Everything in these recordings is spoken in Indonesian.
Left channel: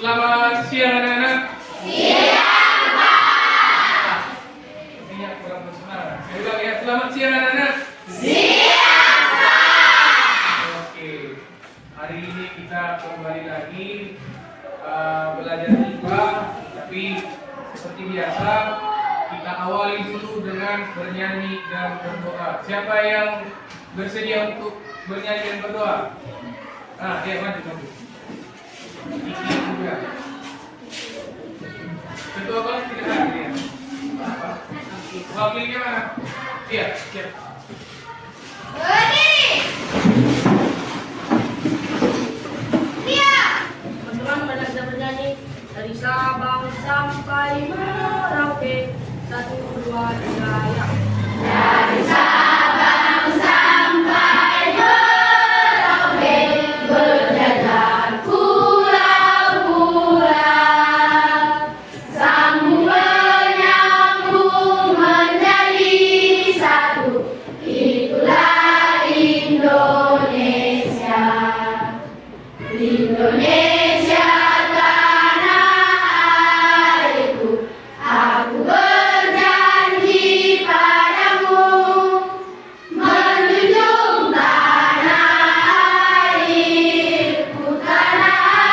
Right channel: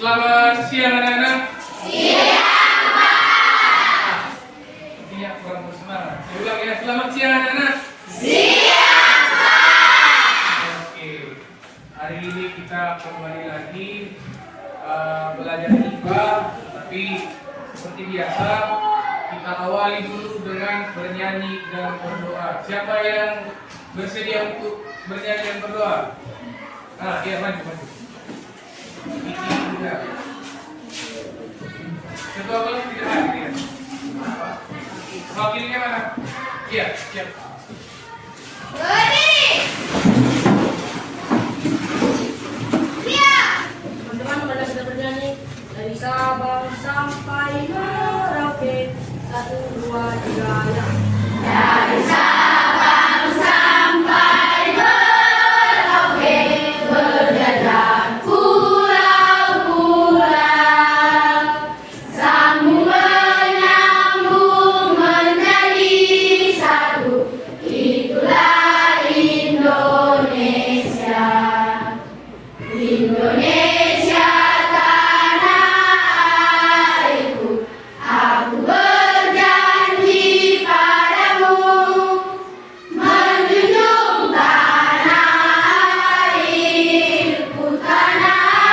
Selamat siang anak-anak. Siang, Pak. Ini kurang bersemangat. Saya ulang ya, selamat siang anak-anak. Siang, Pak. Oke, hari ini kita kembali lagi belajar IPA, tapi seperti biasa kita awali dulu dengan bernyanyi dan berdoa. Siapa yang bersedia untuk bernyanyi dan berdoa? Iya, maju. Ini juga. Ketua kelas tidak hadir ya? Wakilnya mana? Siap. Berdiri. Siap. Teman-teman pada sudah bernyanyi dari Sabang sampai Merauke. 1, 2, 3 ya. Dari Sabang sampai Merauke, berjalan pulau-pulau, sambung menyambung menjadi satu. Itulah Indonesia. Indonesia tanah airku, aku berjanji padamu, menjunjung tanah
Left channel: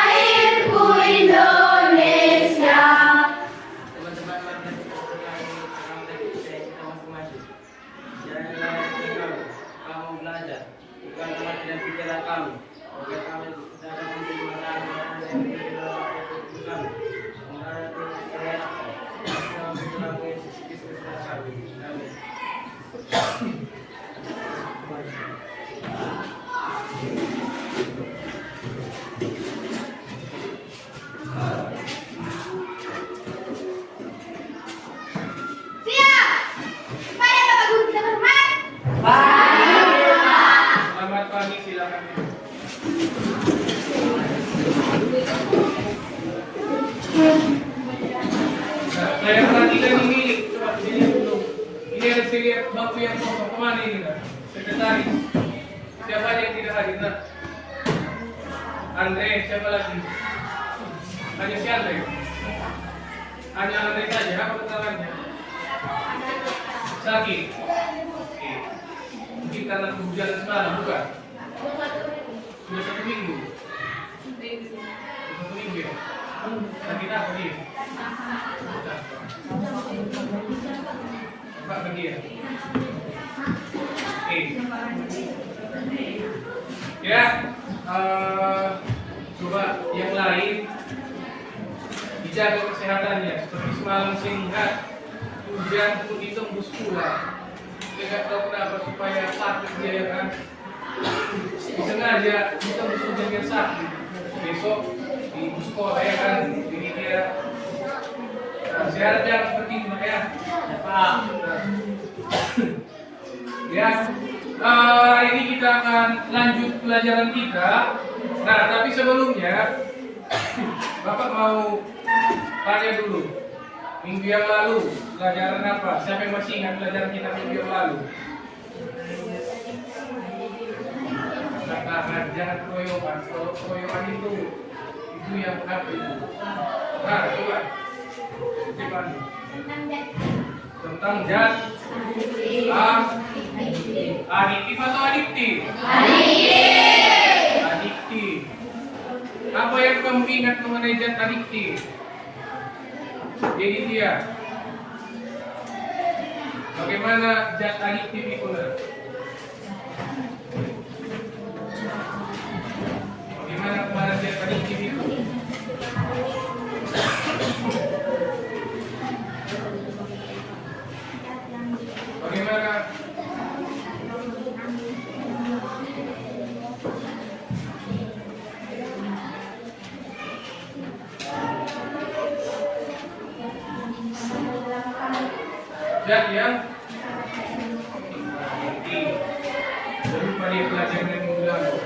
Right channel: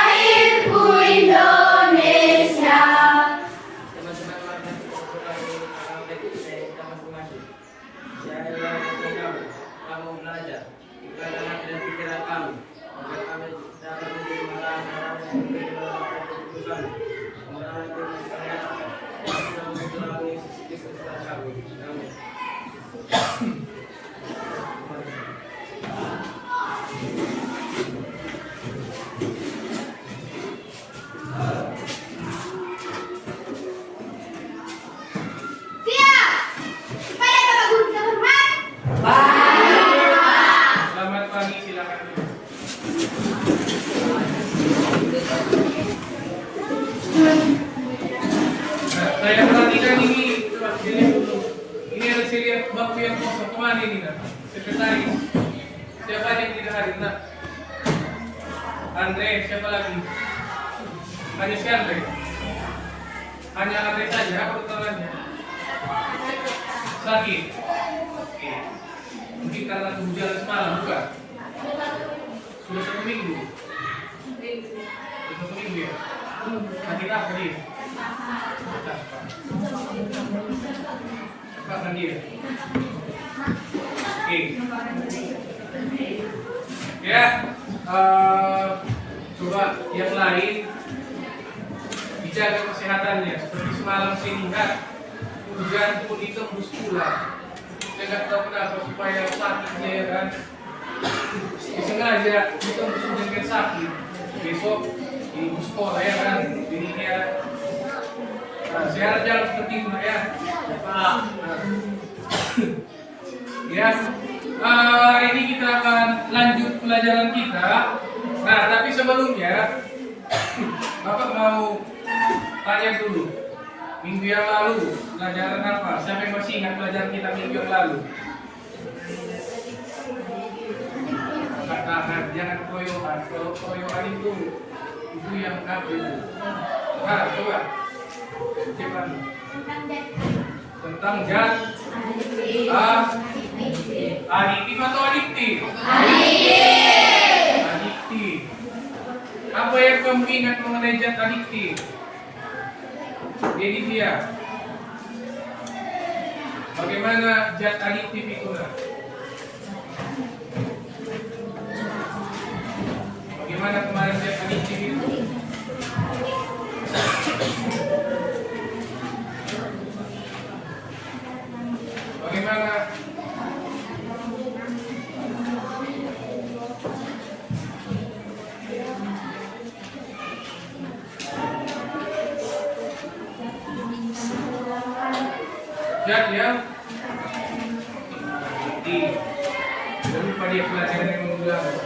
airku Indonesia. Teman-teman mari kita ulangi kita masing-masing. Kamu belajar, bukan hati dan pikiran kamu. Agar kami dapat menjadi orang-orang yang berdoa keputusan, orang-orang yang percaya, orang Tuhan Yesus Kristus adalah kami. Amin. Siap. Supaya Bapak Guru kita hormat. Selamat pagi, silakan. Nah, saya perhatikan ini, coba dilihat dulu. Ini ada saya lihat bangku yang kosong, kemana ini kan? Sekretaris. Siapa yang tidak hadir? Nah, Andre, siapa lagi? Hanya si Andre. Hanya Andre saja, apa keterangannya? Sakit. Oke. Mungkin karena kehujanan semalam, bukan? Sudah 1 minggu. Sudah 1 minggu ya? Sakit apa dia? Apa kan dia? Oke. Ya, coba yang lain dijaga kesehatannya. Seperti semalam saya lihat hujan pun ditembus pula. Saya nggak tahu kenapa supaya sakit dia ya kan. Disengaja ditembus hujan dengan sakit. Besok di sekolah ya kan. Jadi dia saya harap jangan seperti itu ya. Pak. Ya. Ini kita akan lanjut pelajaran kita. Nah, tapi sebelumnya Bapak mau tanya dulu. Minggu yang lalu pelajaran apa? Siapa yang masih ingat pelajaran kita minggu yang lalu? Katakan jangan koyokan. Kalau koyokan itu yang apa itu? Nah, coba. Gimana? Tentang zat adiktif atau adiktif? Adiktif. Apa yang kamu ingat mengenai zat adiktif? Jadi dia. Bagaimana zat adiktif itu? Bagaimana kemarin zat adiktif itu? Bagaimana? Zat yang adiktif. Jangan lupa dia pelajaran yang minggu lalu.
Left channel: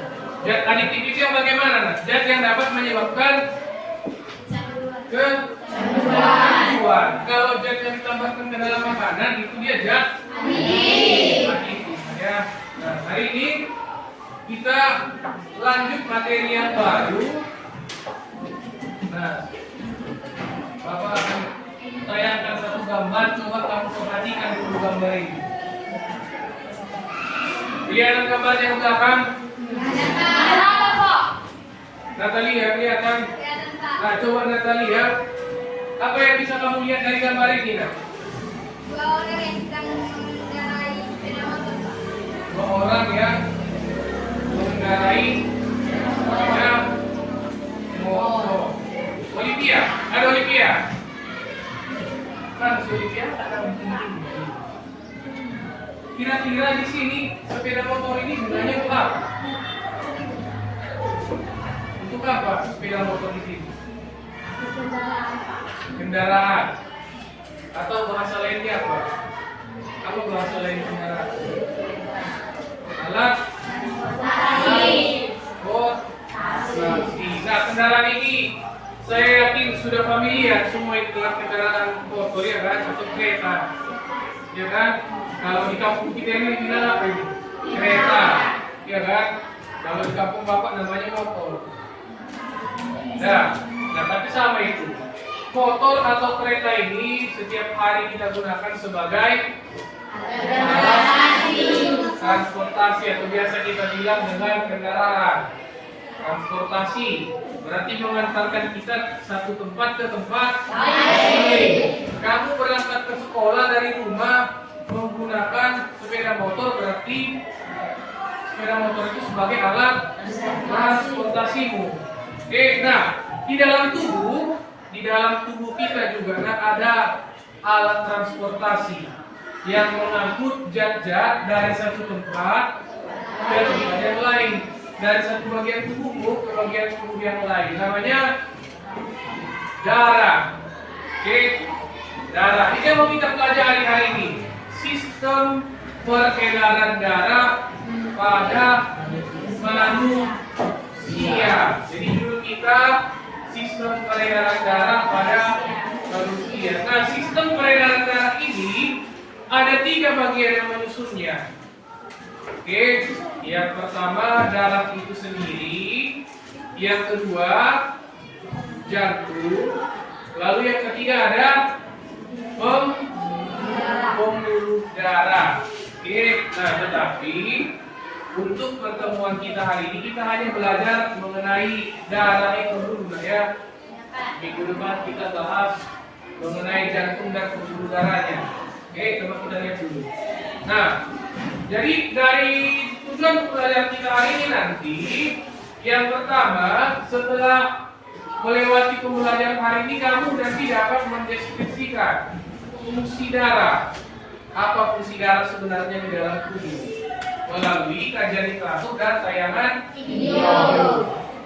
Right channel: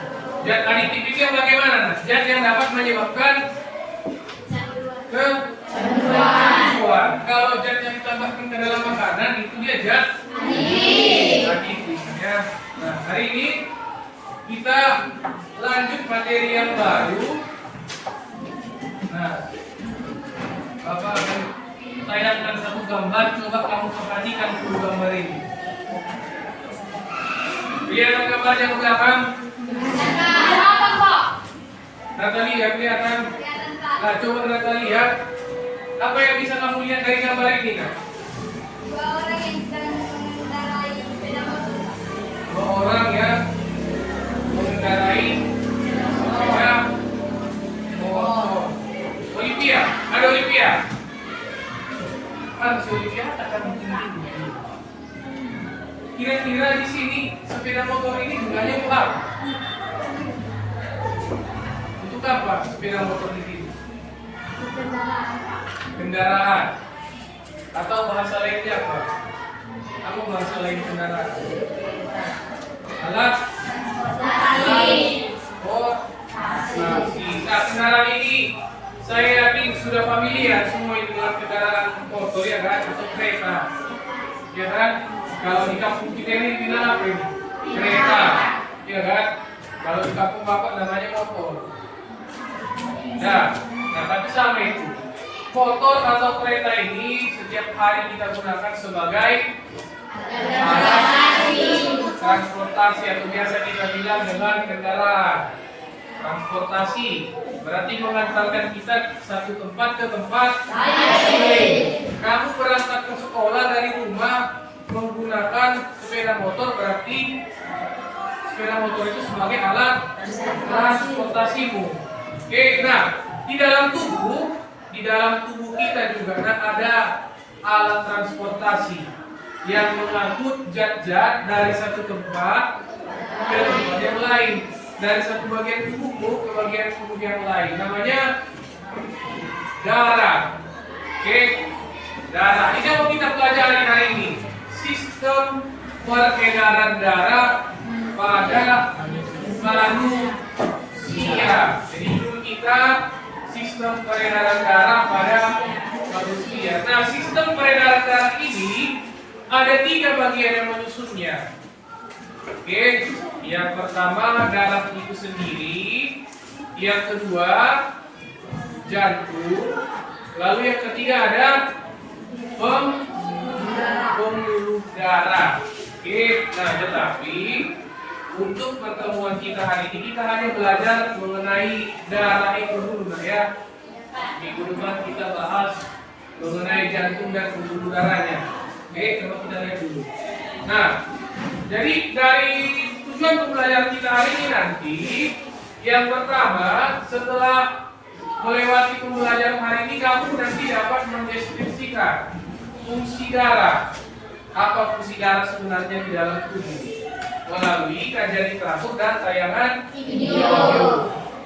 Zat adiktif itu yang bagaimana? Zat yang dapat menyebabkan kecanduan. Kalau zat yang ditambahkan ke dalam makanan itu dia zat adiktif. Ya. Nah, hari ini kita lanjut materi yang baru. Nah, Nah, Bapak akan tayangkan satu gambar. Coba kamu perhatikan dulu gambar ini. Lihat gambarnya ke belakang. Natali ya, kelihatan. Nah, coba Natali ya. Apa yang bisa kamu lihat dari gambar ini, Nak? Dua orang yang sedang mengendarai sepeda motor. Dua orang yang mengendarai sepeda motor. Olivia, ada Olivia. Kan si Olivia akan penting. Kira-kira di sini sepeda motor ini gunanya untuk apa? Untuk apa sepeda motor di sini? Kendaraan. Atau bahasa lainnya apa? Apa bahasa lain kendaraan? Alat transportasi. Nah, kendaraan ini saya yakin sudah familiar semua ini dengan kendaraan motor ya kan, atau kereta, ya kan? Kalau di kampung kita ini bilang apa ini? Kereta, ya kan? Kalau di kampung bapak namanya motor. Nah, tapi sama itu. Motor atau kereta ini setiap hari kita gunakan sebagai alat transportasi atau biasa kita bilang dengan kendaraan. Transportasi berarti mengantarkan kita satu tempat ke tempat lain. Kamu berangkat ke sekolah dari rumah menggunakan sepeda motor, berarti sepeda motor itu sebagai alat transportasimu. Oke, nah di dalam tubuh kita juga ada alat transportasi yang mengangkut zat-zat dari satu tempat ke tempat yang lain, dari satu bagian tubuhmu ke bagian tubuh yang lain. Namanya darah. Oke, darah. Ini yang mau kita pelajari hari ini. Sistem peredaran darah pada manusia. Jadi dulu kita sistem peredaran darah pada manusia. Nah, sistem peredaran darah ini ada 3 bagian yang menyusunnya. Oke, yang pertama darah itu sendiri, yang kedua jantung, lalu yang ketiga ada pembuluh darah. Oke, nah tetapi untuk pertemuan kita hari ini kita hanya belajar mengenai darah itu dulu ya. Minggu depan kita bahas mengenai jantung dan pembuluh darahnya. Oke, coba kita lihat dulu. Nah, jadi dari tujuan pembelajaran kita hari ini nanti, yang pertama setelah melewati pembelajaran hari ini kamu nanti dapat mendeskripsikan fungsi darah. Apa fungsi darah sebenarnya di dalam tubuh melalui kajian literatur dan tayangan video.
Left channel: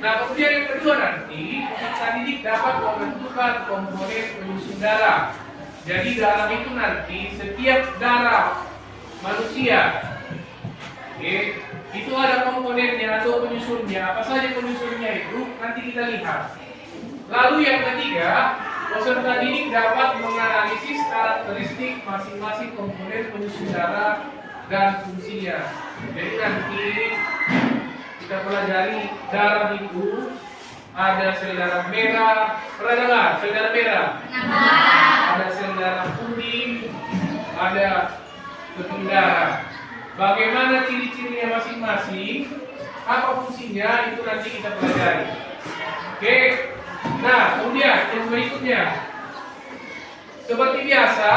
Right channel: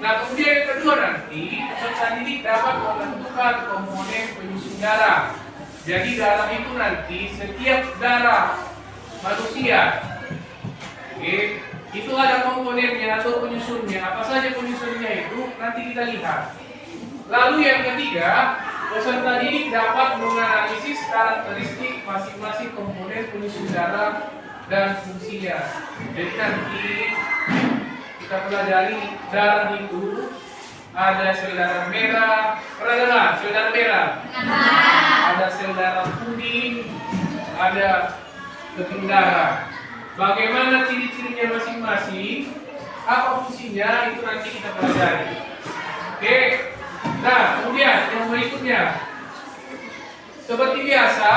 Nah, kemudian yang kedua nanti peserta didik dapat menentukan komponen penyusun darah. Jadi darah itu nanti setiap darah manusia, oke, itu ada komponennya atau penyusunnya. Apa saja penyusunnya itu nanti kita lihat. Lalu yang ketiga, peserta didik dapat menganalisis karakteristik masing-masing komponen penyusun darah dan fungsinya. Jadi nanti kita pelajari darah itu ada sel darah merah, pernah dengar sel darah merah? Ada sel darah putih, ada keping darah. Bagaimana ciri-cirinya masing-masing? Apa fungsinya? Itu nanti kita pelajari. Oke. Nah, kemudian yang berikutnya, seperti biasa,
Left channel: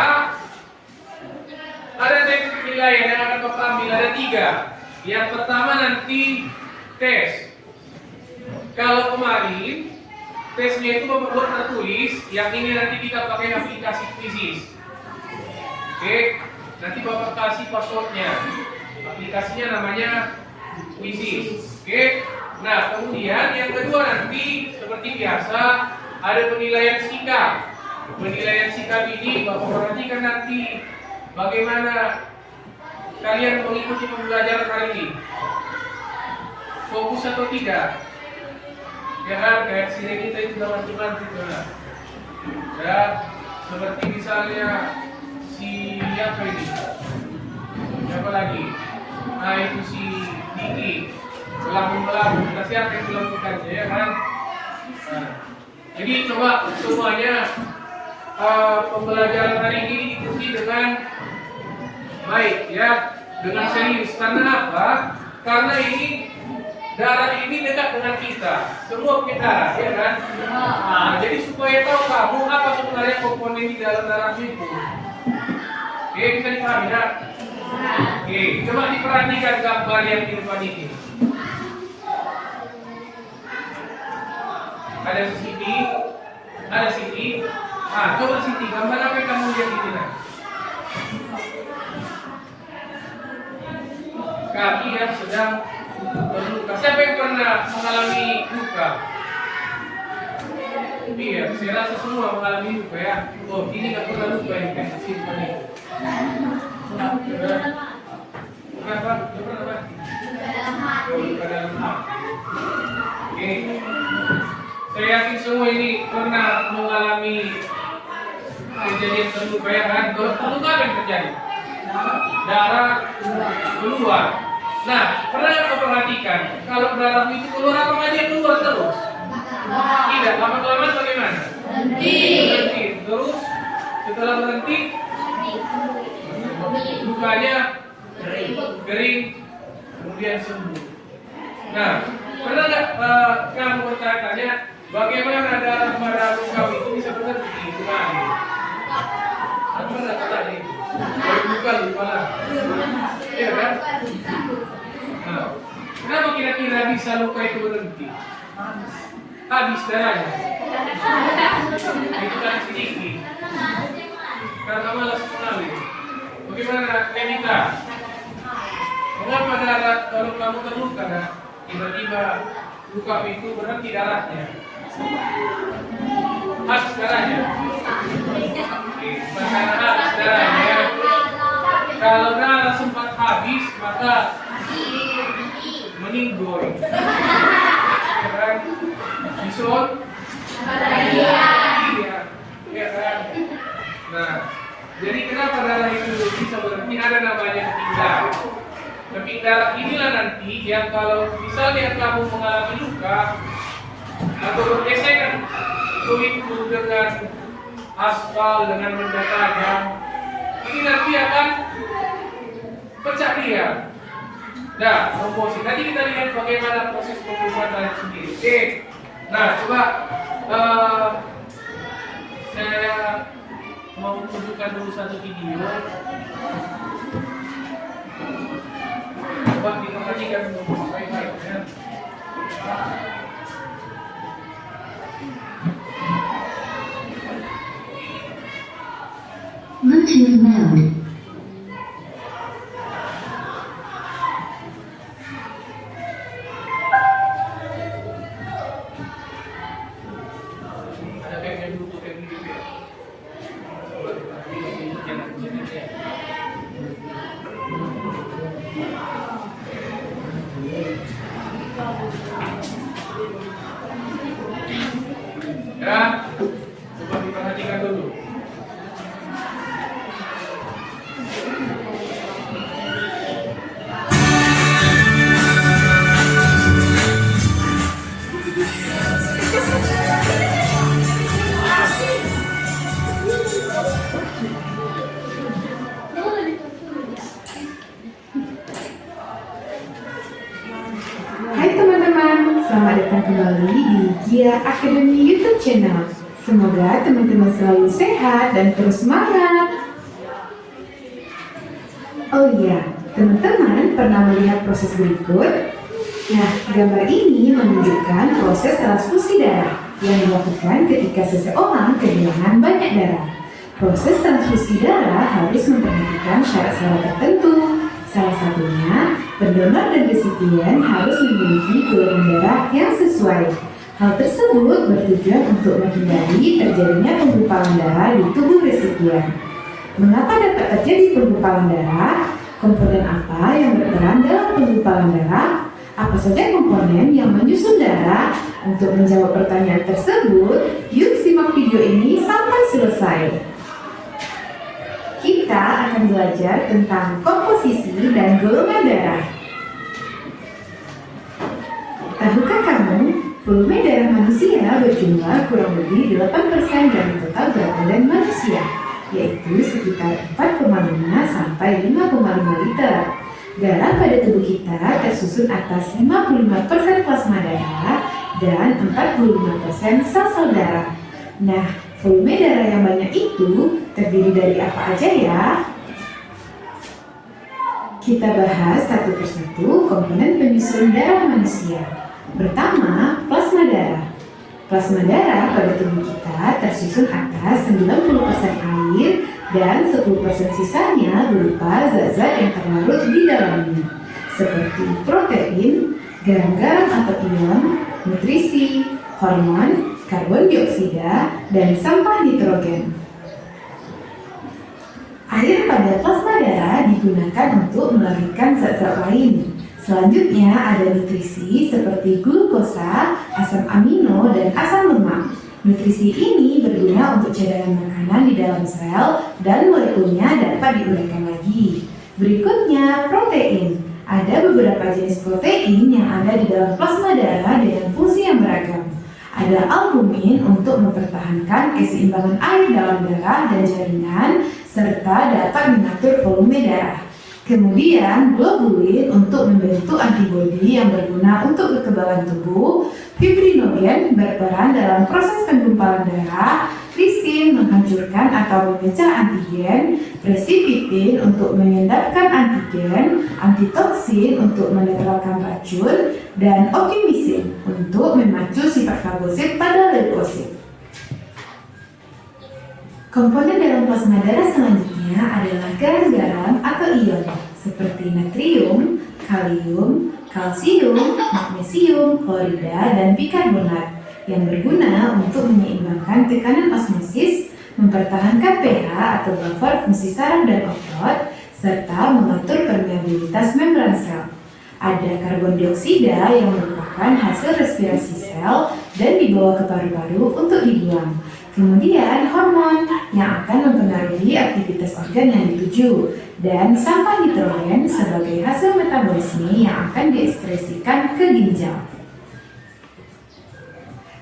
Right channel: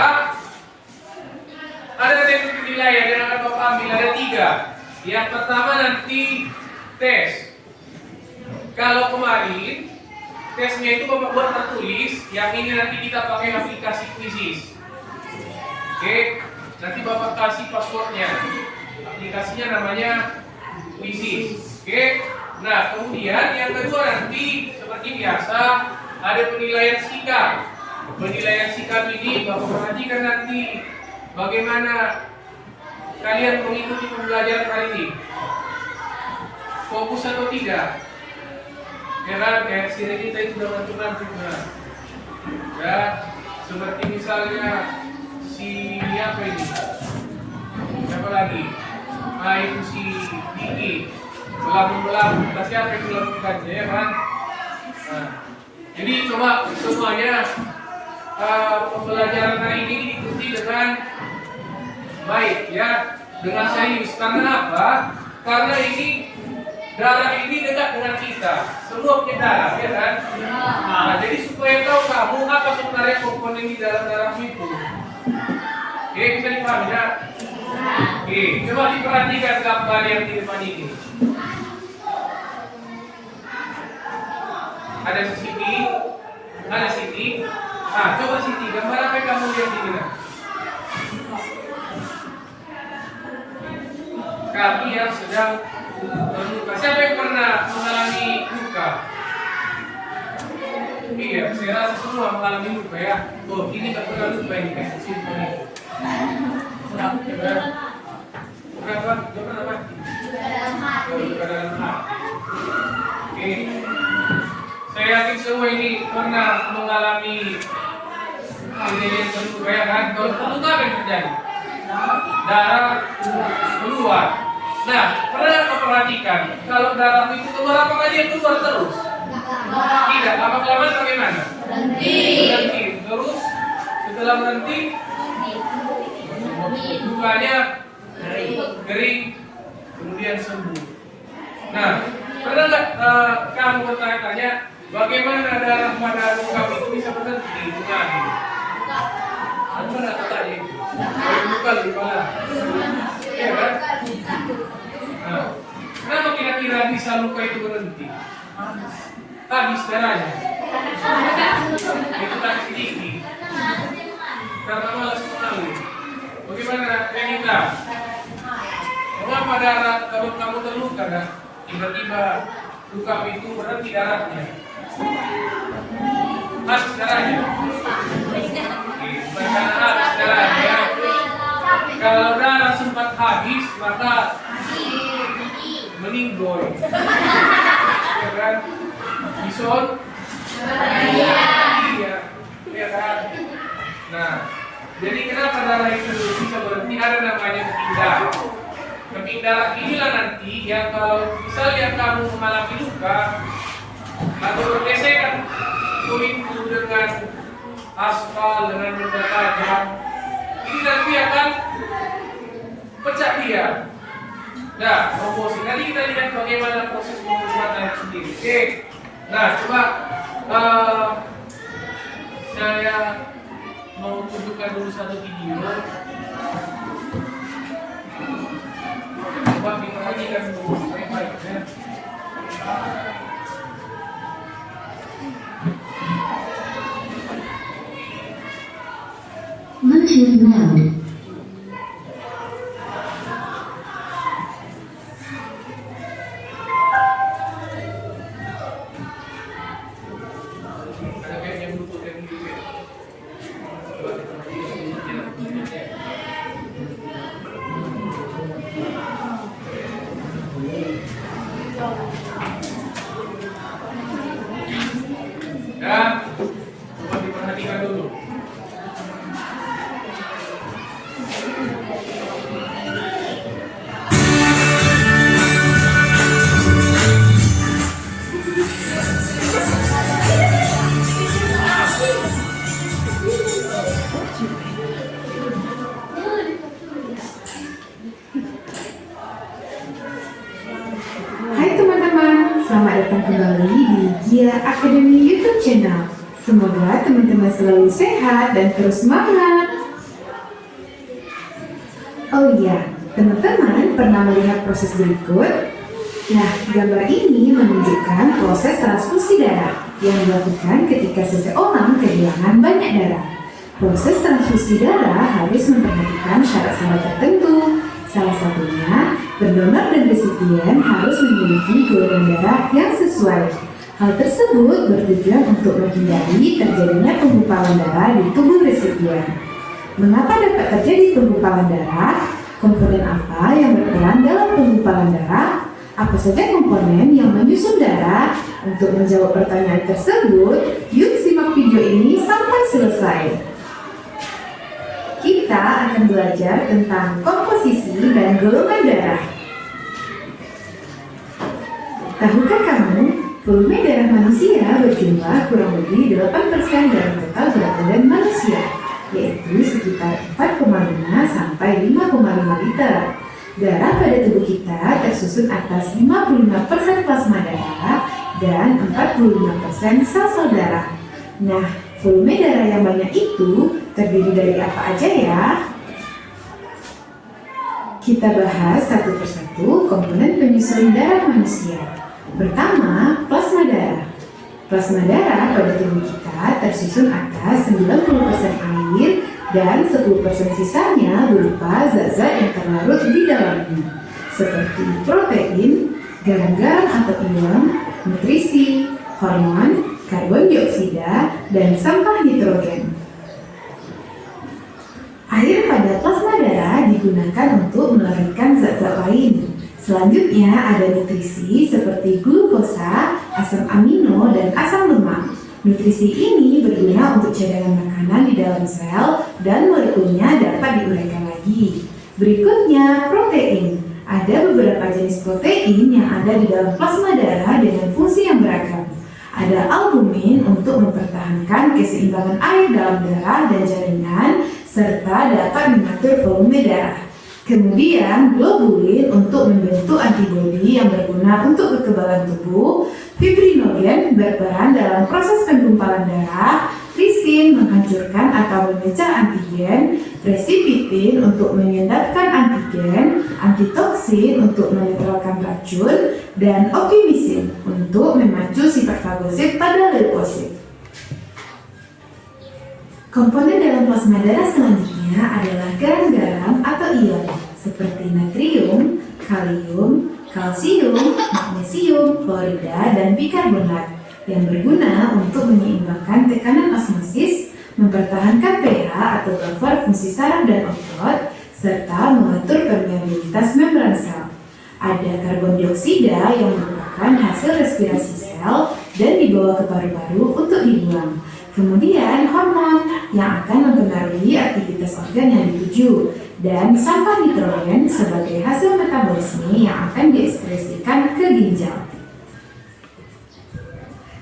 ada teknik penilaian yang akan Bapak ambil, ada 3. Yang pertama nanti tes. Kalau kemarin tesnya itu Bapak buat tertulis, yang ini nanti kita pakai aplikasi Quizzes. Oke, nanti Bapak kasih passwordnya. Aplikasinya namanya Quizzes. Oke. Nah, kemudian yang kedua nanti seperti biasa ada penilaian sikap. Penilaian sikap ini Bapak perhatikan nanti bagaimana kalian mengikuti pembelajaran hari ini. Fokus atau tidak? Jangan kayak sini kita itu bantu-bantu. Ya, seperti misalnya siapa ini? Siapa lagi? Ah, itu si Diki. Belabun, nah siapa yang melakukannya ya kan? Nah, Jadi coba semuanya pembelajaran hari ini diikuti dengan baik ya, dengan serius. Karena apa? Karena ini darah ini dekat dengan kita. Semua punya darah, ya kan? Nah, jadi supaya tahu kamu apa sebenarnya komponen di dalam darahmu itu. Oke, bisa dipahami ya? Oke, coba diperhatikan gambar yang di depan ini. Ada Siti, ada Siti. Nah, coba Siti, gambar apa yang kamu lihat di sini? Kaki yang sedang terluka. Siapa yang pernah mengalami luka? Iya, saya rasa semua mengalami luka ya. Tuh, ini nggak pernah luka ini kan simpan itu. Kenapa? Kenapa? Luka dalam hati. Oke. Saya yakin semua ini pernah mengalami kejadian terluka ya kan? Kalau terluka apa yang terjadi? Darah keluar. Nah, pernah memperhatikan kalau darah itu keluar apakah dia keluar terus? Tidak, lama-kelamaan bagaimana? Berhenti. Terus setelah berhenti lukanya kering, kemudian sembuh. Nah, pernah nggak kamu bertanya bagaimana darah pada luka itu bisa berhenti? Kamu pernah tanya itu? Luka lupa, ya kan? Nah, kenapa kira-kira bisa luka itu berhenti? Habis darahnya. Itu kan sedikit. Karena malas mengalir. Bagaimana Renita? Mengapa darah kalau kamu terluka kan? Tiba-tiba luka itu berhenti darahnya. Habis darahnya. Karena habis darahnya. Kalau darah sempat habis maka meninggoy. Ya kan? Bison? Iya. Ya kan? Nah, jadi kenapa darah itu bisa berhenti? Ada namanya keping darah. Keping darah inilah nanti yang kalau misalnya kamu mengalami luka atau bergesekan kulitku dengan aspal, dengan benda tajam, ini nanti akan pecah dia. Nah, promosi. Nanti kita lihat bagaimana proses pembuatan itu sendiri. Oke. Nah, coba saya mau tunjukkan dulu satu video. Coba kita perhatikan dulu baik-baik ya. Bluetooth mode. Ya, coba diperhatikan dulu. Hai teman-teman, selamat datang kembali di Gia Academy YouTube channel. Semoga teman-teman selalu sehat dan terus semangat. Oh iya, teman-teman pernah melihat proses berikut? Nah, gambar ini menunjukkan proses transfusi darah yang dilakukan ketika seseorang kehilangan banyak darah. Proses transfusi darah harus memperhatikan syarat-syarat tertentu. Salah satunya, pendonor dan resipien harus memiliki golongan darah yang sesuai. Hal tersebut bertujuan untuk menghindari terjadinya penggumpalan darah di tubuh resipien. Mengapa dapat terjadi penggumpalan darah? Komponen apa yang berperan dalam penggumpalan darah? Apa saja komponen yang menyusun darah? Untuk menjawab pertanyaan tersebut, yuk simak video ini sampai selesai. Kita akan belajar tentang komposisi dan golongan darah. Tahukah kamu volume darah manusia berjumlah kurang lebih 8% dari total berat badan manusia, yaitu sekitar 4,5 sampai 5,5 liter. Darah pada tubuh kita tersusun atas 55% plasma darah dan 45% sel-sel darah. Nah, volume darah yang banyak itu terdiri dari apa aja ya? Kita bahas satu persatu komponen penyusun darah manusia. Pertama, plasma darah. Plasma darah pada tubuh kita tersusun atas 90% air dan 10% sisanya berupa zat-zat yang terlarut di dalamnya, seperti protein, garam-garam atau ion, nutrisi, hormon, karbon dioksida, dan sampah nitrogen. Air pada plasma darah digunakan untuk melarutkan zat-zat lain. Selanjutnya ada nutrisi seperti glukosa, asam amino, dan asam lemak. Nutrisi ini berguna untuk cadangan makanan di dalam sel dan molekulnya dapat diuraikan lagi. Berikutnya protein. Ada beberapa jenis protein yang ada di dalam plasma darah dengan fungsi yang beragam. Ada albumin untuk mempertahankan keseimbangan air dalam darah dan jaringan, serta dapat mengatur volume darah. Kemudian globulin untuk membentuk antibodi yang berguna untuk kekebalan tubuh, fibrinogen berperan dalam proses penggumpalan darah, lisin menghancurkan atau memecah antigen, presipitin untuk menyedapkan antigen, antitoksin untuk menetralkan racun, dan optimisin untuk memacu sifat fagosit pada leukosit. Komponen dalam plasma darah selanjutnya adalah garam-garam atau ion seperti natrium, kalium, kalsium, magnesium, klorida, dan bikarbonat yang berguna untuk menyeimbangkan tekanan osmosis, mempertahankan pH atau buffer fungsi saraf dan otot, serta mengatur permeabilitas membran sel. Ada karbon dioksida yang merupakan hasil respirasi sel dan dibawa ke paru-paru untuk dibuang. Kemudian hormon yang akan mempengaruhi aktivitas organ yang dituju, dan sampah nitrogen sebagai hasil metabolisme yang akan diekspresikan ke ginjal.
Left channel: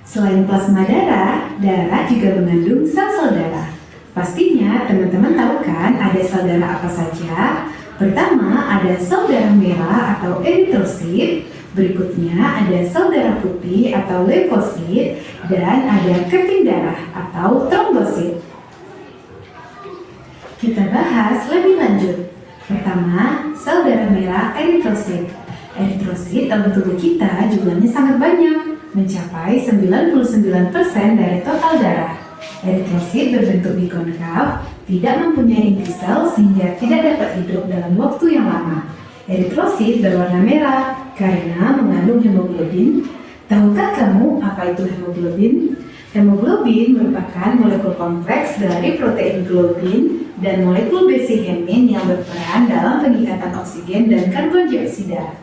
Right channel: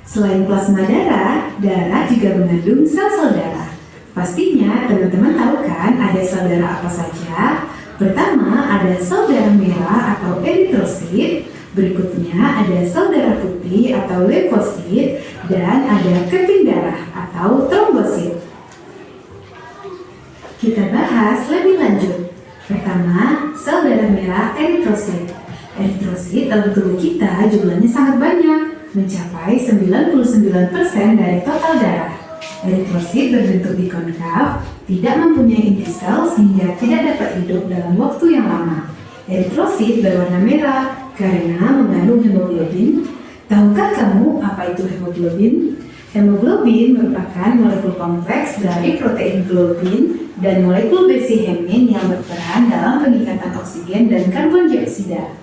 Selain plasma darah, darah juga mengandung sel-sel darah. Pastinya teman-teman tahu kan ada sel darah apa saja? Pertama ada sel darah merah atau eritrosit, berikutnya ada sel darah putih atau leukosit, dan ada keping darah atau trombosit. Kita bahas lebih lanjut. Pertama, sel darah merah eritrosit. Eritrosit dalam tubuh kita jumlahnya sangat banyak, mencapai 99% dari total darah. Eritrosit berbentuk bikonkav, tidak mempunyai inti sel sehingga tidak dapat hidup dalam waktu yang lama. Eritrosit berwarna merah karena mengandung hemoglobin. Tahukah kamu apa itu hemoglobin? Hemoglobin merupakan molekul kompleks dari protein globin dan molekul besi hemin yang berperan dalam pengikatan oksigen dan karbon dioksida.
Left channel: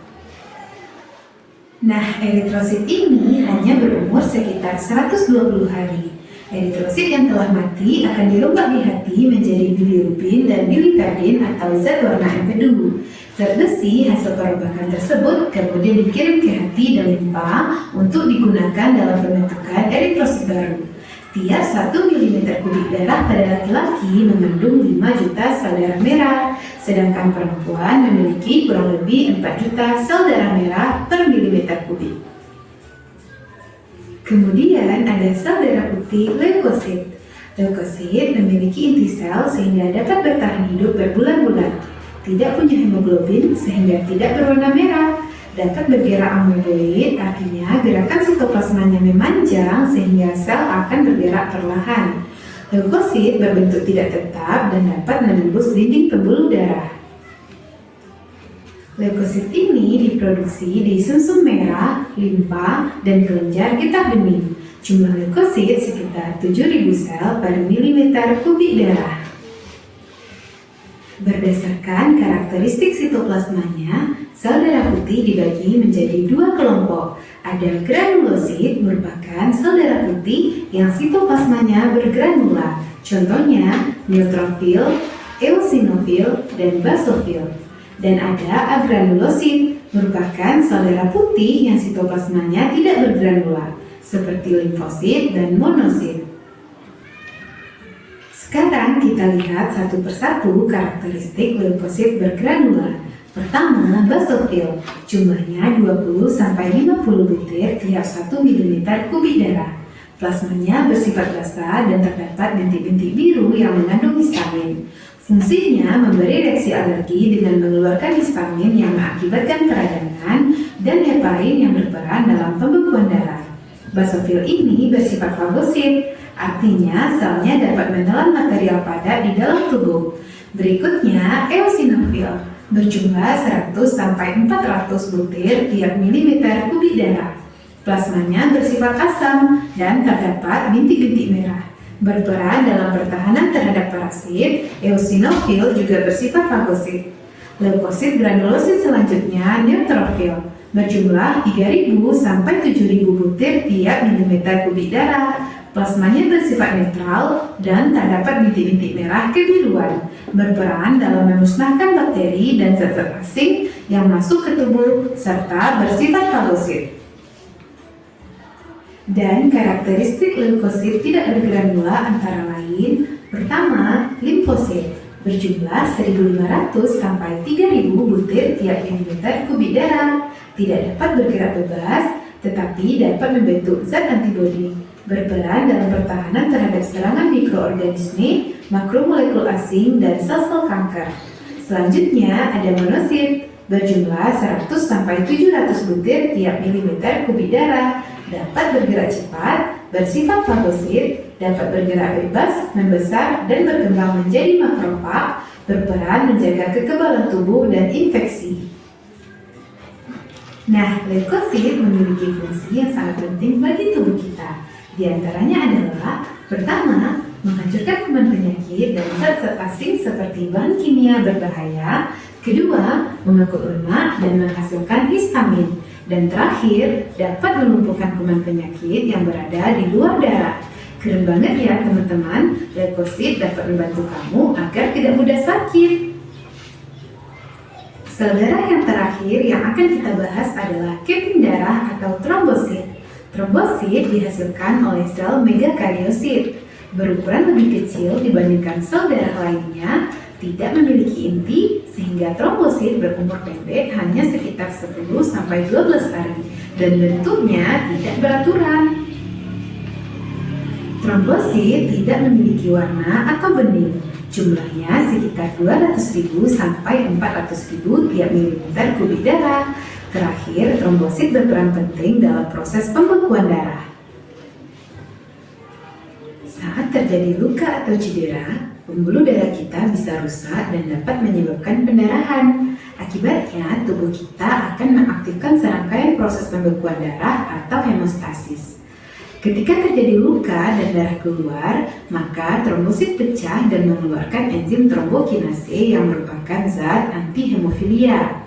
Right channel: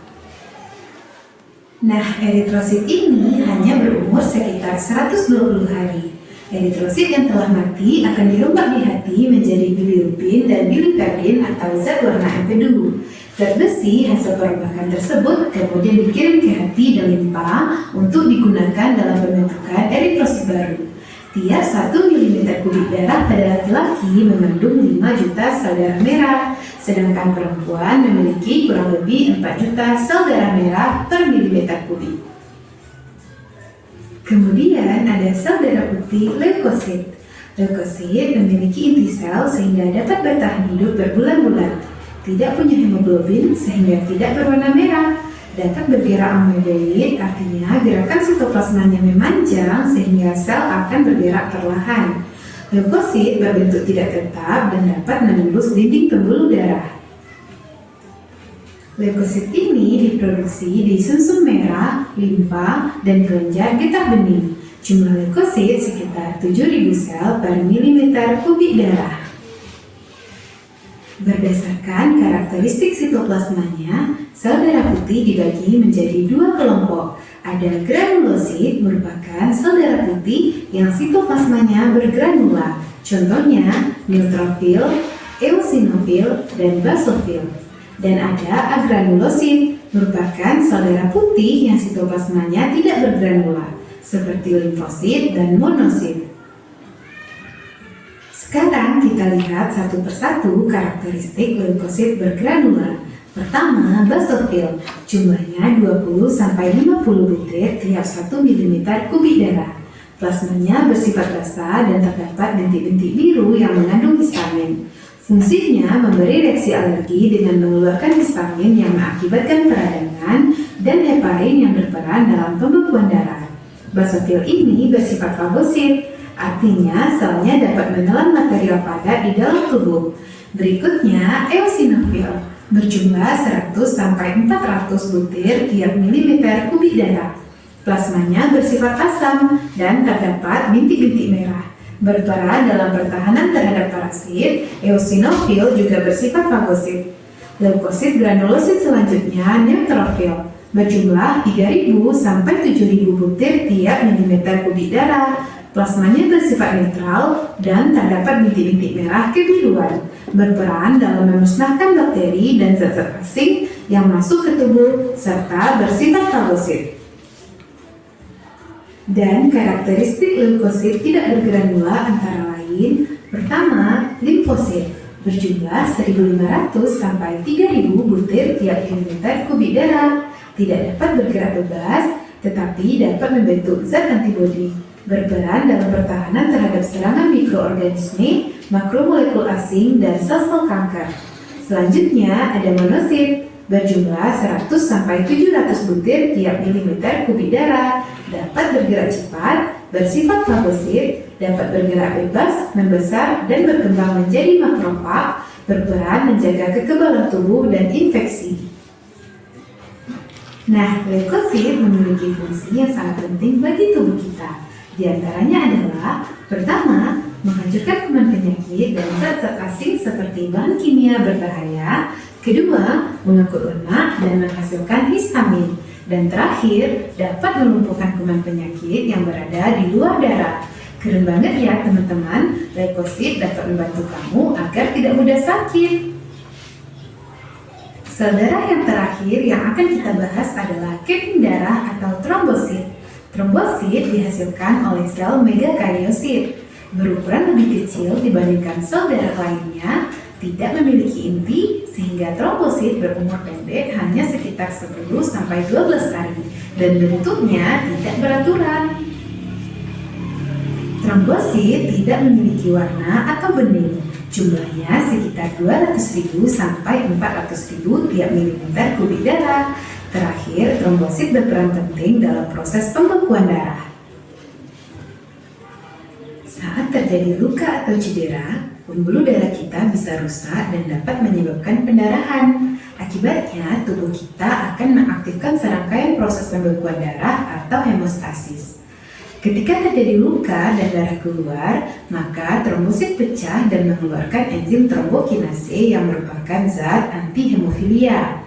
Nah, eritrosit ini hanya berumur sekitar 120 hari. Eritrosit yang telah mati akan dirubah di hati menjadi bilirubin dan biliperdin atau zat warna empedu. Zat besi hasil perombakan tersebut kemudian dikirim ke hati dan limpa untuk digunakan dalam pembentukan eritrosit baru. Tiap 1 mm kubik darah pada laki-laki mengandung 5 juta sel darah merah, sedangkan perempuan memiliki kurang lebih 4 juta sel darah merah per milimeter kubik. Kemudian ada sel darah putih leukosit. Leukosit memiliki inti sel sehingga dapat bertahan hidup berbulan-bulan. Tidak punya hemoglobin sehingga tidak berwarna merah. Dapat bergerak ameboid, artinya gerakan sitoplasmanya memanjang sehingga sel akan bergerak perlahan. Leukosit berbentuk tidak tetap dan dapat menembus dinding pembuluh darah. Leukosit ini diproduksi di sumsum merah, limpa, dan kelenjar getah bening. Jumlah leukosit sekitar 7.000 sel per milimeter kubik darah. Berdasarkan karakteristik sitoplasmanya, sel darah putih dibagi menjadi 2 kelompok. Ada granulosit merupakan sel darah putih yang sitoplasmanya bergranula. Contohnya neutrofil, eosinofil, dan basofil. Dan ada agranulosit merupakan sel darah putih yang sitoplasmanya tidak bergranula, seperti limfosit dan monosit. Sekarang kita lihat satu persatu karakteristik limfosit bergranula. Pertama, basofil. Jumlahnya 20-50 butir tiap 1 mm kubik darah. Plasmanya bersifat basah dan terdapat bintik-bintik biru yang mengandung histamin. Fungsinya memberi reaksi alergi dengan mengeluarkan histamin yang mengakibatkan peradangan dan heparin yang berperan dalam pembekuan darah. Basofil ini bersifat fagosit, artinya selnya dapat menelan material padat di dalam tubuh. Berikutnya, eosinofil, berjumlah 100-400 butir tiap milimeter kubik darah. Plasmanya bersifat asam dan terdapat bintik-bintik merah. Berperan dalam pertahanan terhadap parasit, eosinofil juga bersifat fagosit. Leukosit granulosit selanjutnya neutrofil, berjumlah 3.000-7.000 butir tiap milimeter kubik darah. Plasmanya bersifat netral dan terdapat bintik-bintik merah kebiruan, berperan dalam memusnahkan bakteri dan zat-zat asing yang masuk ke tubuh serta bersifat fagosit. Dan karakteristik leukosit tidak bergranula antara lain: pertama, limfosit, berjumlah 1.500 sampai 3.000 butir tiap milimeter kubik darah, tidak dapat bergerak bebas, tetapi dapat membentuk zat antibodi, berperan dalam pertahanan terhadap serangan mikroorganisme, makromolekul asing, dan sel-sel kanker. Selanjutnya ada monosit, berjumlah 100-700 butir tiap milimeter kubik darah, dapat bergerak cepat, bersifat fagosit, dapat bergerak bebas, membesar, dan berkembang menjadi makrofag, berperan menjaga kekebalan tubuh dan infeksi. Nah, leukosit memiliki fungsi yang sangat penting bagi tubuh kita. Di antaranya adalah: pertama, menghancurkan kuman penyakit dan zat-zat asing seperti bahan kimia berbahaya. Kedua, mengangkut lemak dan menghasilkan histamin. Dan terakhir, dapat melumpuhkan kuman penyakit yang berada di luar darah. Keren banget ya teman-teman, leukosit dapat membantu kamu agar tidak mudah sakit. Sel darah yang terakhir yang akan kita bahas adalah keping darah atau trombosit. Trombosit dihasilkan oleh sel megakariyosit, berukuran lebih kecil dibandingkan sel darah lainnya, tidak memiliki inti, sehingga trombosit berumur pendek hanya sekitar 10-12 hari, dan bentuknya tidak beraturan. Trombosit tidak memiliki warna atau bening. Jumlahnya sekitar 200.000 sampai 400.000 tiap milimeter kubik darah. Terakhir, trombosit berperan penting dalam proses pembekuan darah. Saat terjadi luka atau cedera, pembuluh darah kita bisa rusak dan dapat menyebabkan pendarahan. Akibatnya, tubuh kita akan mengaktifkan serangkaian proses pembekuan darah atau hemostasis. Ketika terjadi luka dan darah keluar, maka trombosit pecah dan mengeluarkan enzim trombokinase yang merupakan zat anti-hemofilia.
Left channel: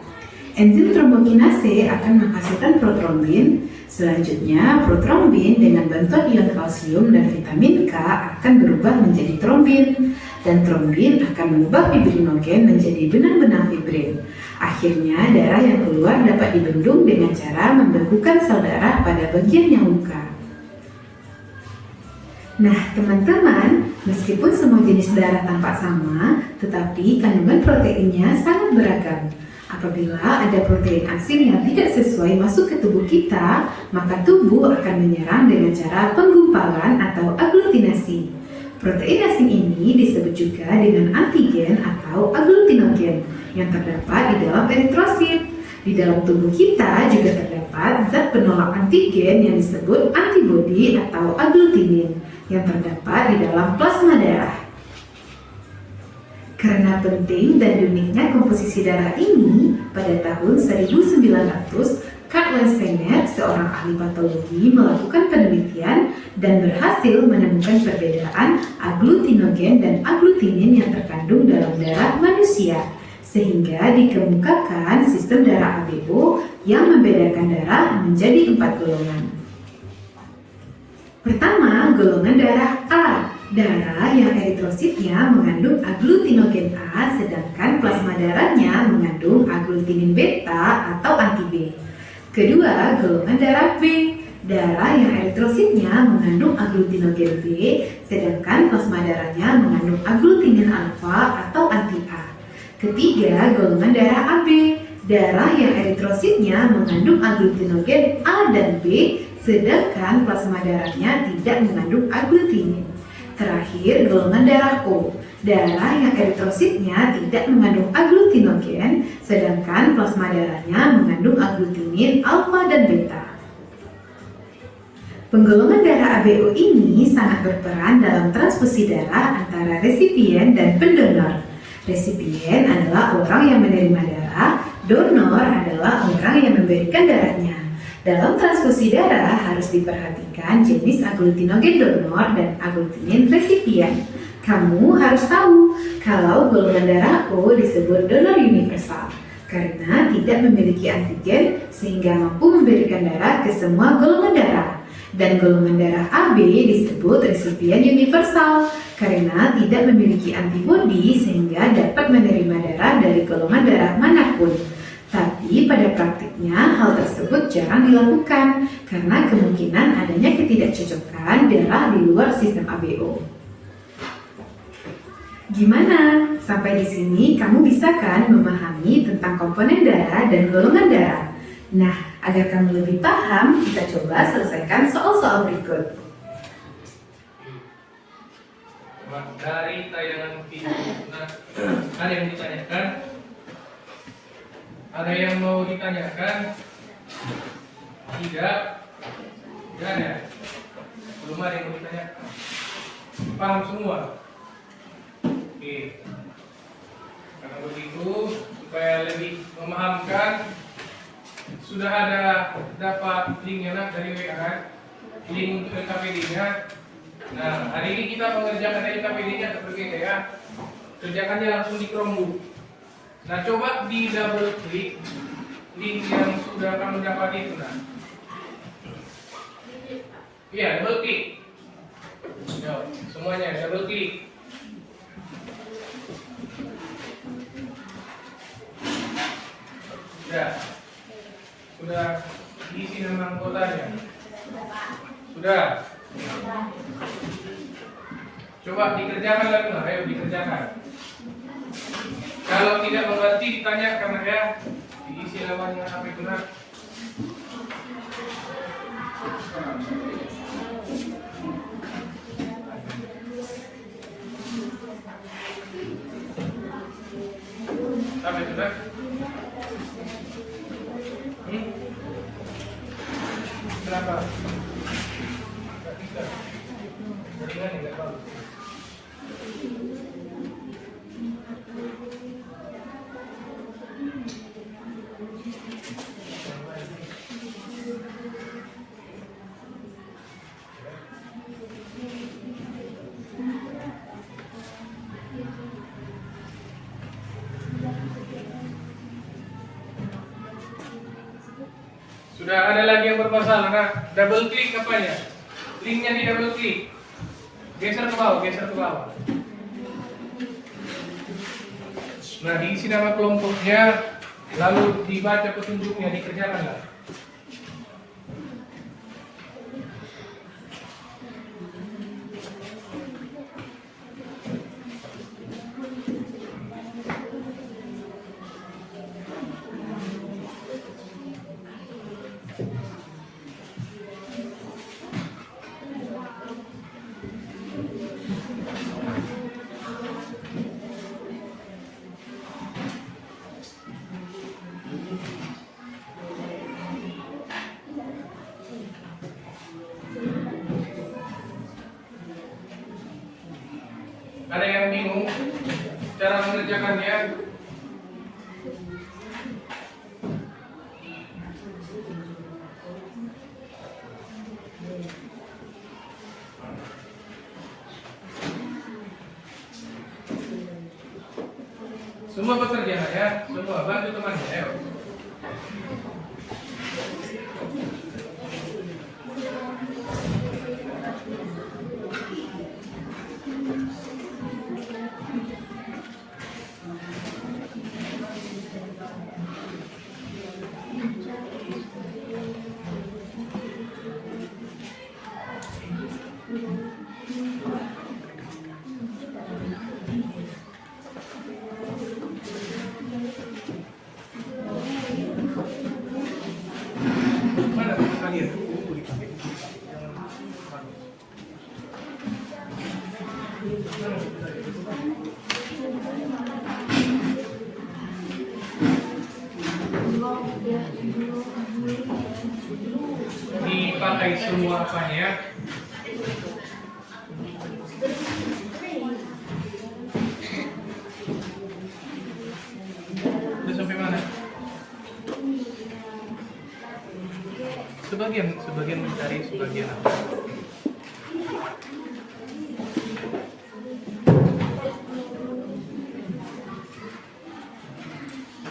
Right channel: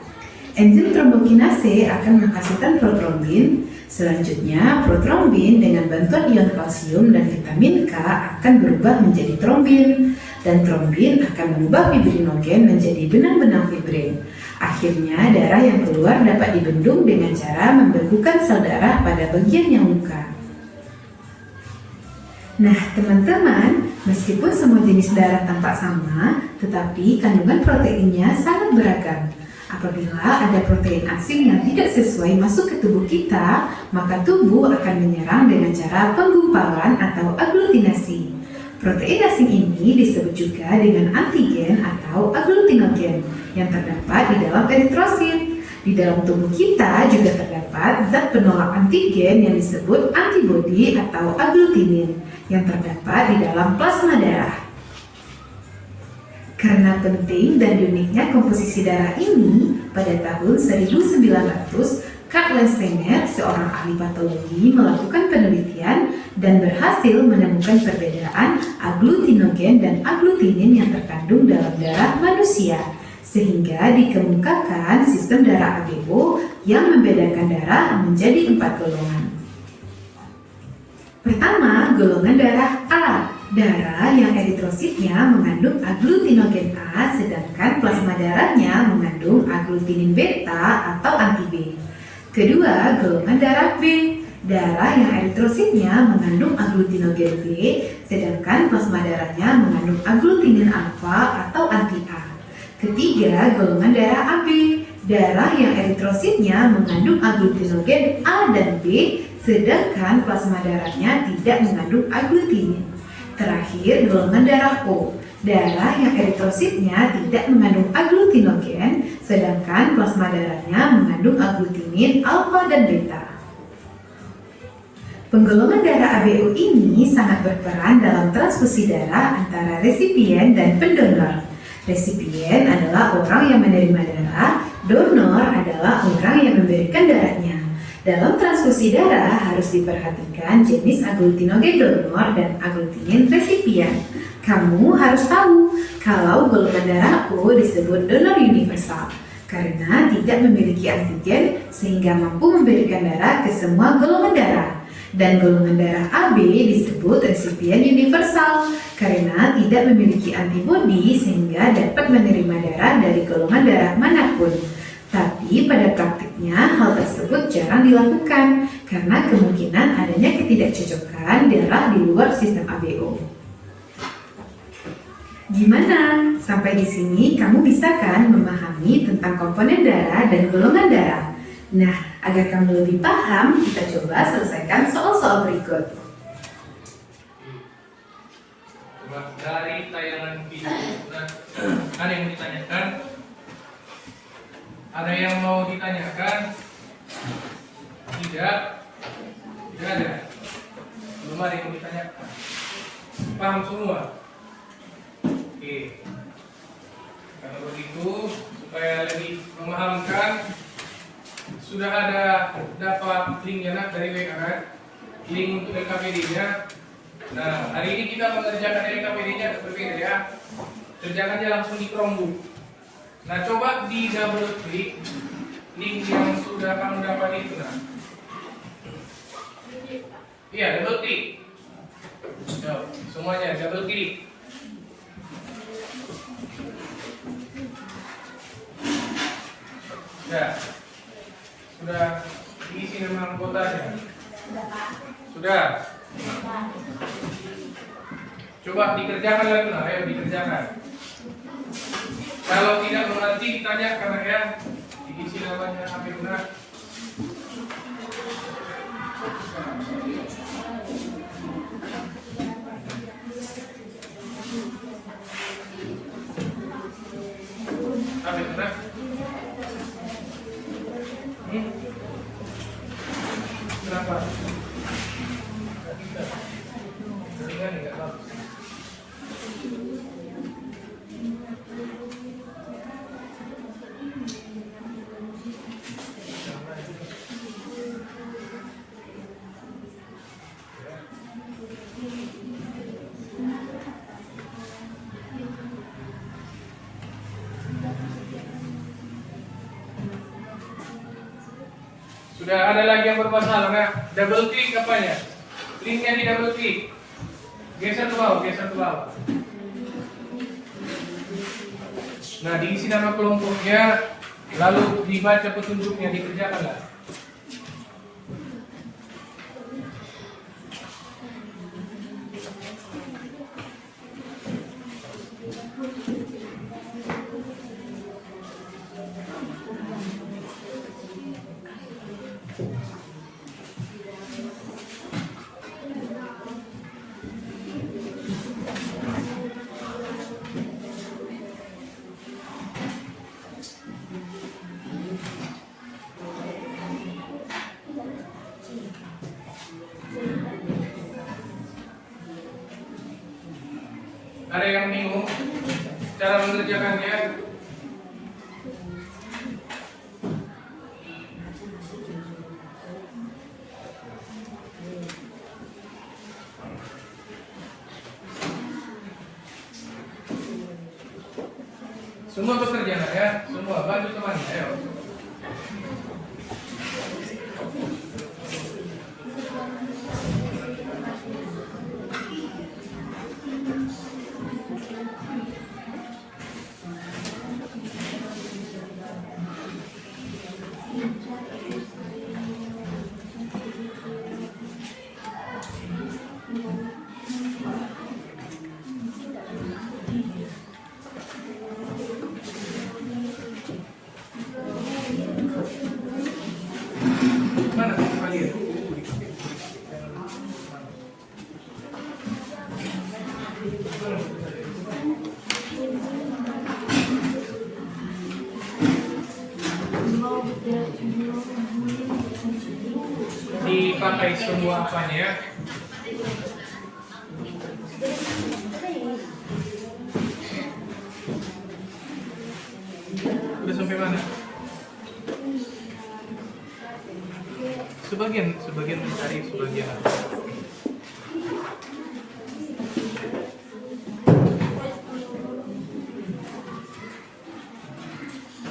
Enzim trombokinase akan menghasilkan protrombin. Selanjutnya, protrombin dengan bantuan ion kalsium dan vitamin K akan berubah menjadi trombin. Dan trombin akan mengubah fibrinogen menjadi benang-benang fibrin. Akhirnya, darah yang keluar dapat dibendung dengan cara membekukan sel darah pada bagian yang luka. Nah, teman-teman, meskipun semua jenis darah tampak sama, tetapi kandungan proteinnya sangat beragam. Apabila ada protein asing yang tidak sesuai masuk ke tubuh kita, maka tubuh akan menyerang dengan cara penggumpalan atau aglutinasi. Protein asing ini disebut juga dengan antigen atau aglutinogen yang terdapat di dalam eritrosit. Di dalam tubuh kita juga terdapat zat penolak antigen yang disebut antibodi atau aglutinin yang terdapat di dalam plasma darah. Karena penting dan uniknya komposisi darah ini, pada tahun 1900, Karl Landsteiner, seorang ahli patologi, melakukan penelitian dan berhasil menemukan perbedaan aglutinogen dan aglutinin yang terkandung dalam darah manusia, sehingga dikemukakan sistem darah ABO yang membedakan darah menjadi 4 golongan. Pertama, golongan darah A, Darah yang eritrositnya mengandung aglutinogen A, sedangkan plasma darahnya mengandung aglutinin beta atau anti B. Kedua, golongan darah B. Darah yang eritrositnya mengandung aglutinogen B, sedangkan plasma darahnya mengandung aglutinin alfa atau anti A. Ketiga, golongan darah AB. Darah yang eritrositnya mengandung aglutinogen A dan B, sedangkan plasma darahnya tidak mengandung aglutinin. Terakhir, golongan darah O. Darah yang eritrositnya tidak mengandung aglutinogen, sedangkan plasma darahnya mengandung aglutinin alfa dan beta. Penggolongan darah ABO ini sangat berperan dalam transfusi darah antara resipien dan pendonor. Resipien adalah orang yang menerima darah, donor adalah orang yang memberikan darahnya. Dalam transfusi darah harus diperhatikan jenis aglutinogen donor dan aglutinin resipien. Kamu harus tahu kalau golongan darah O disebut donor universal karena tidak memiliki antigen sehingga mampu memberikan darah ke semua golongan darah. Dan golongan darah AB disebut resipien universal karena tidak memiliki antibodi sehingga dapat menerima darah dari golongan darah manapun. Tapi pada praktiknya hal tersebut jarang dilakukan karena kemungkinan adanya ketidakcocokan darah di luar sistem ABO. Gimana? Sampai di sini kamu bisa kan memahami tentang komponen darah dan golongan darah? Nah, agar kamu lebih paham, kita coba selesaikan soal-soal berikut. Dari tayangan video, nah, ada yang ditanyakan? Ada yang mau ditanyakan? Tidak ada. Belum ada yang mau ditanyakan. Paham semua? Oke. Kalau begitu, supaya lebih memahamkan, sudah ada dapat linknya dari WA, link untuk LKPD-nya. Nah, hari ini kita mengerjakan LKPD-nya berbeda ya. Kerjakannya langsung di Chromebook. Nah, coba di double klik link yang sudah kamu dapat itu. Nah, iya, double klik. Yo, semuanya double klik. Ya, sudah diisi nama anggotanya. Sudah. Coba dikerjakan lagi, nah, ayo dikerjakan. Kalau tidak mengerti ditanyakan ya, diisi namanya apa benar. Apa benar? Kenapa? Tidak bisa. Jaringan tidak bagus. Sudah ada lagi yang bermasalah, nah, double klik apanya? Linknya di double klik. Geser ke bawah, geser ke bawah. Nah, diisi nama kelompoknya, lalu dibaca petunjuknya, dikerjakanlah. Ada yang bingung cara mengerjakannya? Semua bekerja ya, semua bantu temannya, ayo. selesai semua apanya. Udah sampai mana? Sebagian mencari sebagian apa?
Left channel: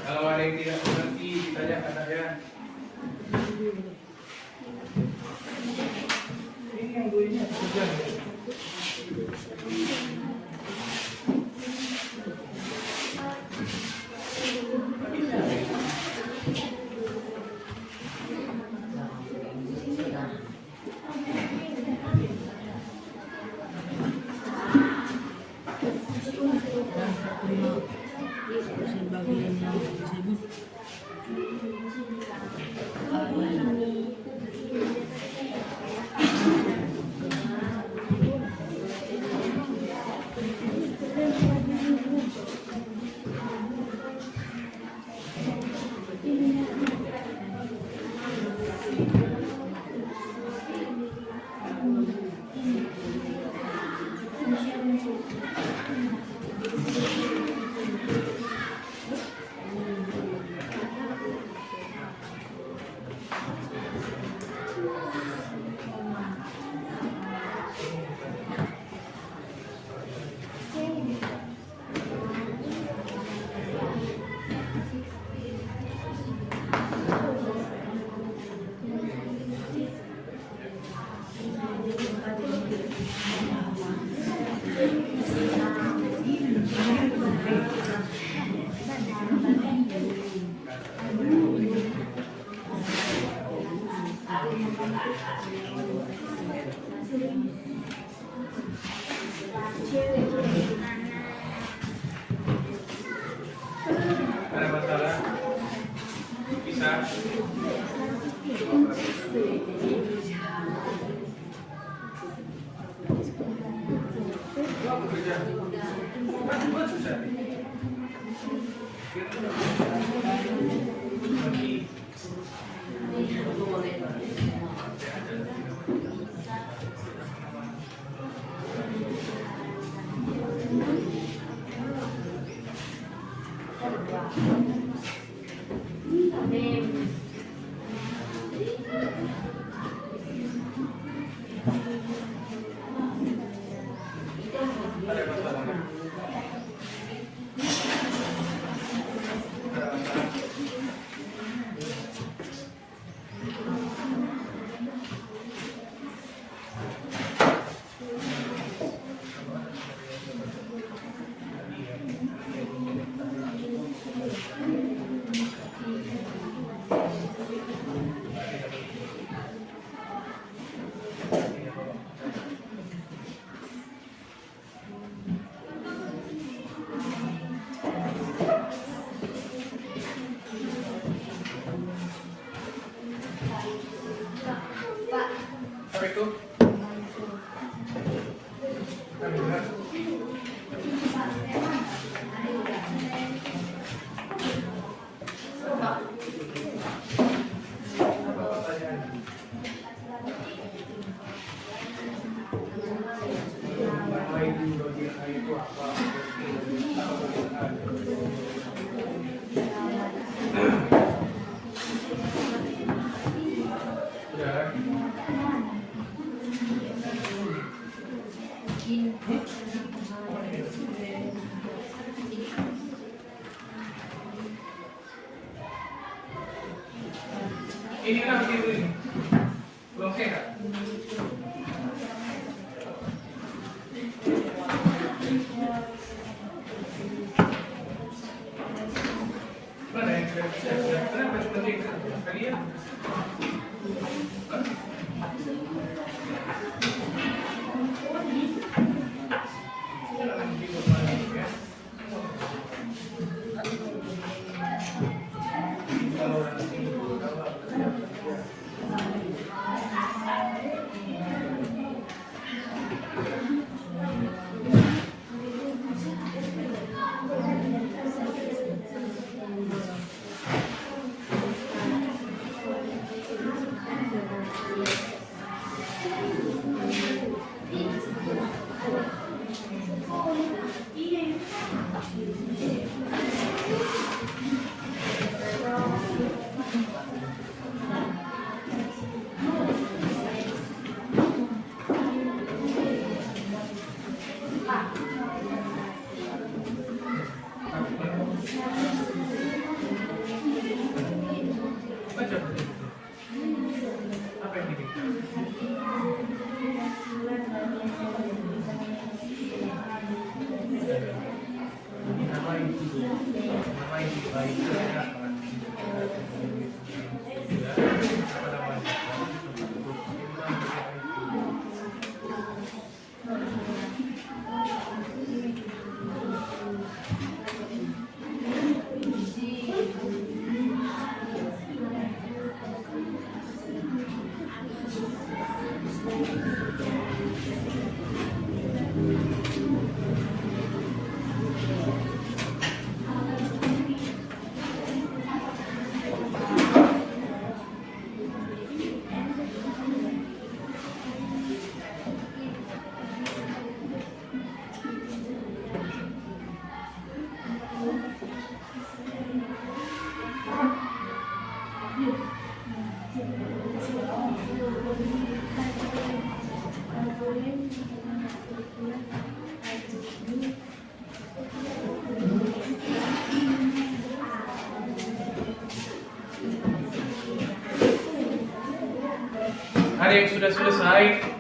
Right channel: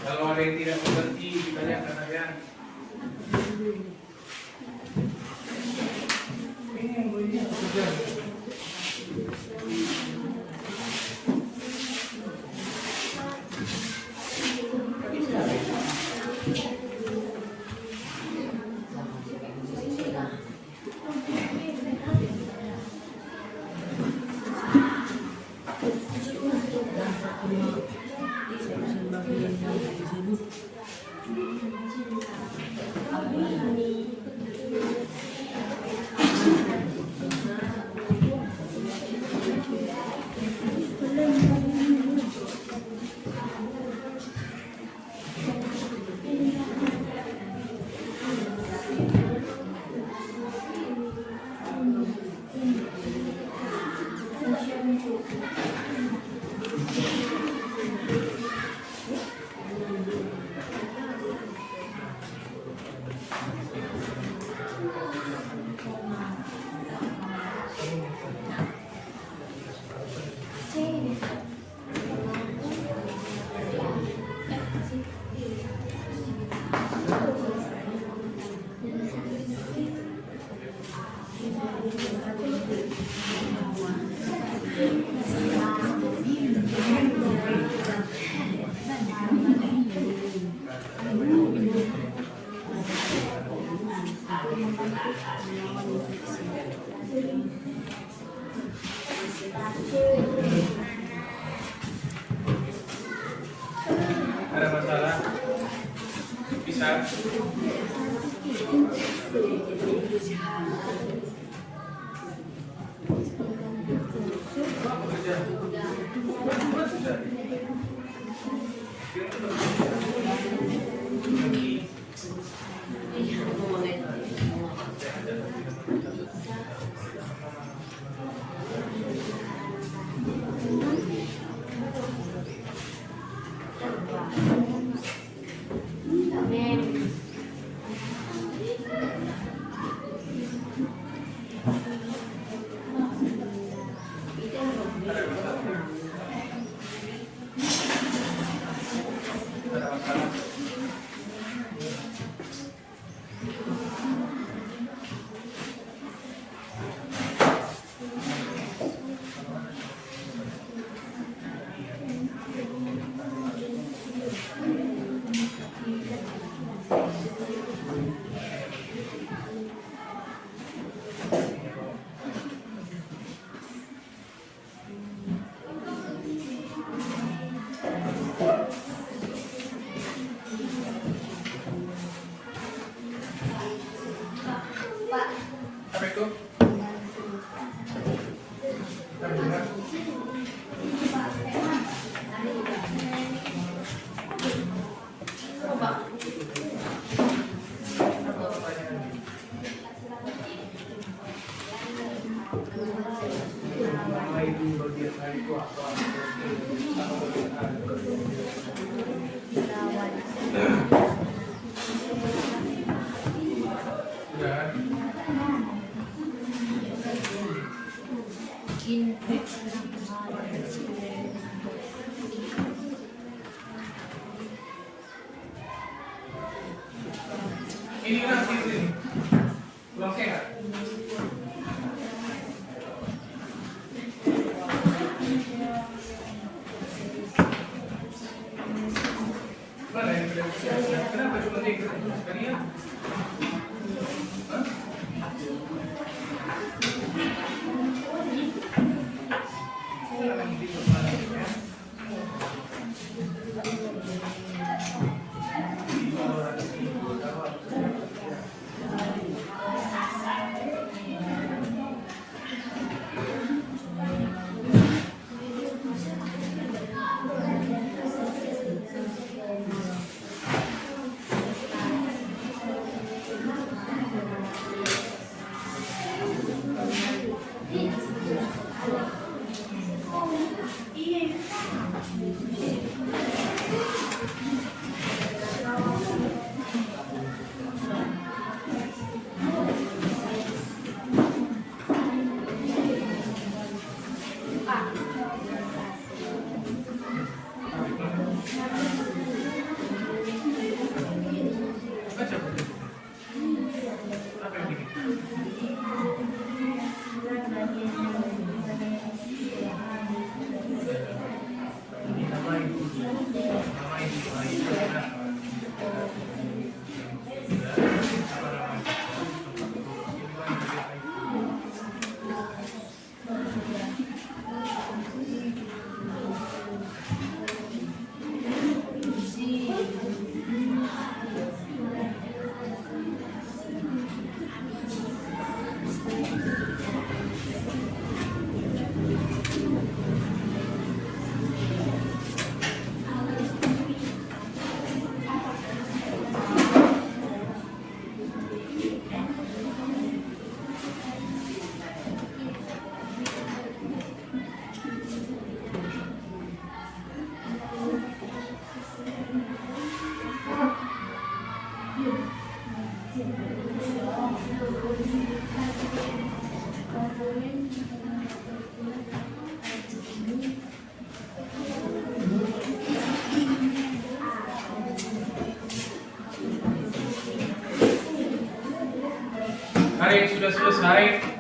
Kalau ada yang tidak mengerti, ditanyakan saya. Ini yang gue ini kerja. Ada masalah? Bisa? Apa kerja? Buat sudah. Apa itu? Ini kenapa tidur ini? Belum sehat? Mana yang tidak bisa? Kenapa cuma dia kalian? yang sudah selesai.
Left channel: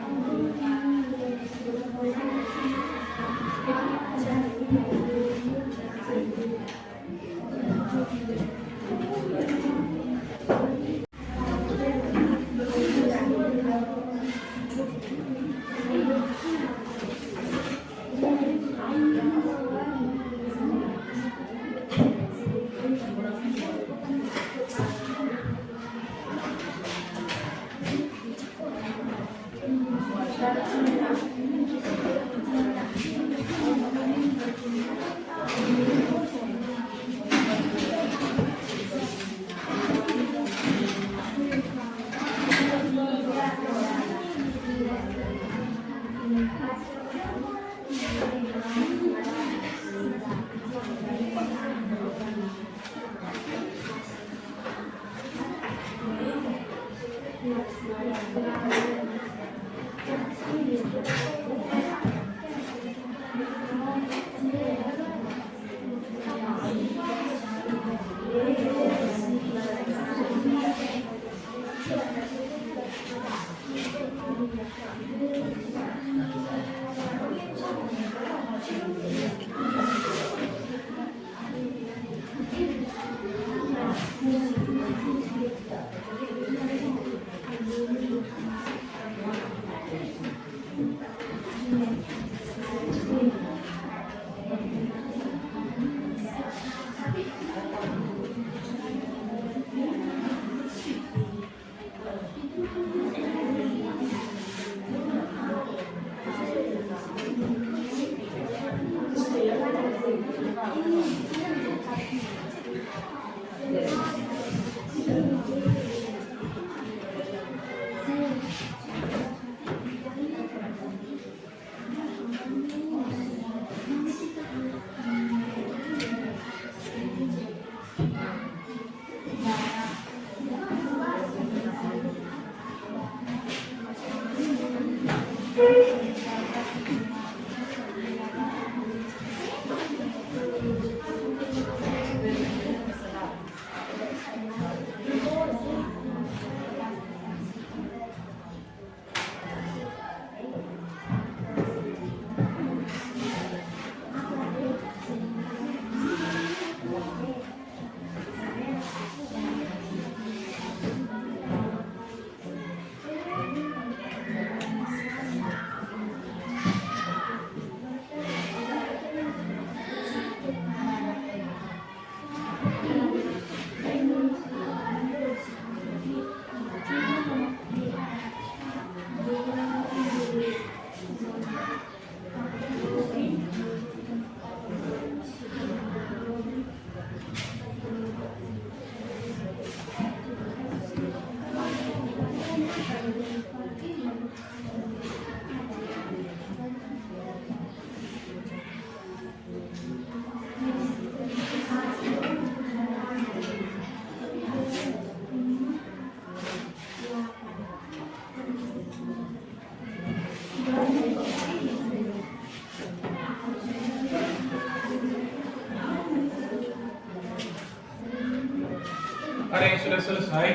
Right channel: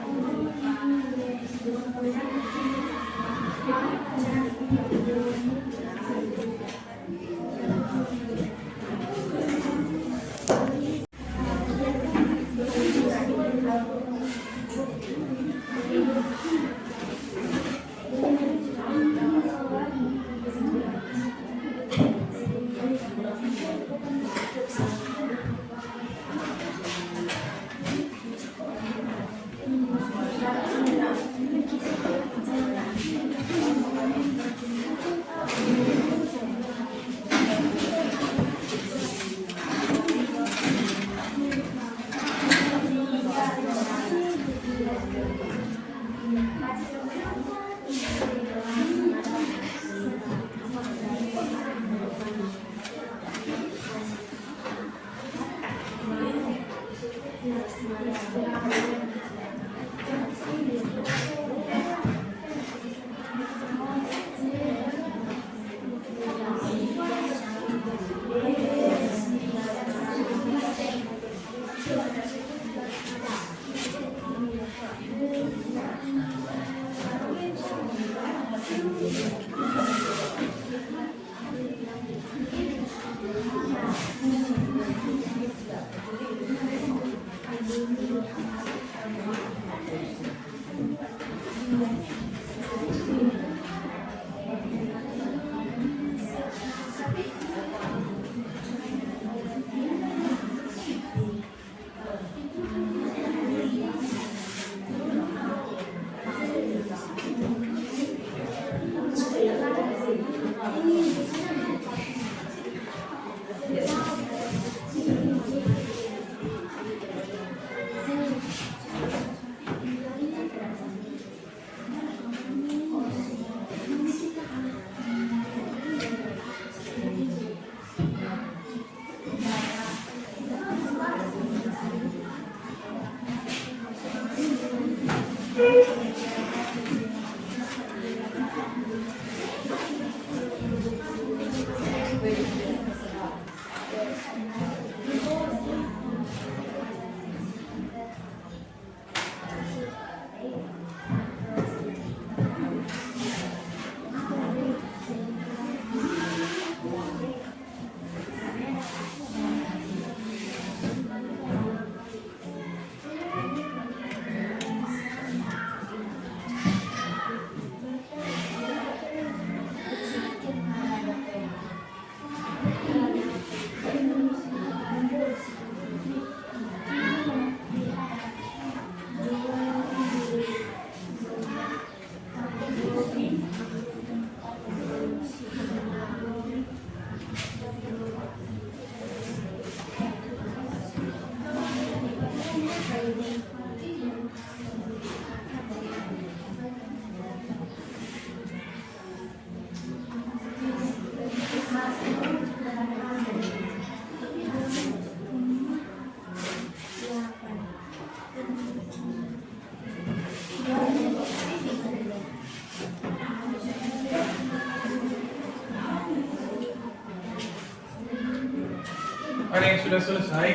Ada yang sudah selesai.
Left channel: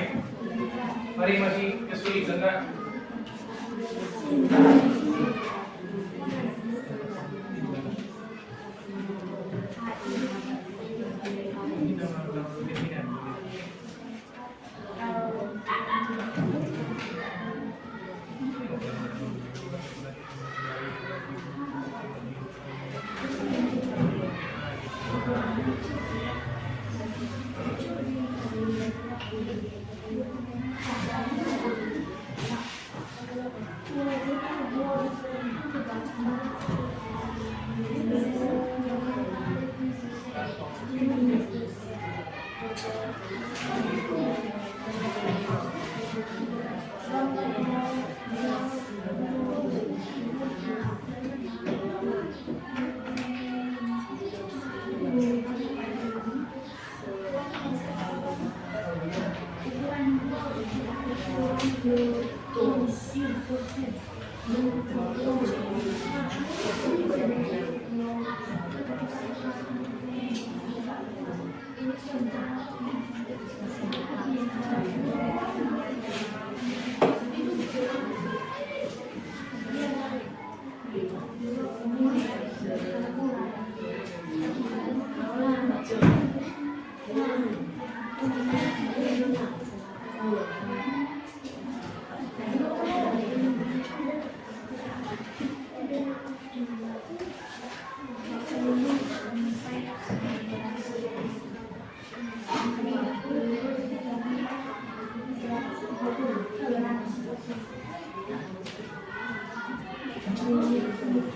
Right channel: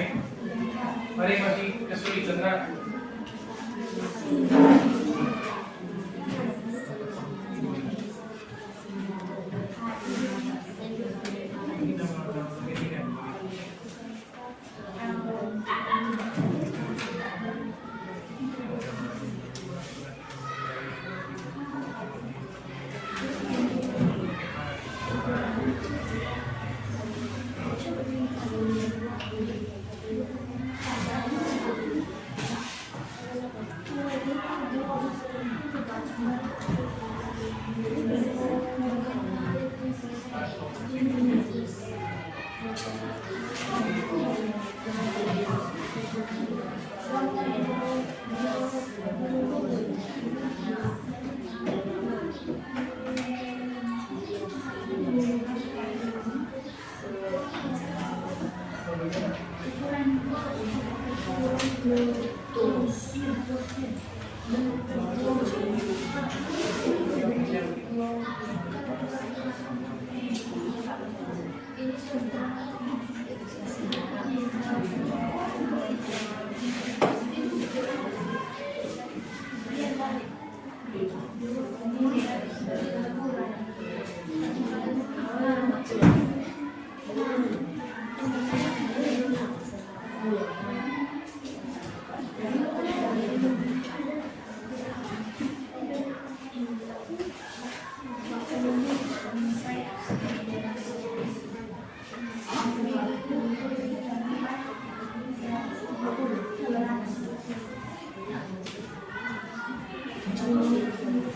Ada yang masih kesulitan nggak?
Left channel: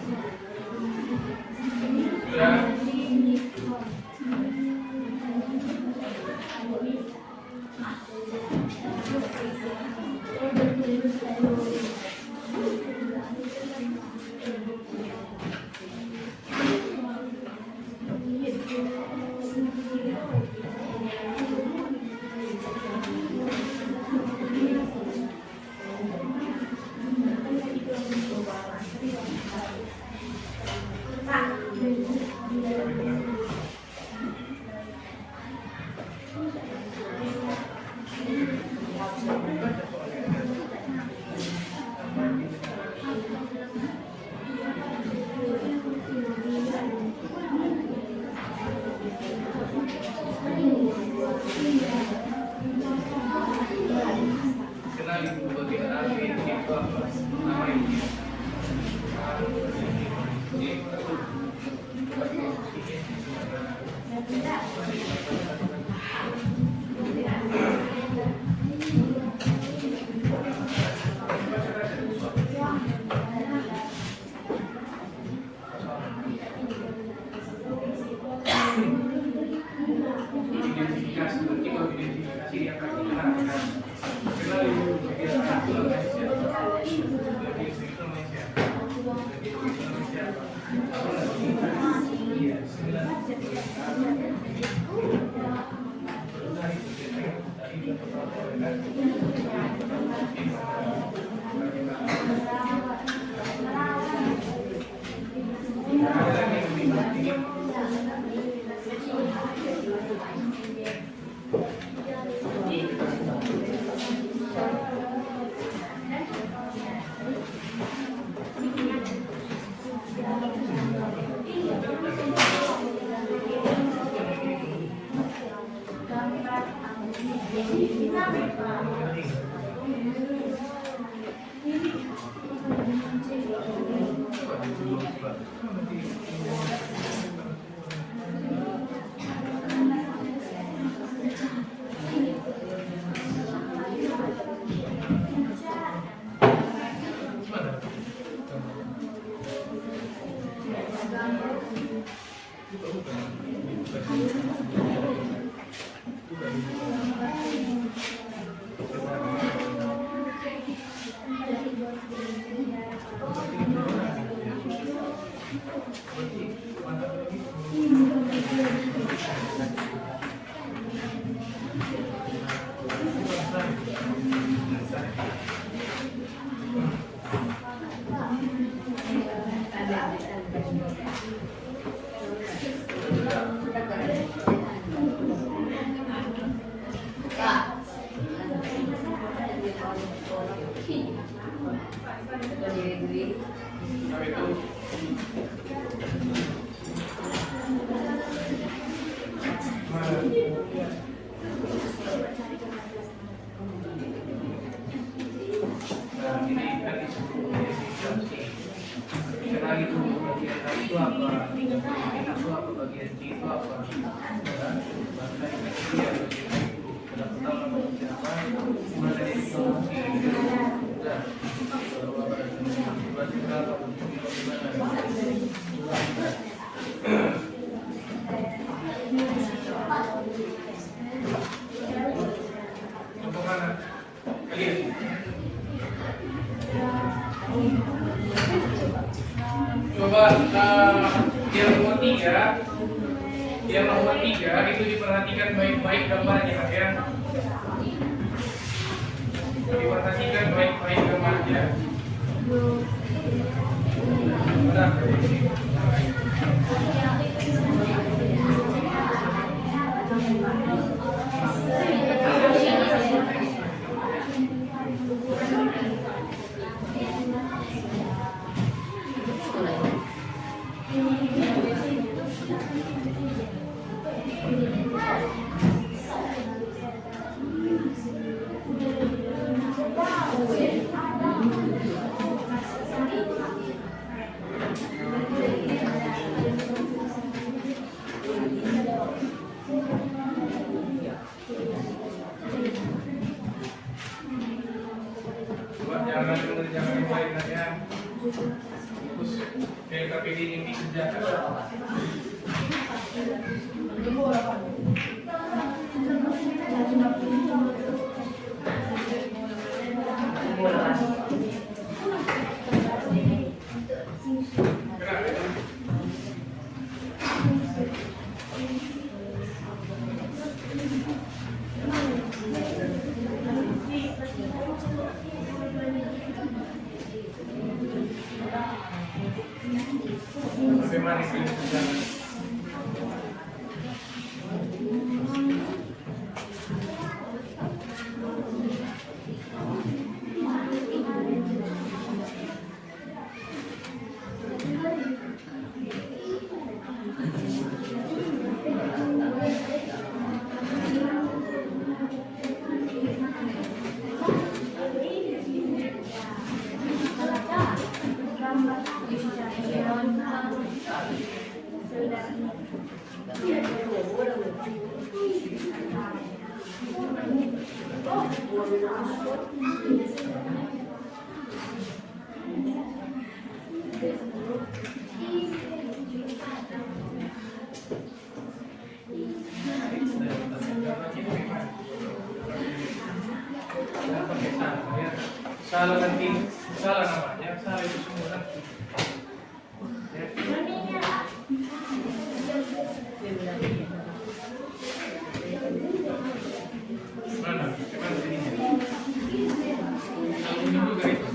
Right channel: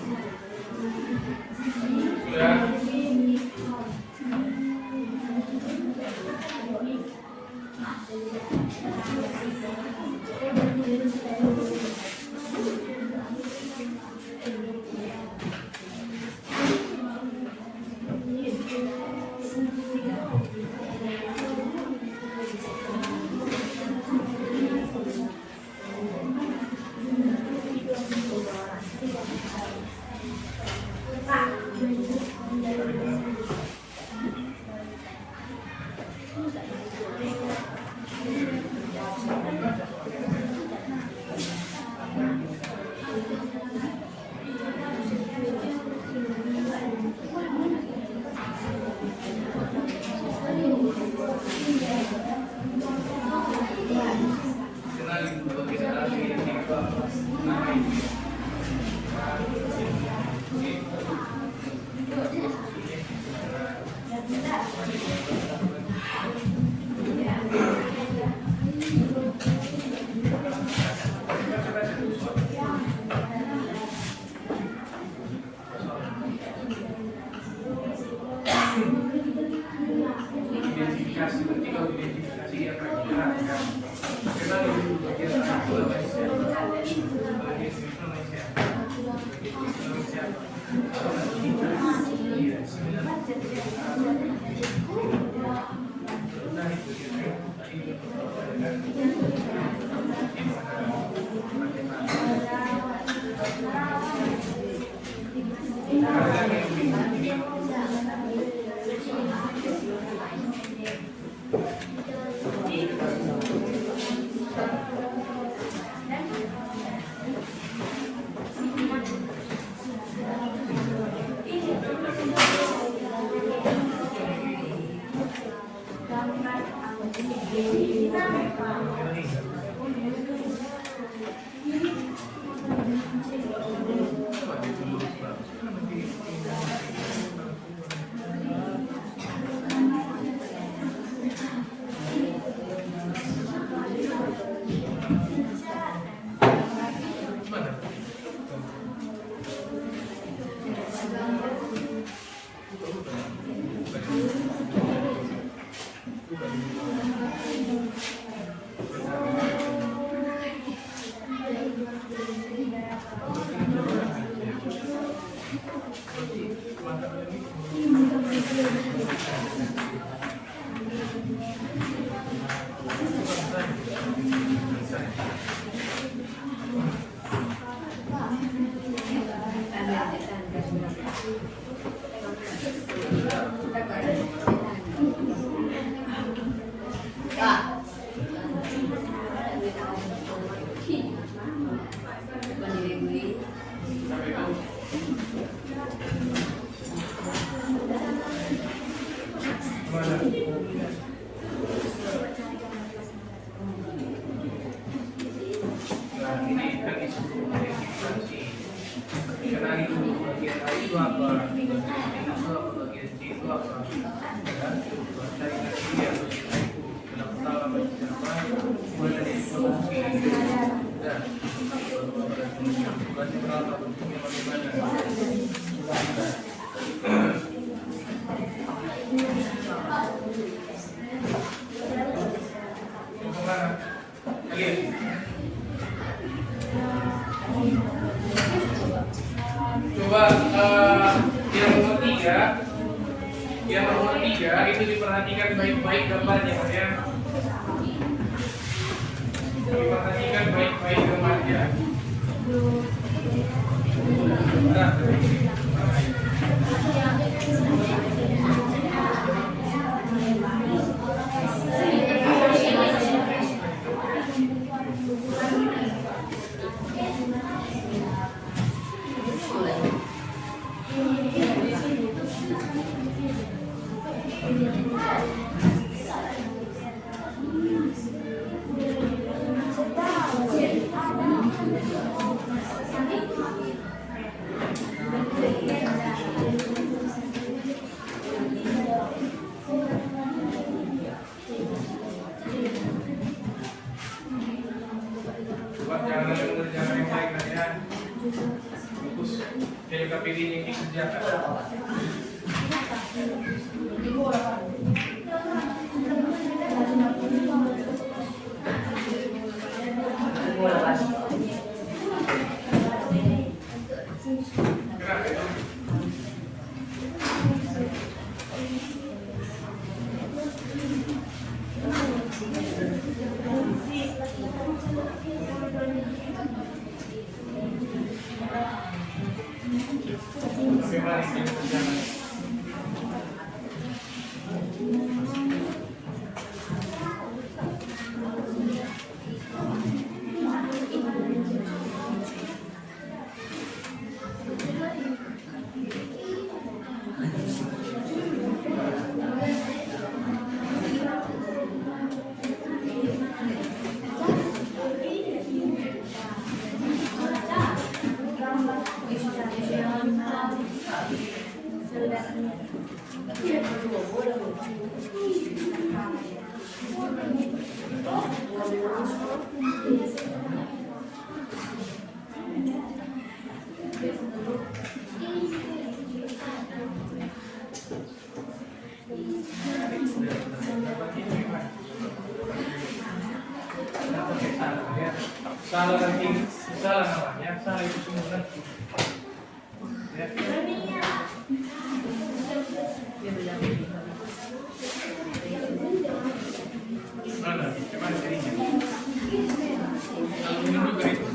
Sudah. Kenalin dulu bagian akhir ini apa namanya. Identifikasi, nanti kalau identifikasi dia akan dijelaskan. Kenalin dulu bagian satu Indonesia, bagian Indonesia, bagian Indonesia. Iya, 9. Sudah itu tadi dia pertama ada lagi yang lebih ini. Coba yang nomor 3 itu diperhatikan baik-baik gambarnya ya. Diperhatikan baik-baik gambarnya. Jangan ada mengerjakan yang baik nanti ya. Fokus. KPD yang dikerjakan. Gerak. Bagaimana ini berjalan? Salah nanti, salah namanya, salah itu semua nanti. Ya. Mana? Mana jadinya? Kalau minum juga itu.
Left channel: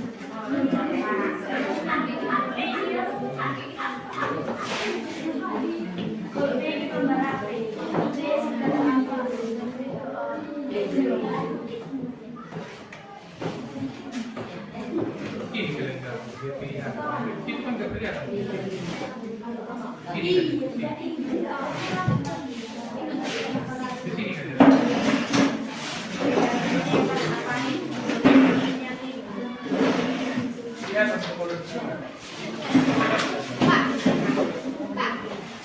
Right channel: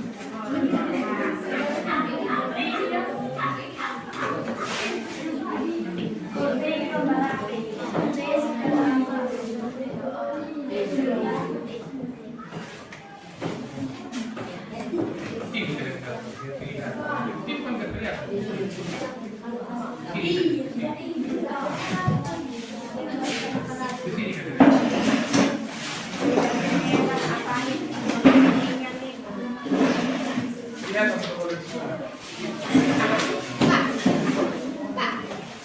Ini kelihatan, pilihan. Itu kan gak kelihatan. Ini di sini kan kelihatan. Lihat apa kalau semua.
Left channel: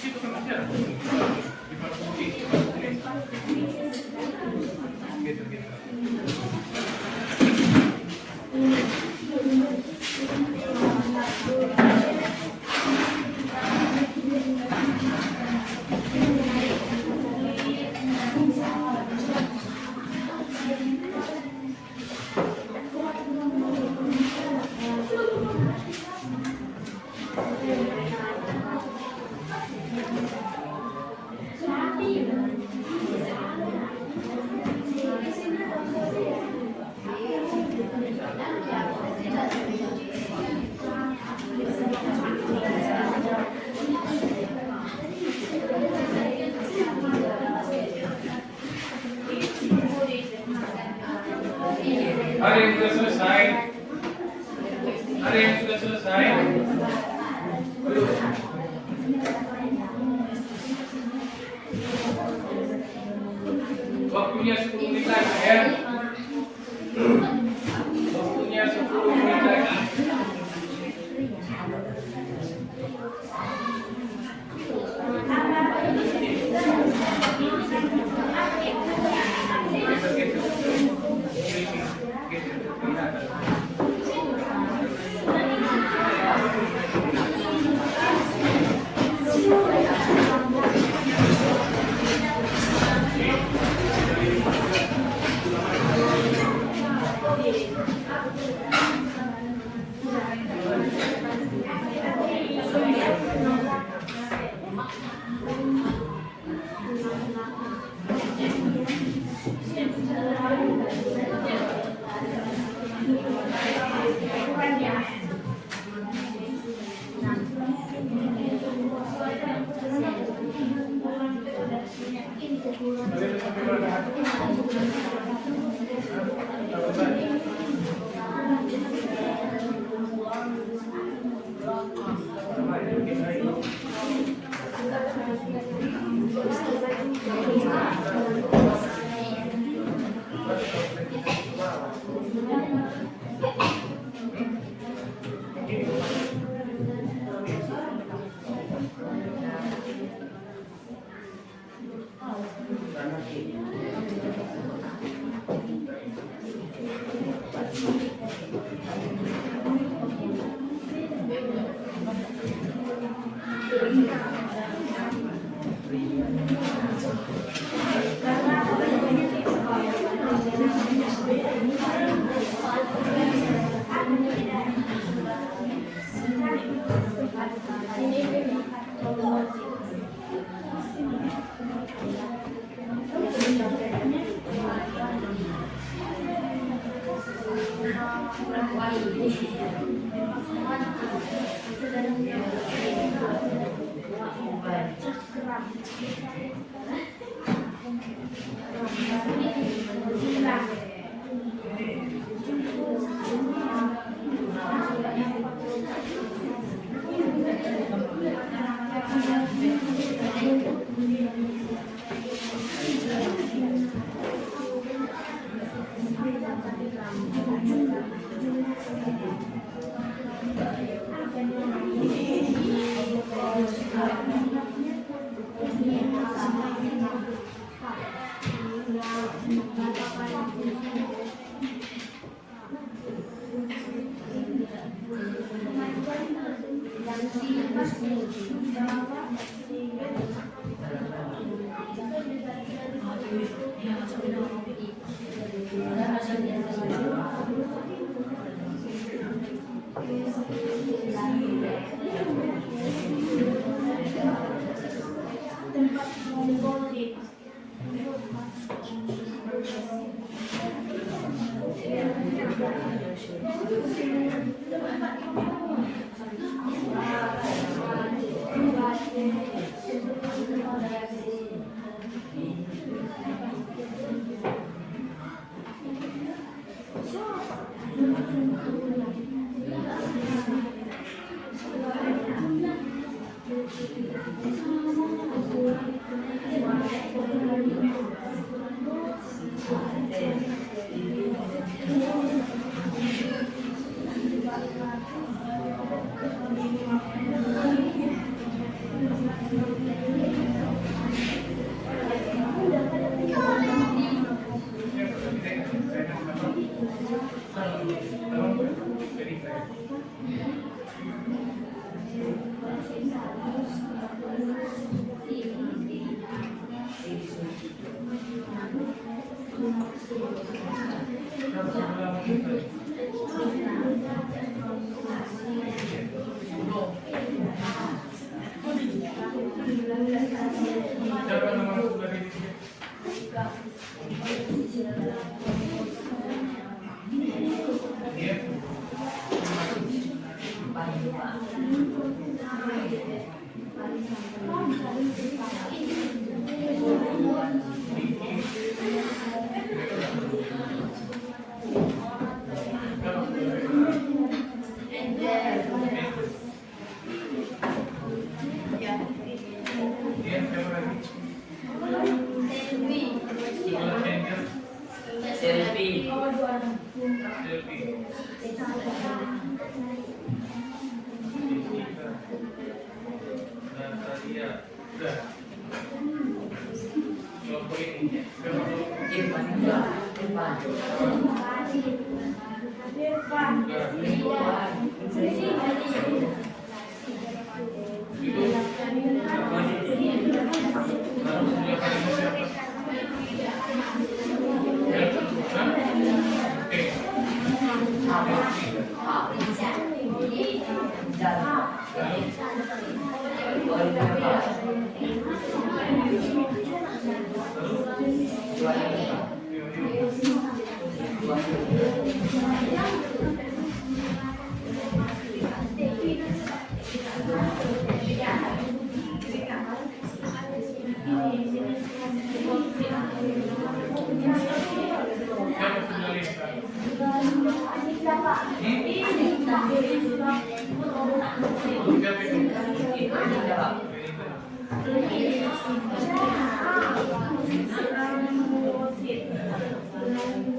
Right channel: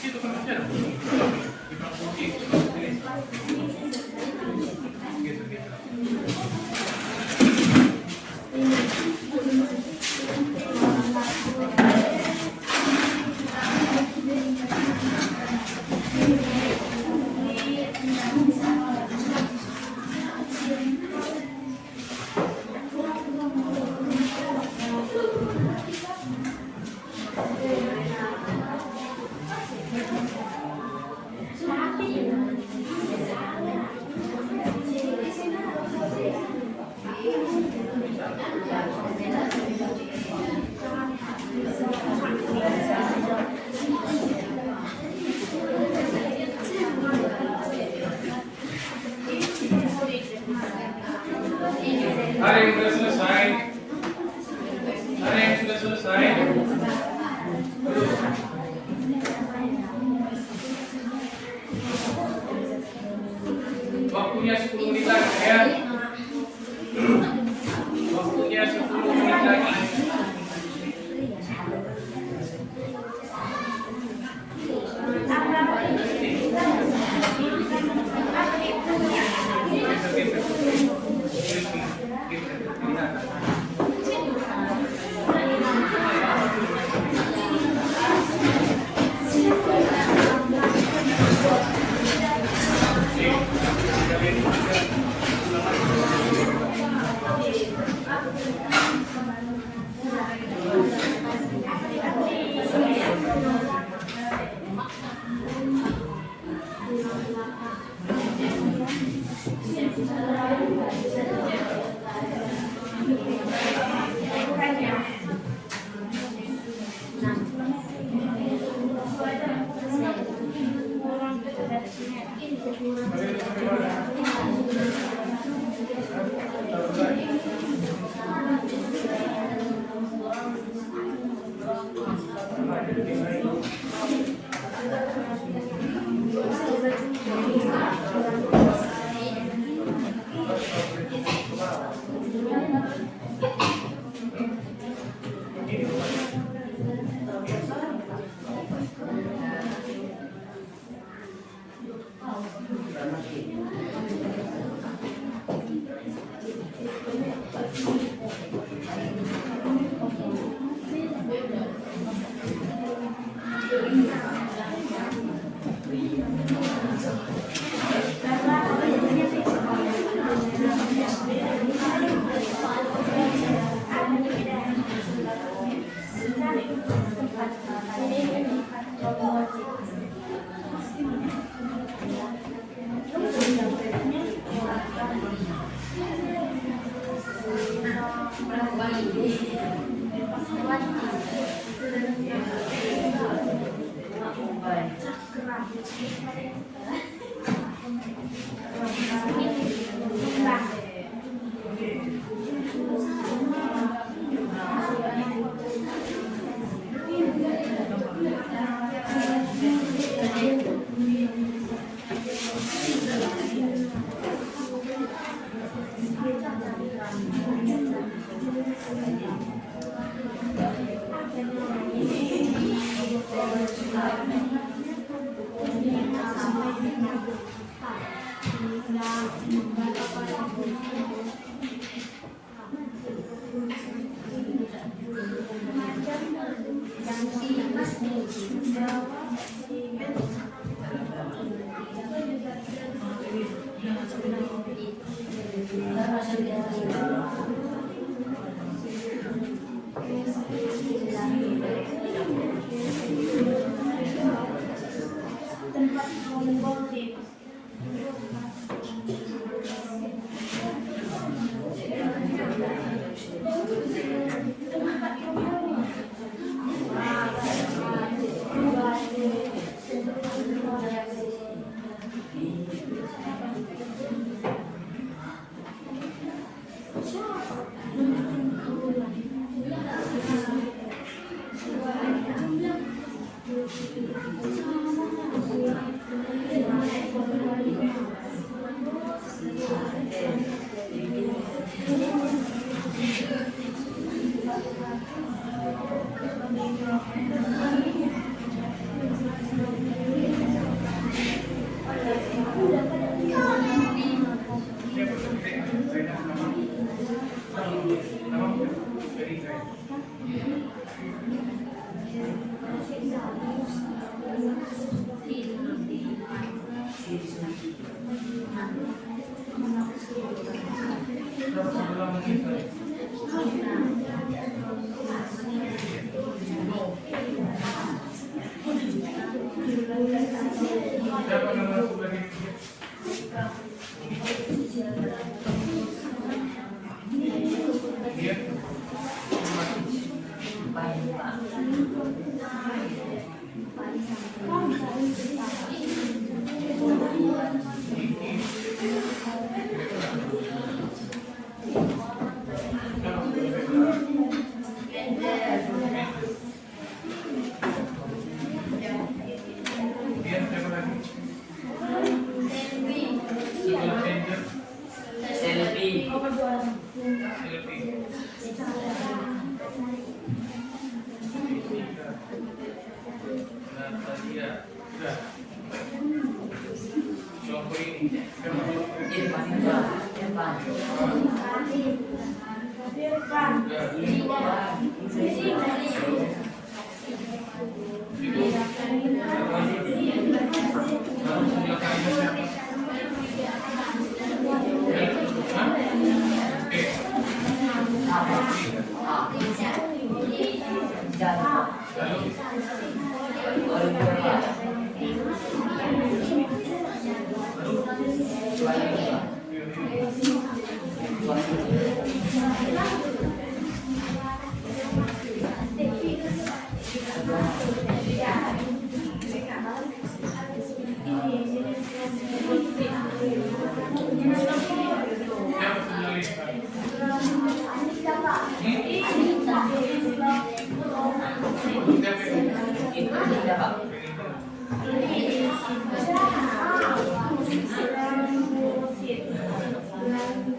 Itu kan ada. Di belakang gitu. Ada yang sudah selesai. Ada yang sudah selesai. Belum. Waktunya 10 menit lagi ya. Waktunya 10 menit lagi.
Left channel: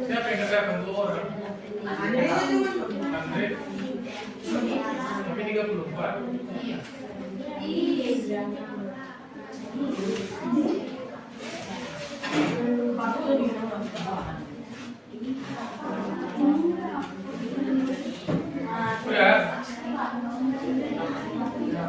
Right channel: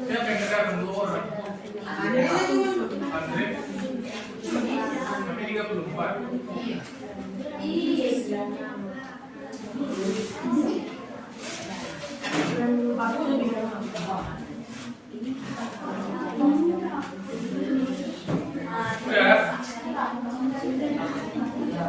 Siapa yang datang 2 orang? Andre. Kami 34. Udah. Hari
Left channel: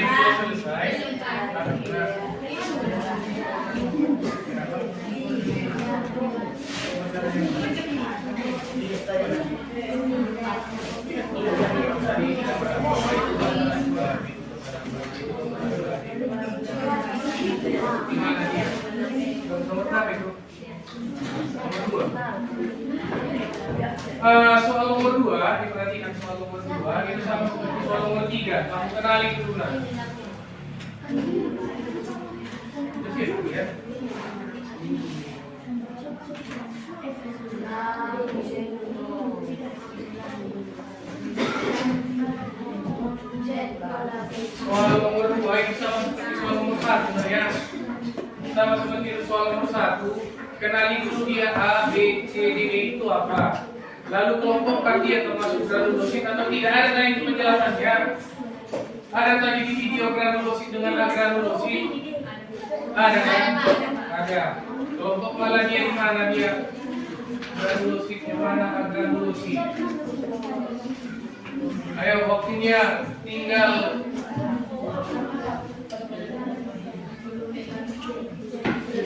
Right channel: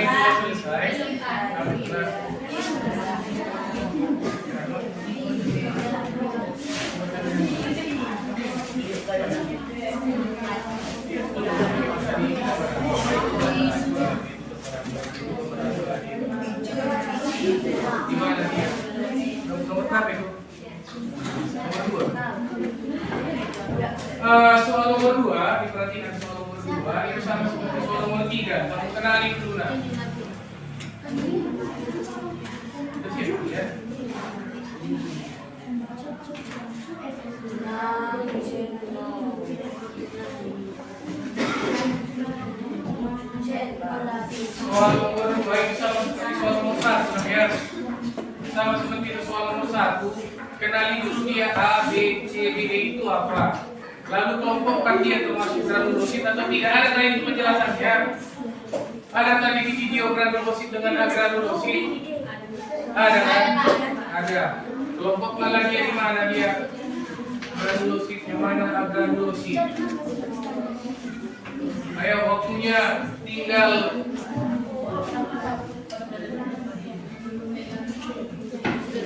ini sudah selesai. Gimana dia? Nomor berapa itu? Nomor 2. Soal nomor 2, diperhatikan soal nomor 2 itu sama seperti soal nomor 3. Kamu kenali dulu nah. Kecil ya. Soal nomor 2 itu sama seperti soal nomor 1 nah ya. Sama seperti soal nomor 1, kenali dulu dia A, B, C, D, E itu apa. Lalu kelompokkan dia termasuk granulosit atau tidak. Ada tadi penjelasannya. Ada tadi di video granulosit dengan agranulosit. Ada kan? Ada. Kelompokkan lagi di mana dia? Granulosit yang mana agranulosit? Ayo waktunya tinggal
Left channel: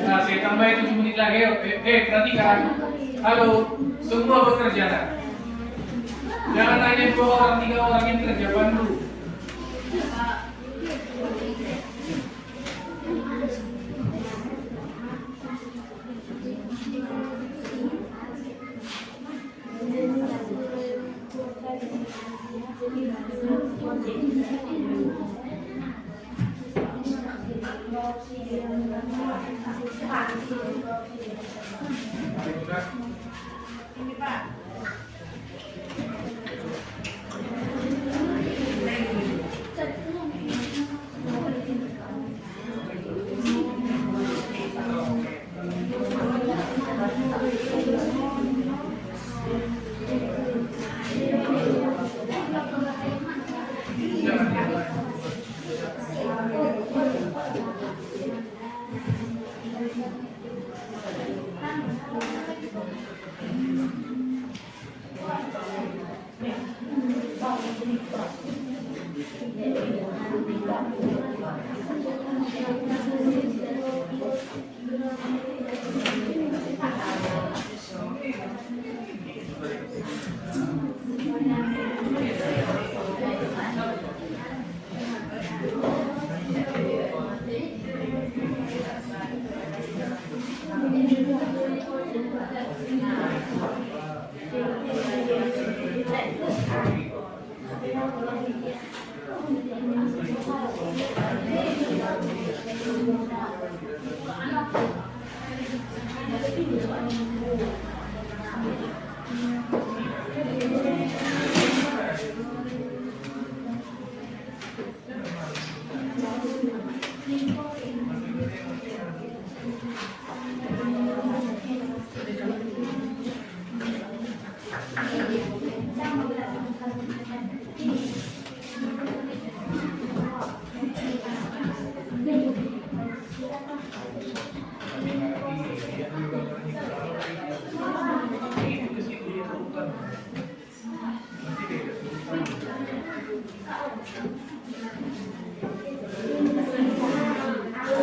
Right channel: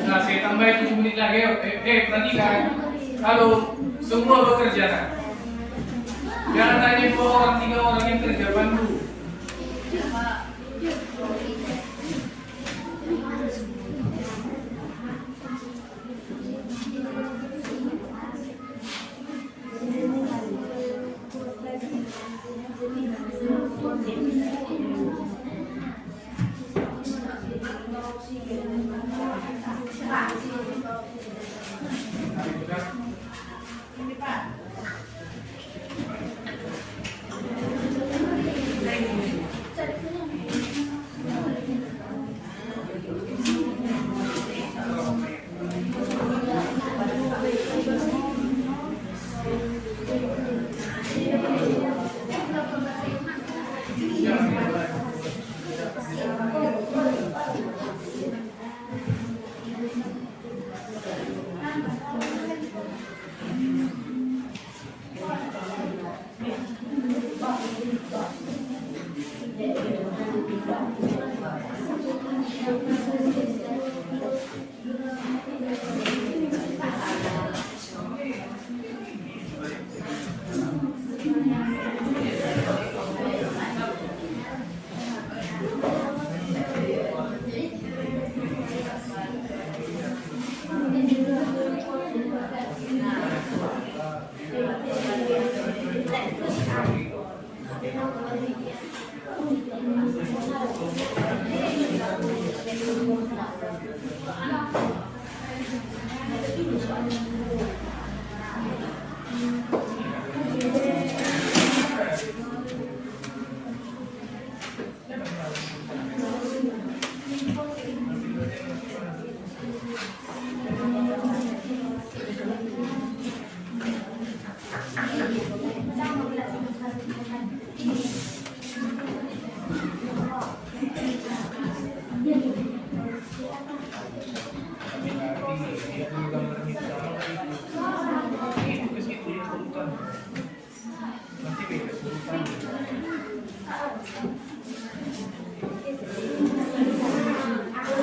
nah, saya tambahin 7 menit lagi. Perhatikan. Halo, semua bekerja nah. Jangan hanya 2 orang, 3 orang yang kerja, bantu.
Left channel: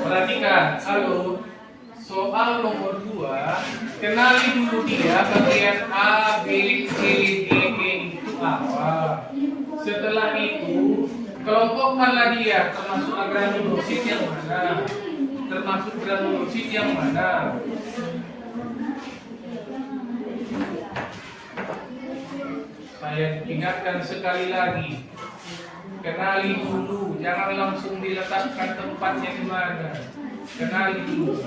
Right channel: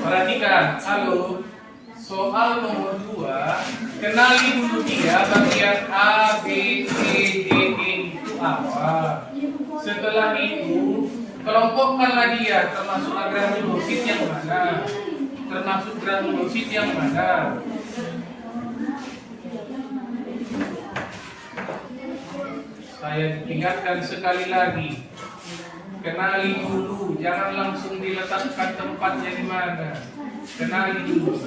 Perhatikan, halo. Soal nomor 2, kenali dulu dia bagian A, B, C, D, E itu apa. Setelah itu, kelompokkanlah dia termasuk granulosit yang mana. Termasuk granulosit yang mana. Saya ingatkan sekali lagi, kenali dulu, jangan langsung diletakkan tempatnya di mana. Kenali dulu.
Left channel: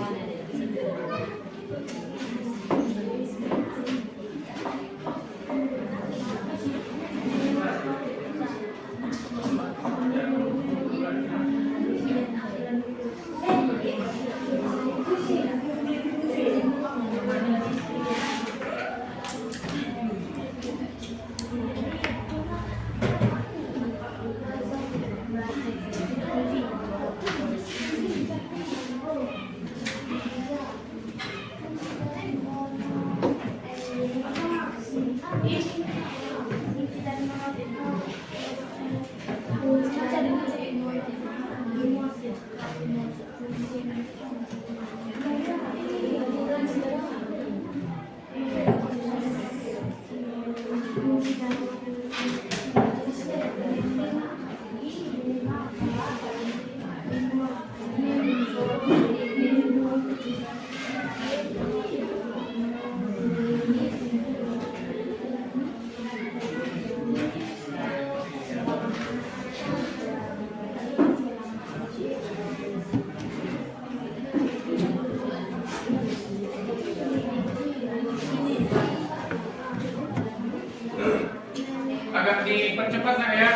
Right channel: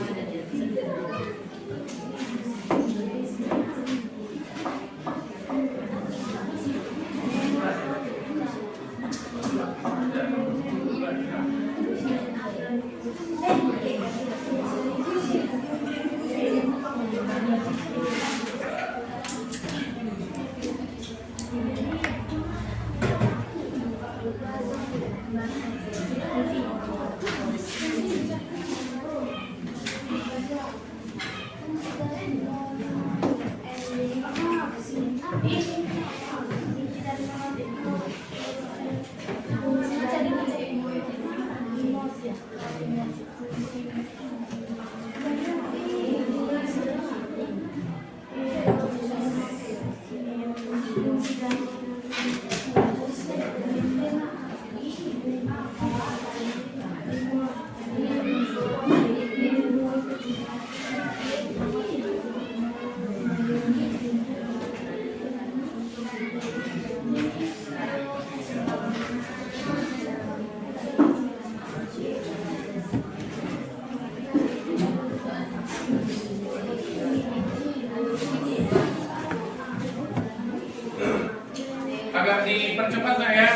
Agak dipercepat nak ya.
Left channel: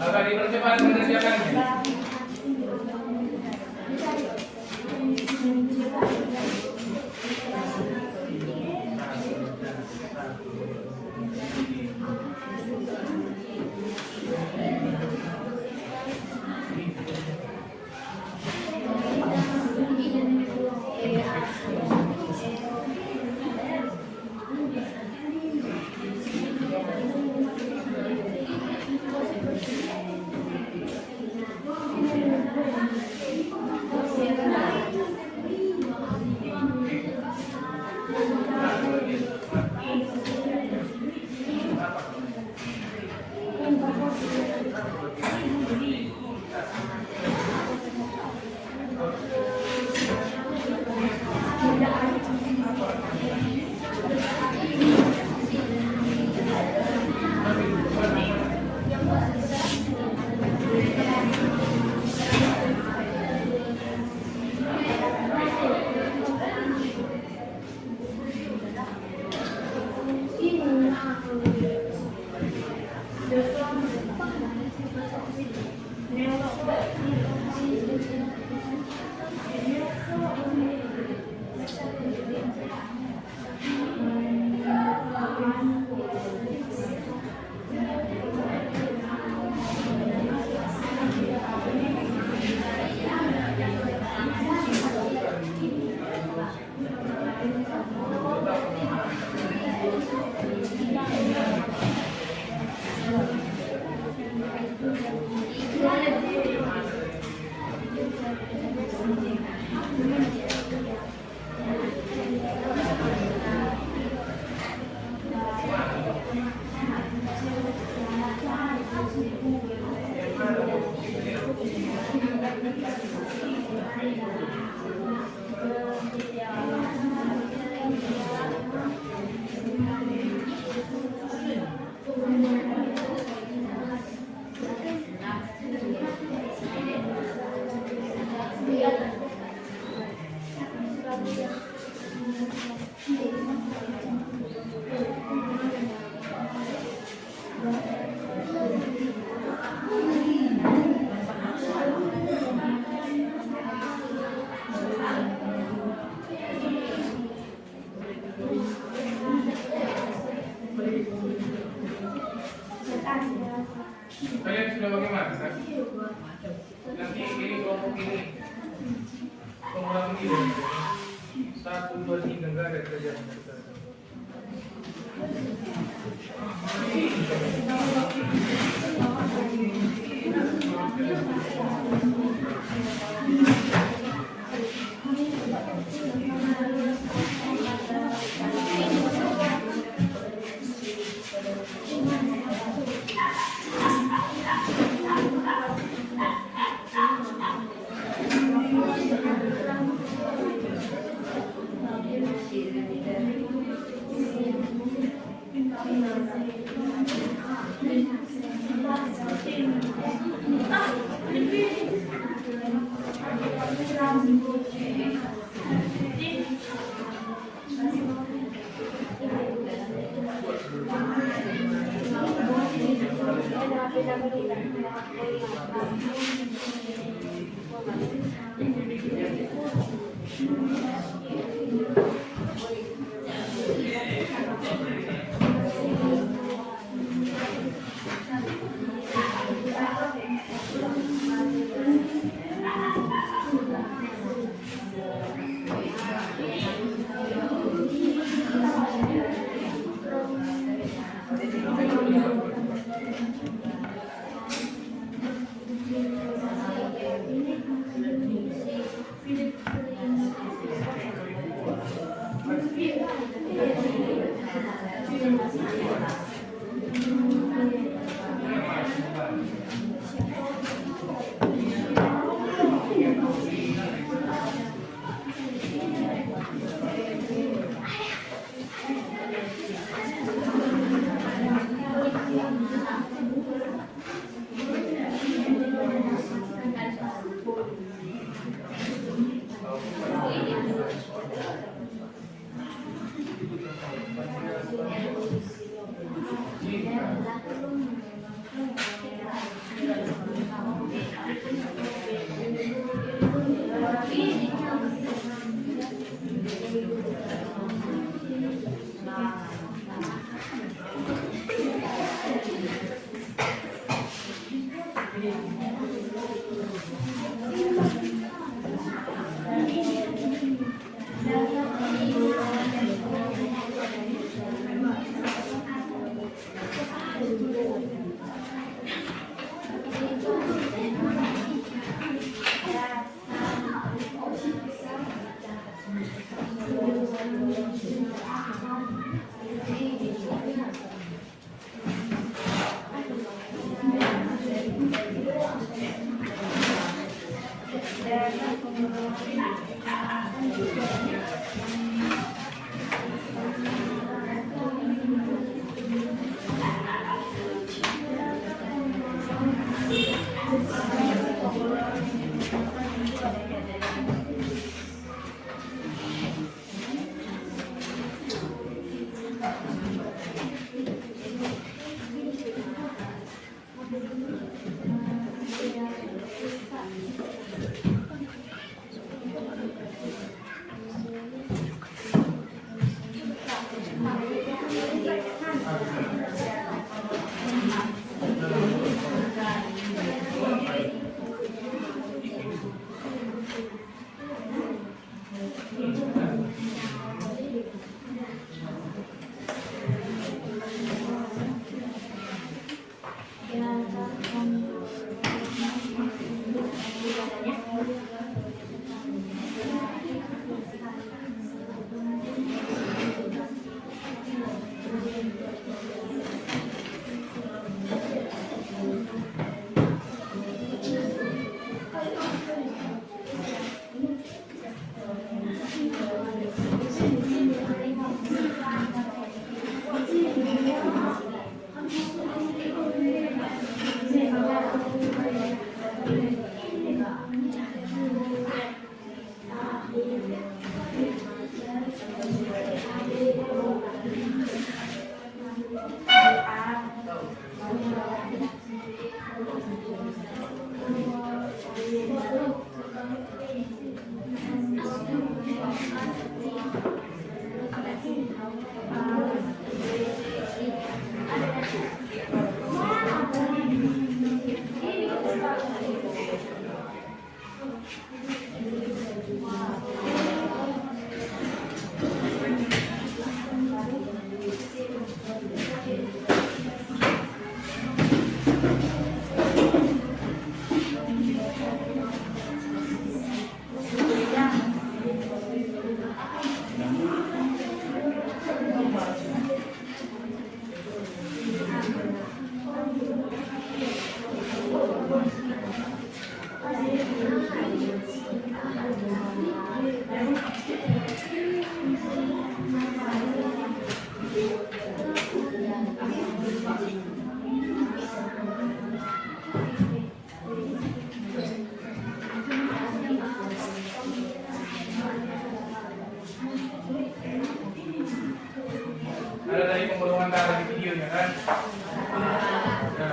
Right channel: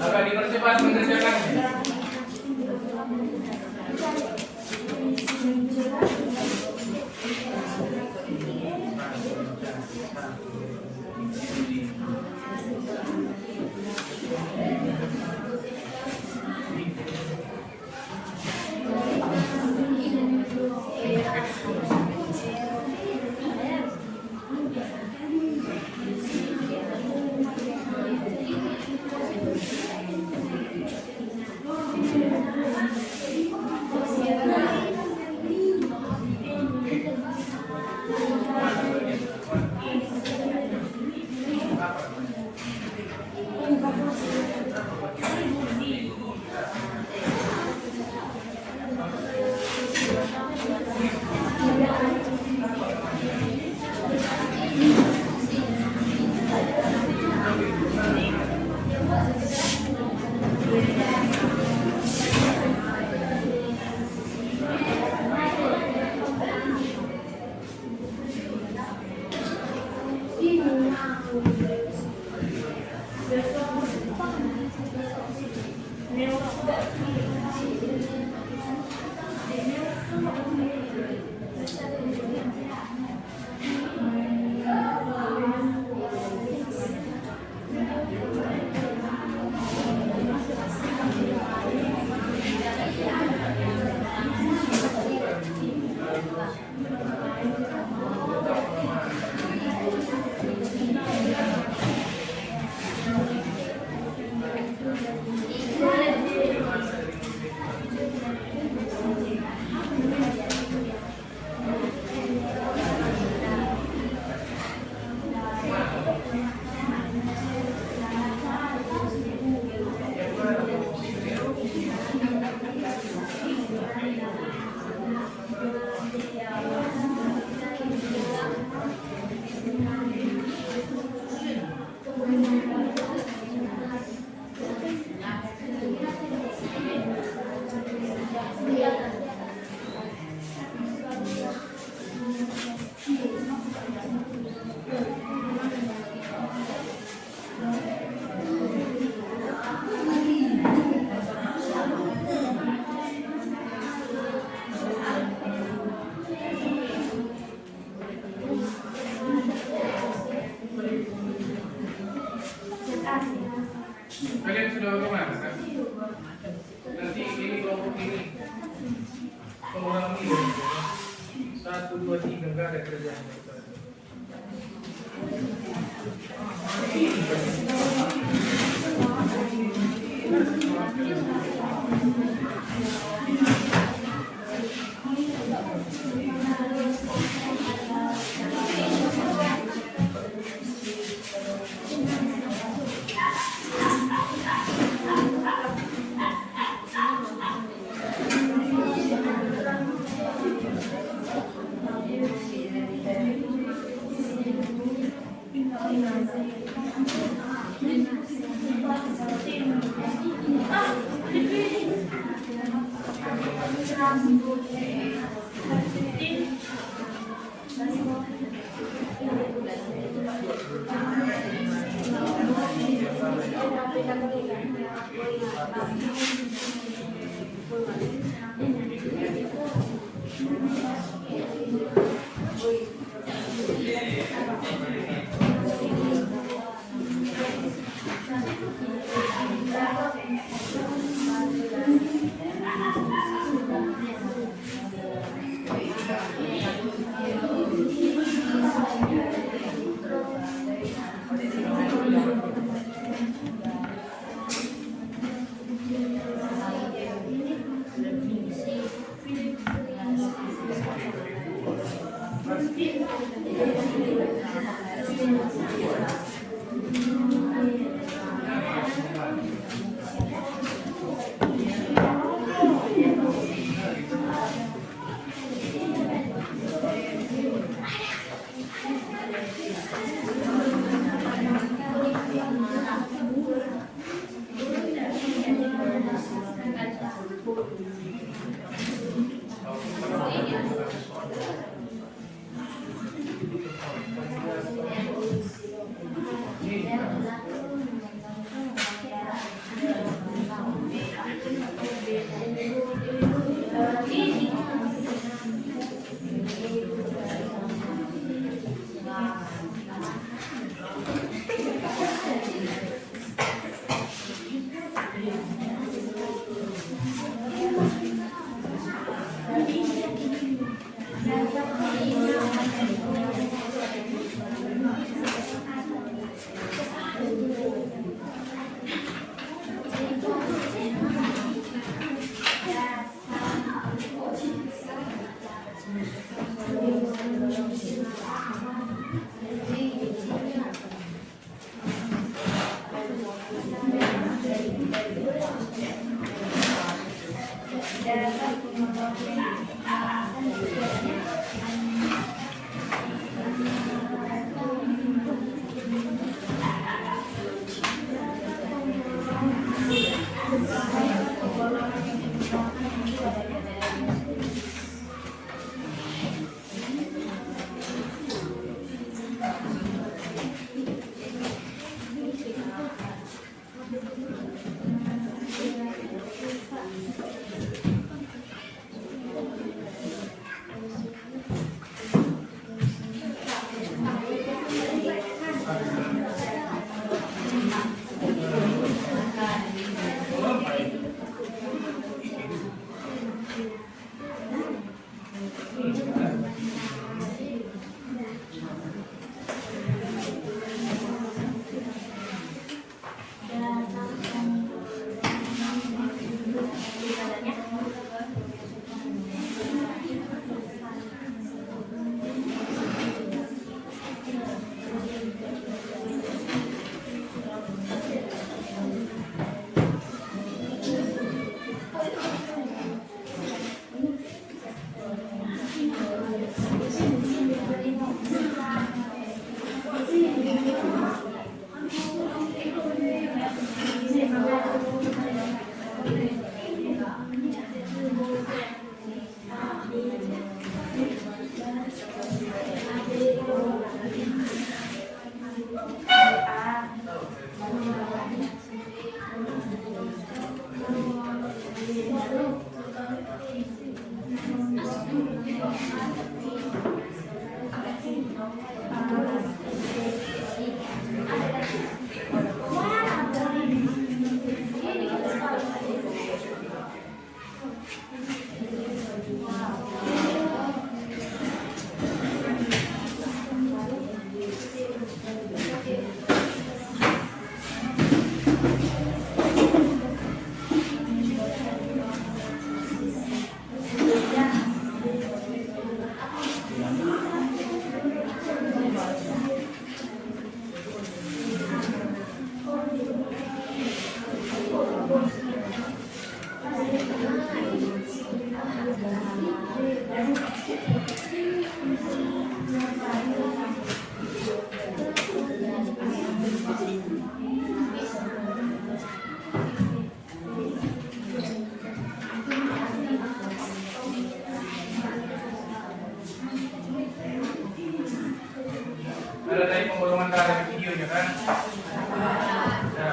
Agak dipercepat mengerjakannya. Kalian sudah bagaimana? Nanti ini kelompok ini pengulang ini 1, 2, 3 enggak ada kerjaan. Ada dari pembolongan darah di videonya kan? Ya.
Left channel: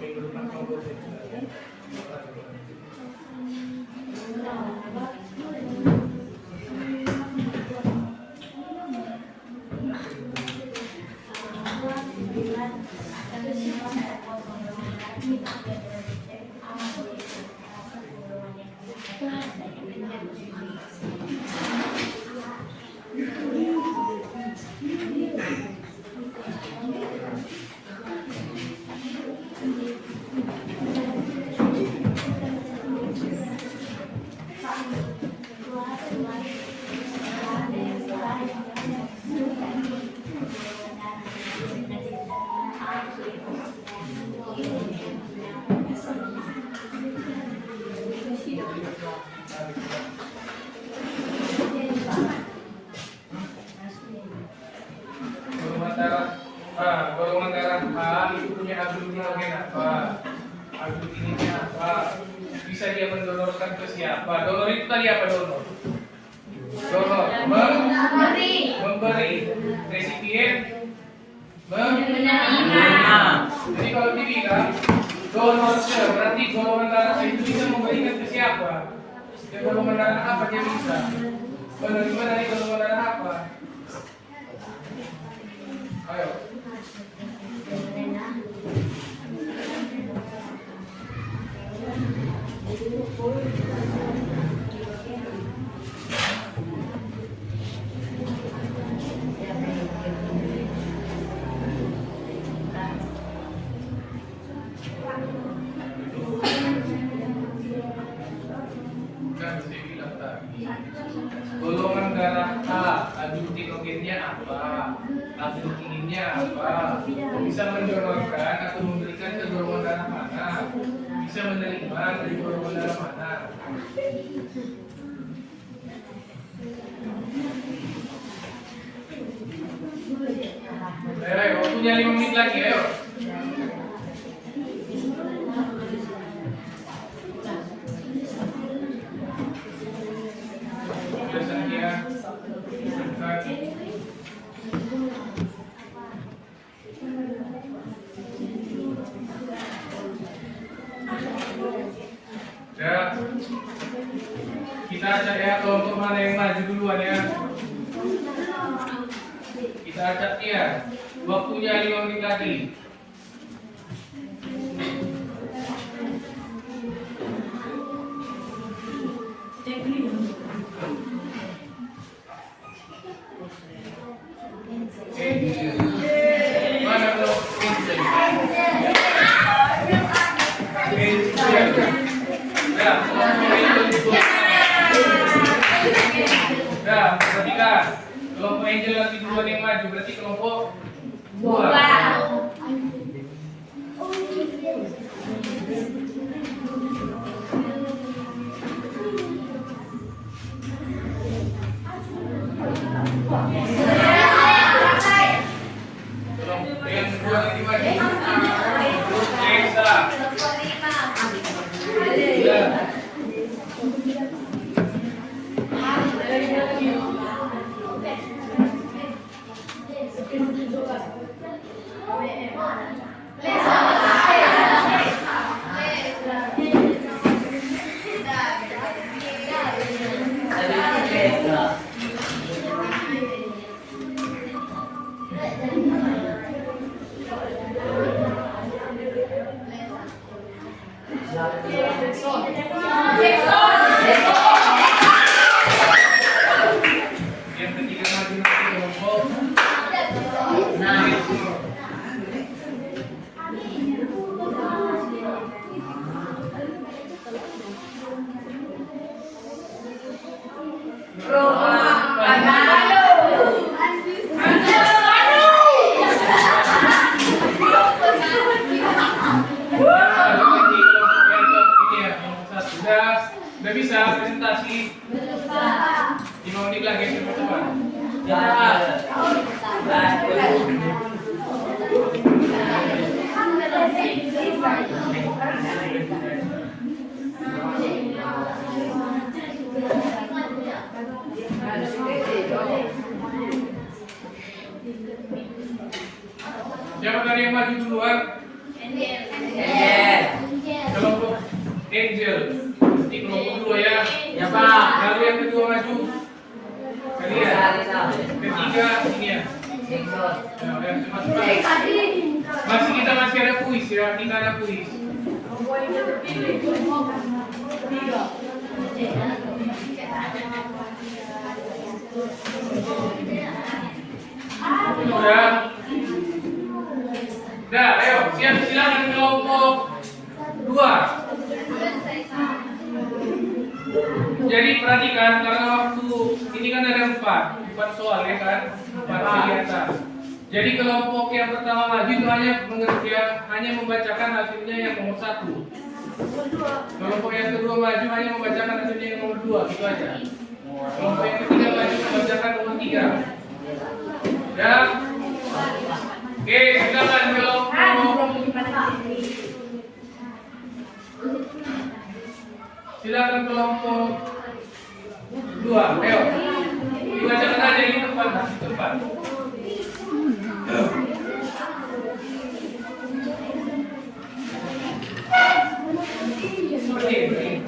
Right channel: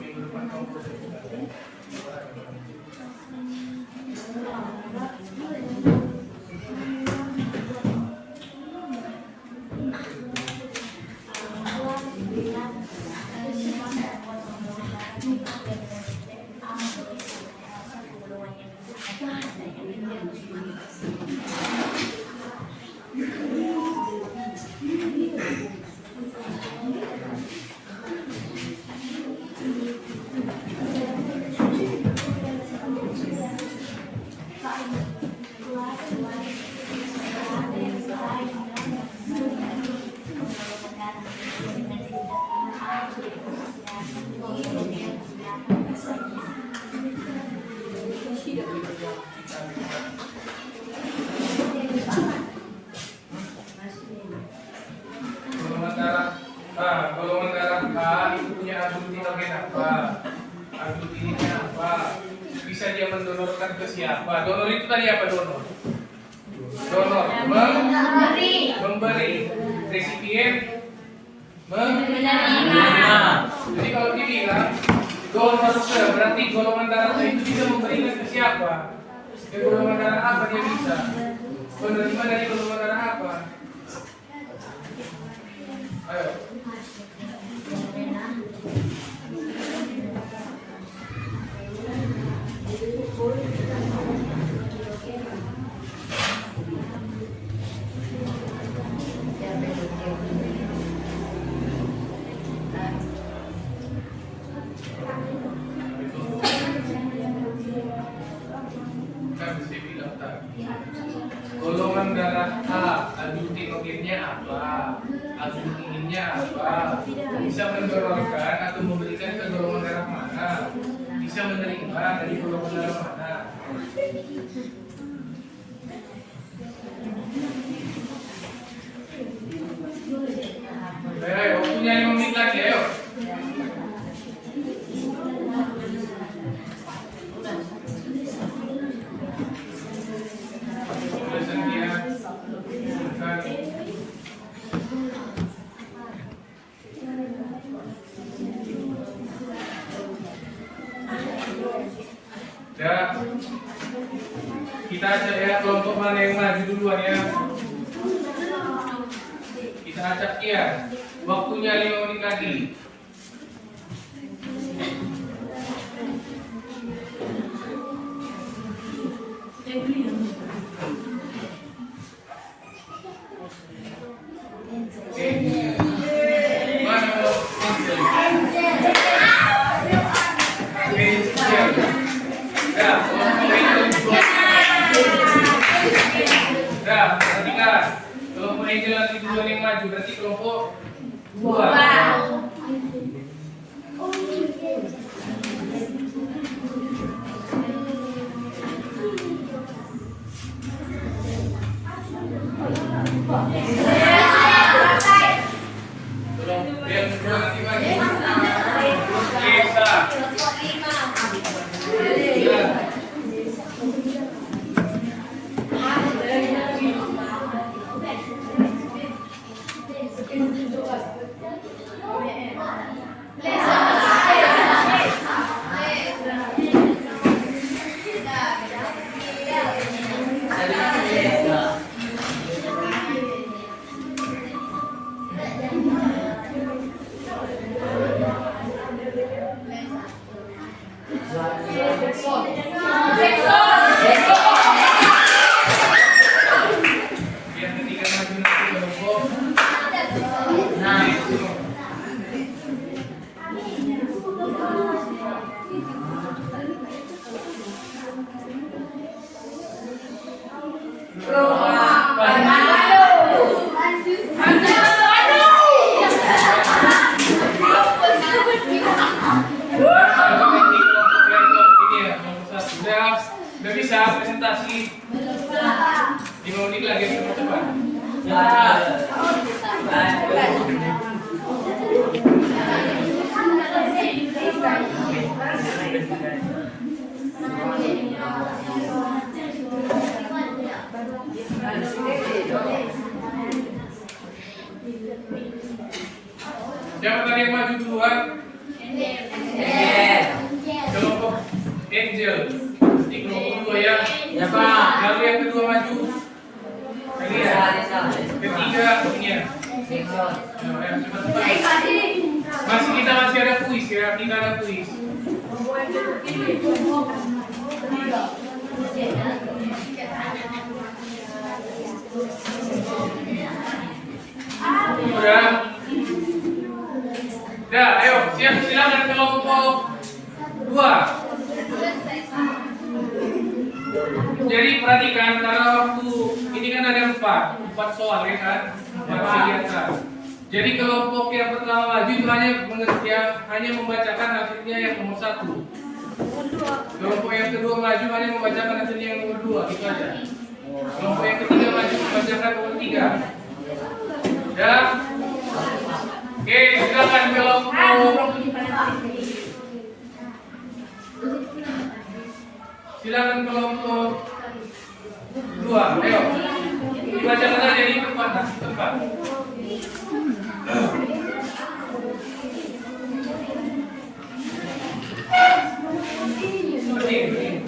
Minggu depan kamu boleh. ke siapa? Donor itu tadi apa donor? Donor memberi, resipien menerima. Jadi kalau dibilang donor berarti golongan darah itu bisa memberikan ke siapa? Ke golongan darah apa dia bisa? Menerima dari golongan darah apa? Ayo. Golongan darah A, adutinogennya apa? Adutinginnya apa? Bisa mendonorkan atau memberikan ke golongan darah mana? Bisa menerima dari golongan darah mana? Ayo, waktunya 5 menit lagi, ayo. Ya, kita acak ya kelompok mana yang maju duluan ya. Kita acak dia. Waktunya 5 menit lagi. Mana kelompok perhatikan. Kelompok Angel lagi duluan yang maju, berarti kelompok 2. Kelompok yang kedua nanti maju. Desa. Yang ketiga maju nanti kelompok Udah bisa presentasi 5 menit lagi cepat. Siapa tadi yang maju duluan? Kelompok Angel. Di kelompok 2 ya. Ya Pak. Lalu yang kedua maju. Kalian. Ketiga ini ya. Ya, cepat. Masih ada kuis ya. Kita ada kuis. Udah, ayo siap, silakan kelompok 2. Jadi perhatikan karena waktu ini kan ada 4 soal ya kan, 4 kegiatan. Jadi kelompok yang pertama maju itu hanya membacakan hasilnya yang nomor 1. Kelompok yang kedua maju hanya membacakan hasilnya yang nomor 2, gitu aja. Kelompok yang ketiga maju membacakan nomor 3. Dan oke, silakan kelompok. Silakan silakan kelompok 2. Ayo. Dibacakan aja di tempat. Seperti ini.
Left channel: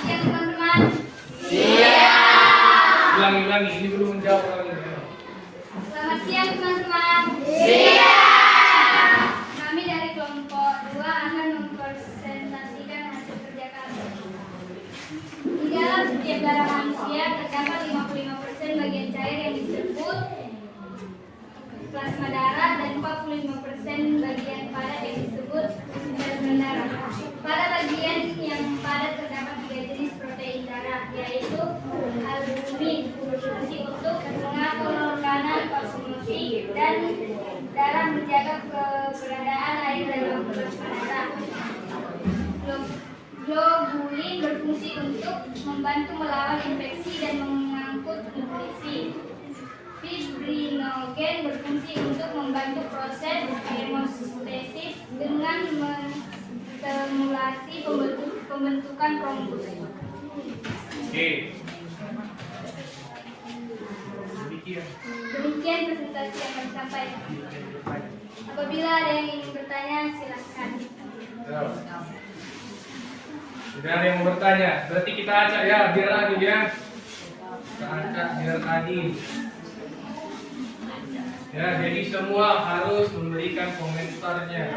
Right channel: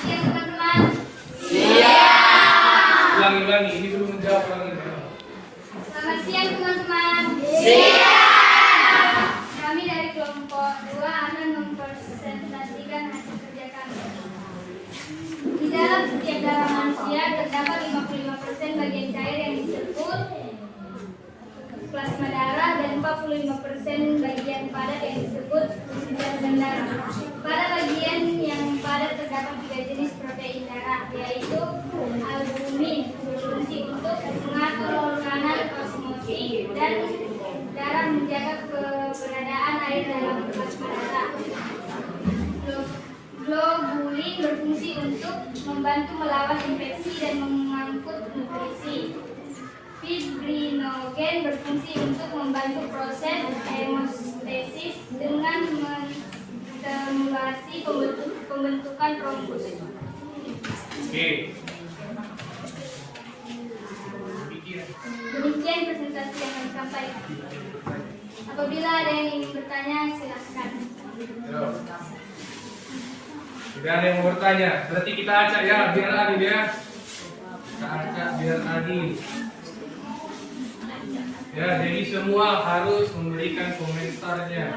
Siap teman-teman. Ulangi, ini belum menjawab lagi. Selamat siang teman-teman. Kami dari kelompok 2 akan mempresentasikan hasil kerja kami. Di dalam setiap darah manusia terdapat 55% bagian cair yang disebut plasma darah dan 45% bagian padat yang disebut sel darah. Pada bagian yang padat terdapat 3 jenis protein darah, yaitu albumin, berfungsi untuk mengatur tekanan osmotik dan darah, menjaga keberadaan air dalam plasma darah. Globulin berfungsi untuk membantu melawan infeksi dan mengangkut nutrisi. Fibrinogen berfungsi untuk membantu proses hemostasis dengan menstimulasi pembentukan trombus. Oke. Demikian presentasi yang kami sampaikan. Apabila ada yang ingin bertanya, silakan. Tidak ada yang mau bertanya. Berarti kita acak ya, biar adil ya. Kita acak biar adil. Ya, jadi semua harus memberikan komentarnya.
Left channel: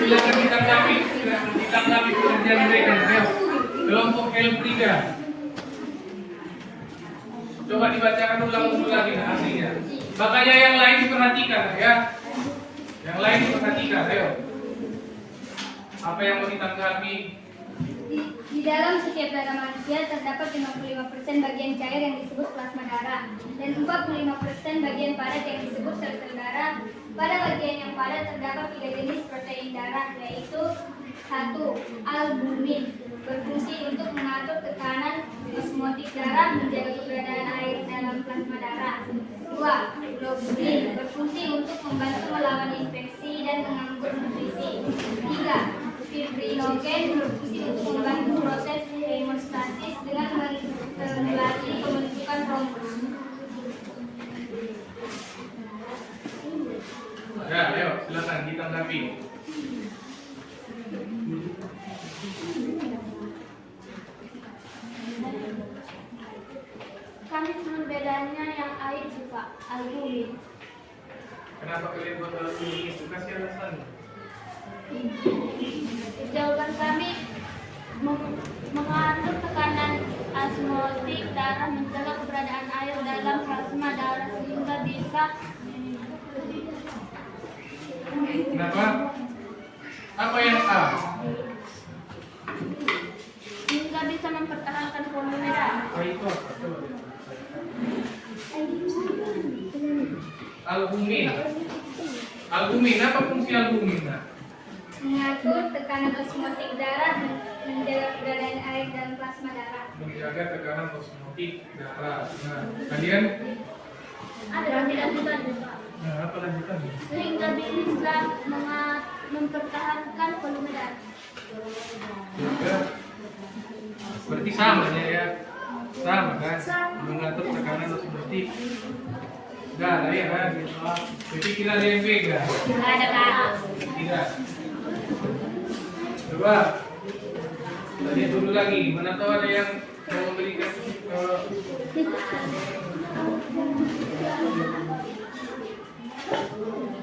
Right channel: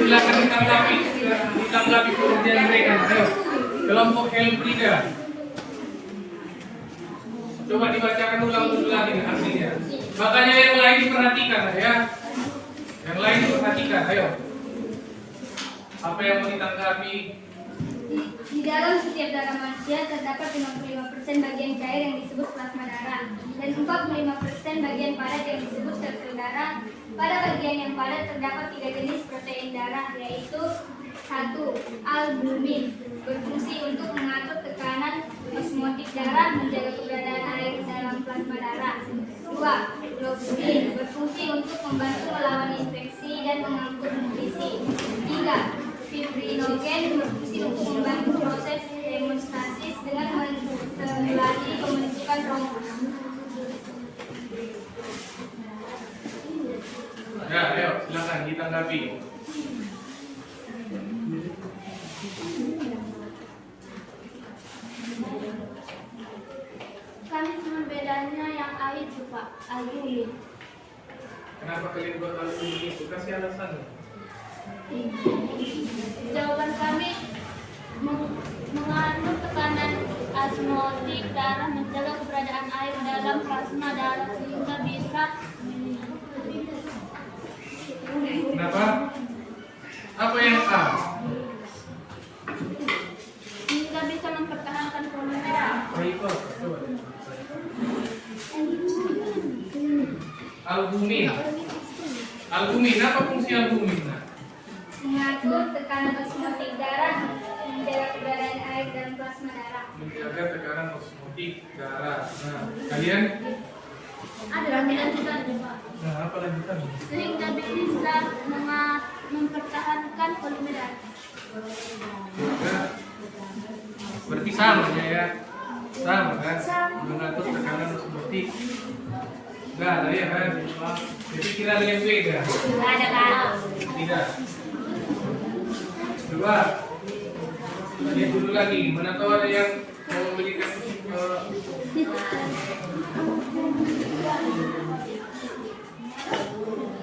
Silakan ditanggapi pekerjaan mereka. Ayo, kelompok L3. Coba dibacakan ulang lagi artinya. Makanya yang lain diperhatikan ya. Yang lain diperhatikan, ayo. Apa yang mau ditanggapi? Di dalam setiap darah manusia terdapat 55% bagian cair yang disebut plasma darah dan 45% bagian padat yang disebut sel darah. Pada bagian yang padat terdapat 3 jenis protein darah, yaitu 1. Albumin, berfungsi untuk mengatur tekanan osmotik darah, menjaga keberadaan air dalam plasma darah. 2. Globulin, berfungsi untuk membantu melawan infeksi dan mengangkut nutrisi. 3. Fibrinogen, berfungsi untuk membantu proses hemostasis dengan menstimulasi pembentukan trombus. Ya, ayo, silakan ditanggapi. Kami cuma bedanya yang air itu Pak, albumin. Kenapa kalian buat alumni itu? Kasih alasannya. Jawaban kami mengatur tekanan osmotik darah, menjaga keberadaan air dalam plasma darah sehingga bisa. Kenapa? Apa yang A? Sehingga bisa mempertahankan formula. Oh, itu apa? Coba. Albumin. Albumin, apa fungsi albumin? Mengatur tekanan osmotik darah, menjaga keberadaan air dalam plasma darah. Menjaga tekanan osmotik darah. Nah, kalian? Ada lanjutan Pak. Nah, apa lanjutannya? Sehingga bisa mempertahankan volume darah. Ya. Berarti sama ya. Sama kan? Mengatur tekanan osmotik darah ya kan? Jadi tidak ada yang beda. Ada Pak. Tidak. Coba. Tadi dulu lagi. Mana tahu ada yang mau memberikan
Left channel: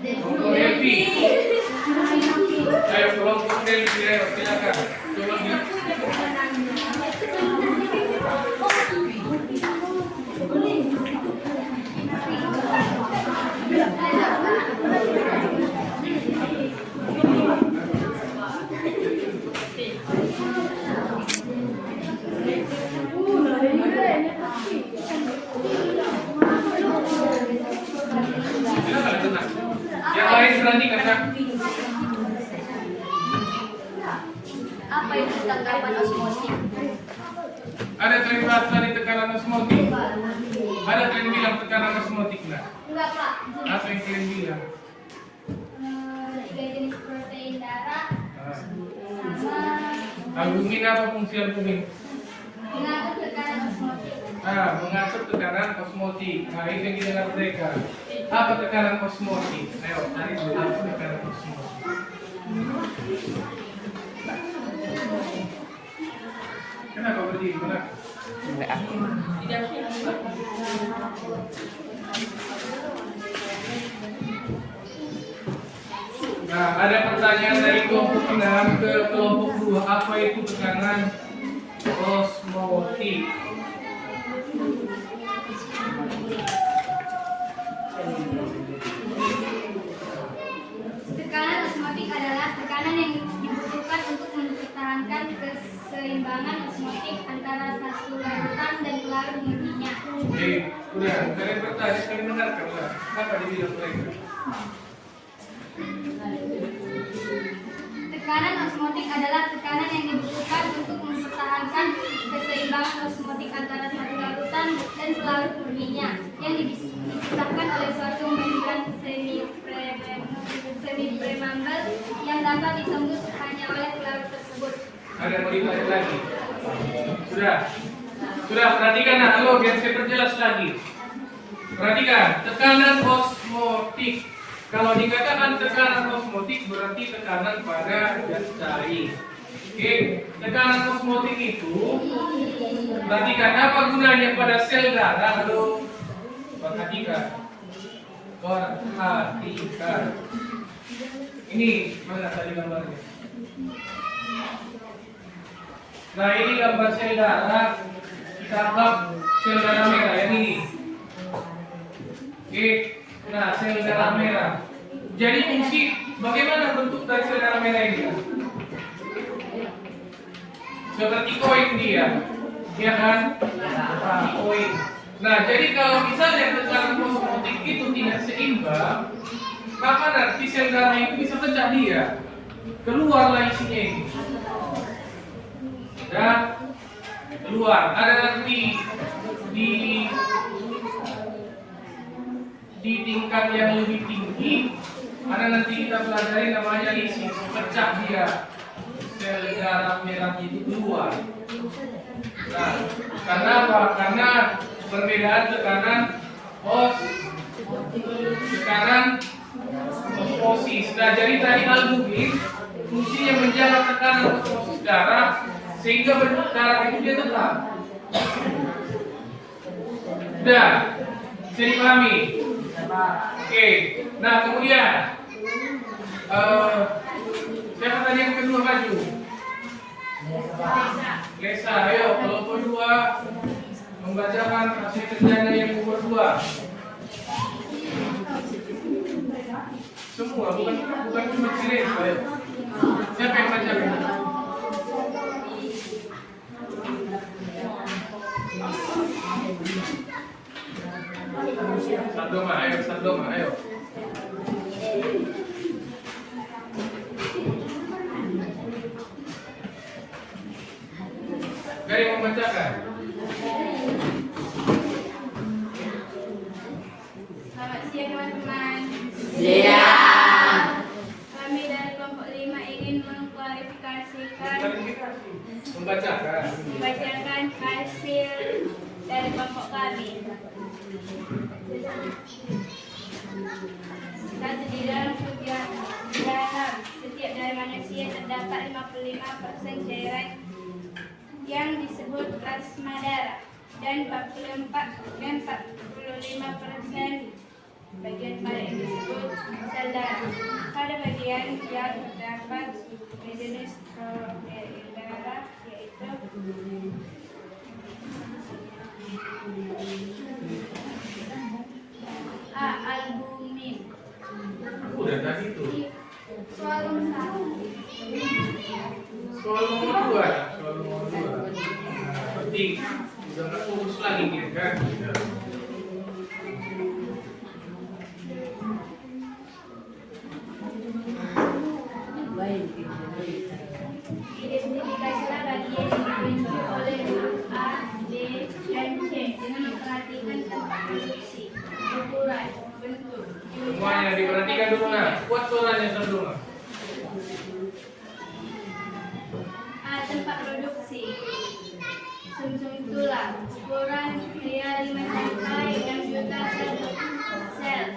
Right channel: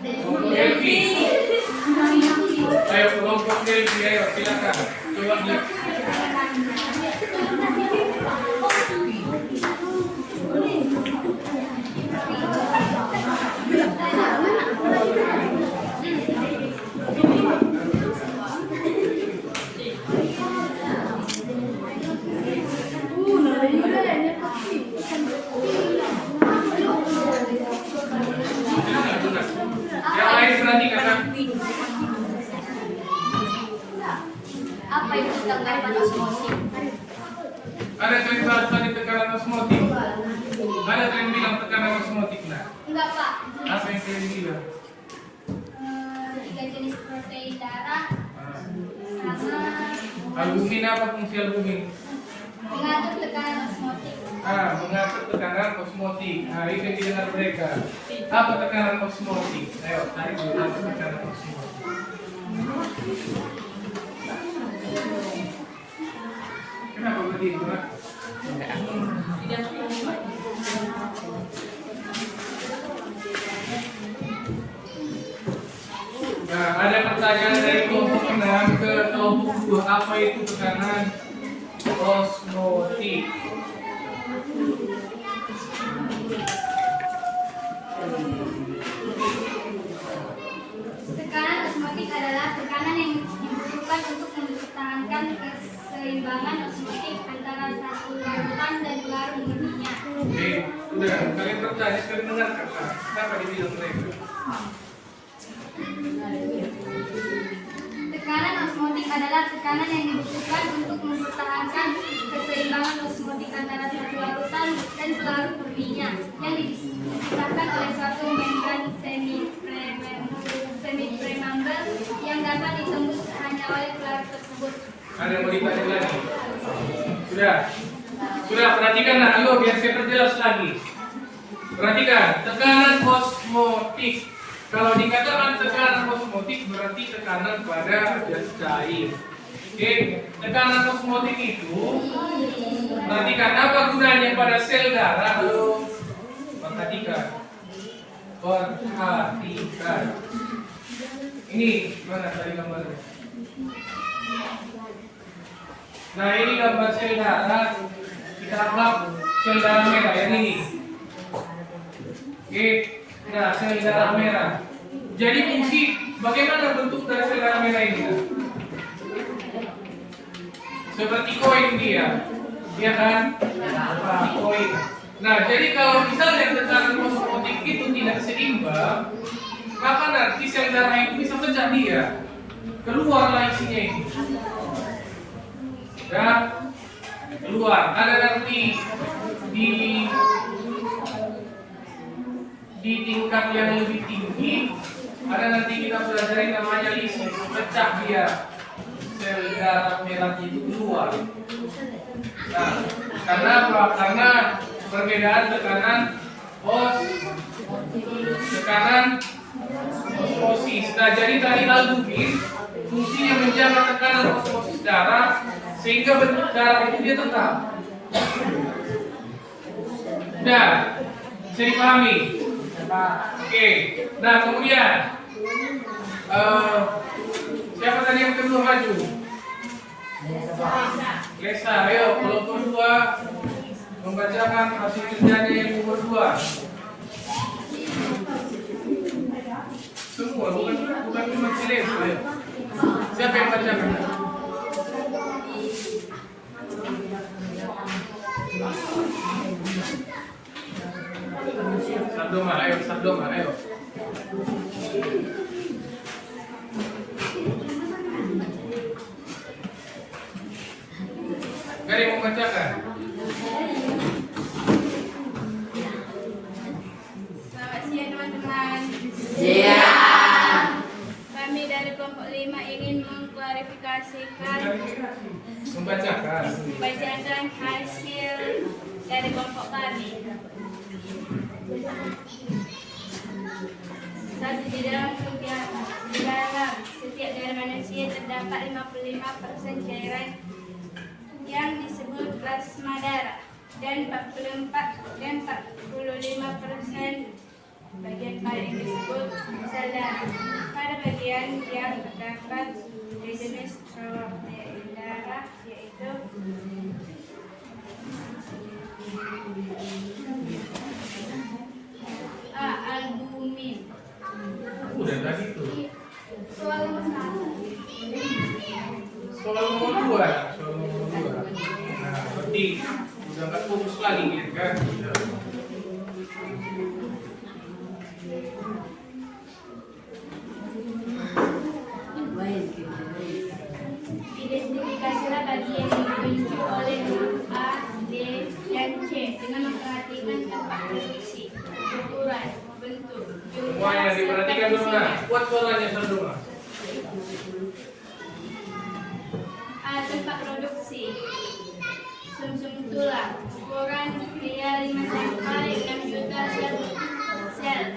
kelompok Delphi. Ayo kelompok Delphi, ayo silakan. Coba di. Yang lain perhatikan kan? tanggapan osmotik. Ada kalian bahas tadi tekanan osmotik? Ada kalian bilang tekanan osmotik nah? Enggak, Pak. Apa yang kalian bilang? Tiga jenis protein darah sama Albumin apa fungsi albumin? mengatur tekanan osmotik. Mengatur tekanan osmotik. Nah, itu yang didengar mereka. Apa tekanan osmotik? Ayo, cari dulu apa tekanan osmotik. Kenapa berdiri? Kenapa? Nah, ada pertanyaan dari kelompok 6 ke kelompok 2. Apa itu tekanan osmotik? Tekanan osmotik adalah tekanan yang dibutuhkan untuk mempertahankan keseimbangan osmotik antara satu larutan dan pelarut murninya. Oke, udah. Kalian bertanya, kalian dengarkan lah. Kenapa dibilang mereka? Tekanan osmotik adalah tekanan yang dibutuhkan untuk mempertahankan keseimbangan osmotik antara satu larutan dan pelarut murninya yang dipisahkan oleh suatu membran semi-premambel yang dapat ditembus hanya oleh pelarut tersebut. Ada yang mau ditanya lagi? Sudah. Sudah, perhatikan nah dulu biar saya perjelas lagi. Perhatikan, tekanan osmotik. Kalau dikatakan tekanan osmotik berarti tekanan pada gas cair. Oke, tekanan osmotik itu perhatikan apa gunanya pada sel darah. Halo, perhatikan. Perhatikan. Ini mana tadi gambarnya? Nah, ini gambar sel darah. Kita anggap sel darah merah yang ini. Oke. Nah, sel darah merah. Jadi fungsi bagaimana bentuk dari sel darah merah ini? Seperti koin dia, ya kan? Koin. Nah, jadi kalau misalnya tekanan osmotik itu tidak seimbang, maka nanti sel darah itu bisa pecah dia, keluarlah isinya ini. Dan keluar. Ada nanti di tingkat yang lebih tinggi, ada nanti kita pelajari namanya lisis, pecah dia sel darah merah itu keluar. Nah, karena apa? Karena perbedaan tekanan osmosis. Nah, jadi tadi albumin fungsinya menjaga tekanan osmosis darah sehingga bentuk darah itu dia tetap. Nah, bisa dipahami? Oke. Nah, kemudian siapa tadi yang kedua maju? Lesa, ayo kelompok 2 membacakan hasil kerjanya yang nomor 2. Semua, bukan cuma Lesa. Siapa yang bacakan? Sardoma, ayo. Gari mau bacakan? Selamat siang teman-teman. Iya. Kami dari kelompok 5 ingin mengklarifikasikan Membacakan hasil dari kelompok kami. Satu, di dalam setiap dari manusia terdapat 55% cairan yang disebut plasma darah dan 45% bagian pada yang disebut sel darah. Pada bagian yang terdapat jenis protein darah yaitu A. Albumin. Udah tadi itu. Soal nomor 1. Soal nomor 2. Nah, berarti udah nggak fokus lagi nih kan? Identifikasilah produksi. Sumsum tulang, ukuran pria 5 sampai 6 juta sel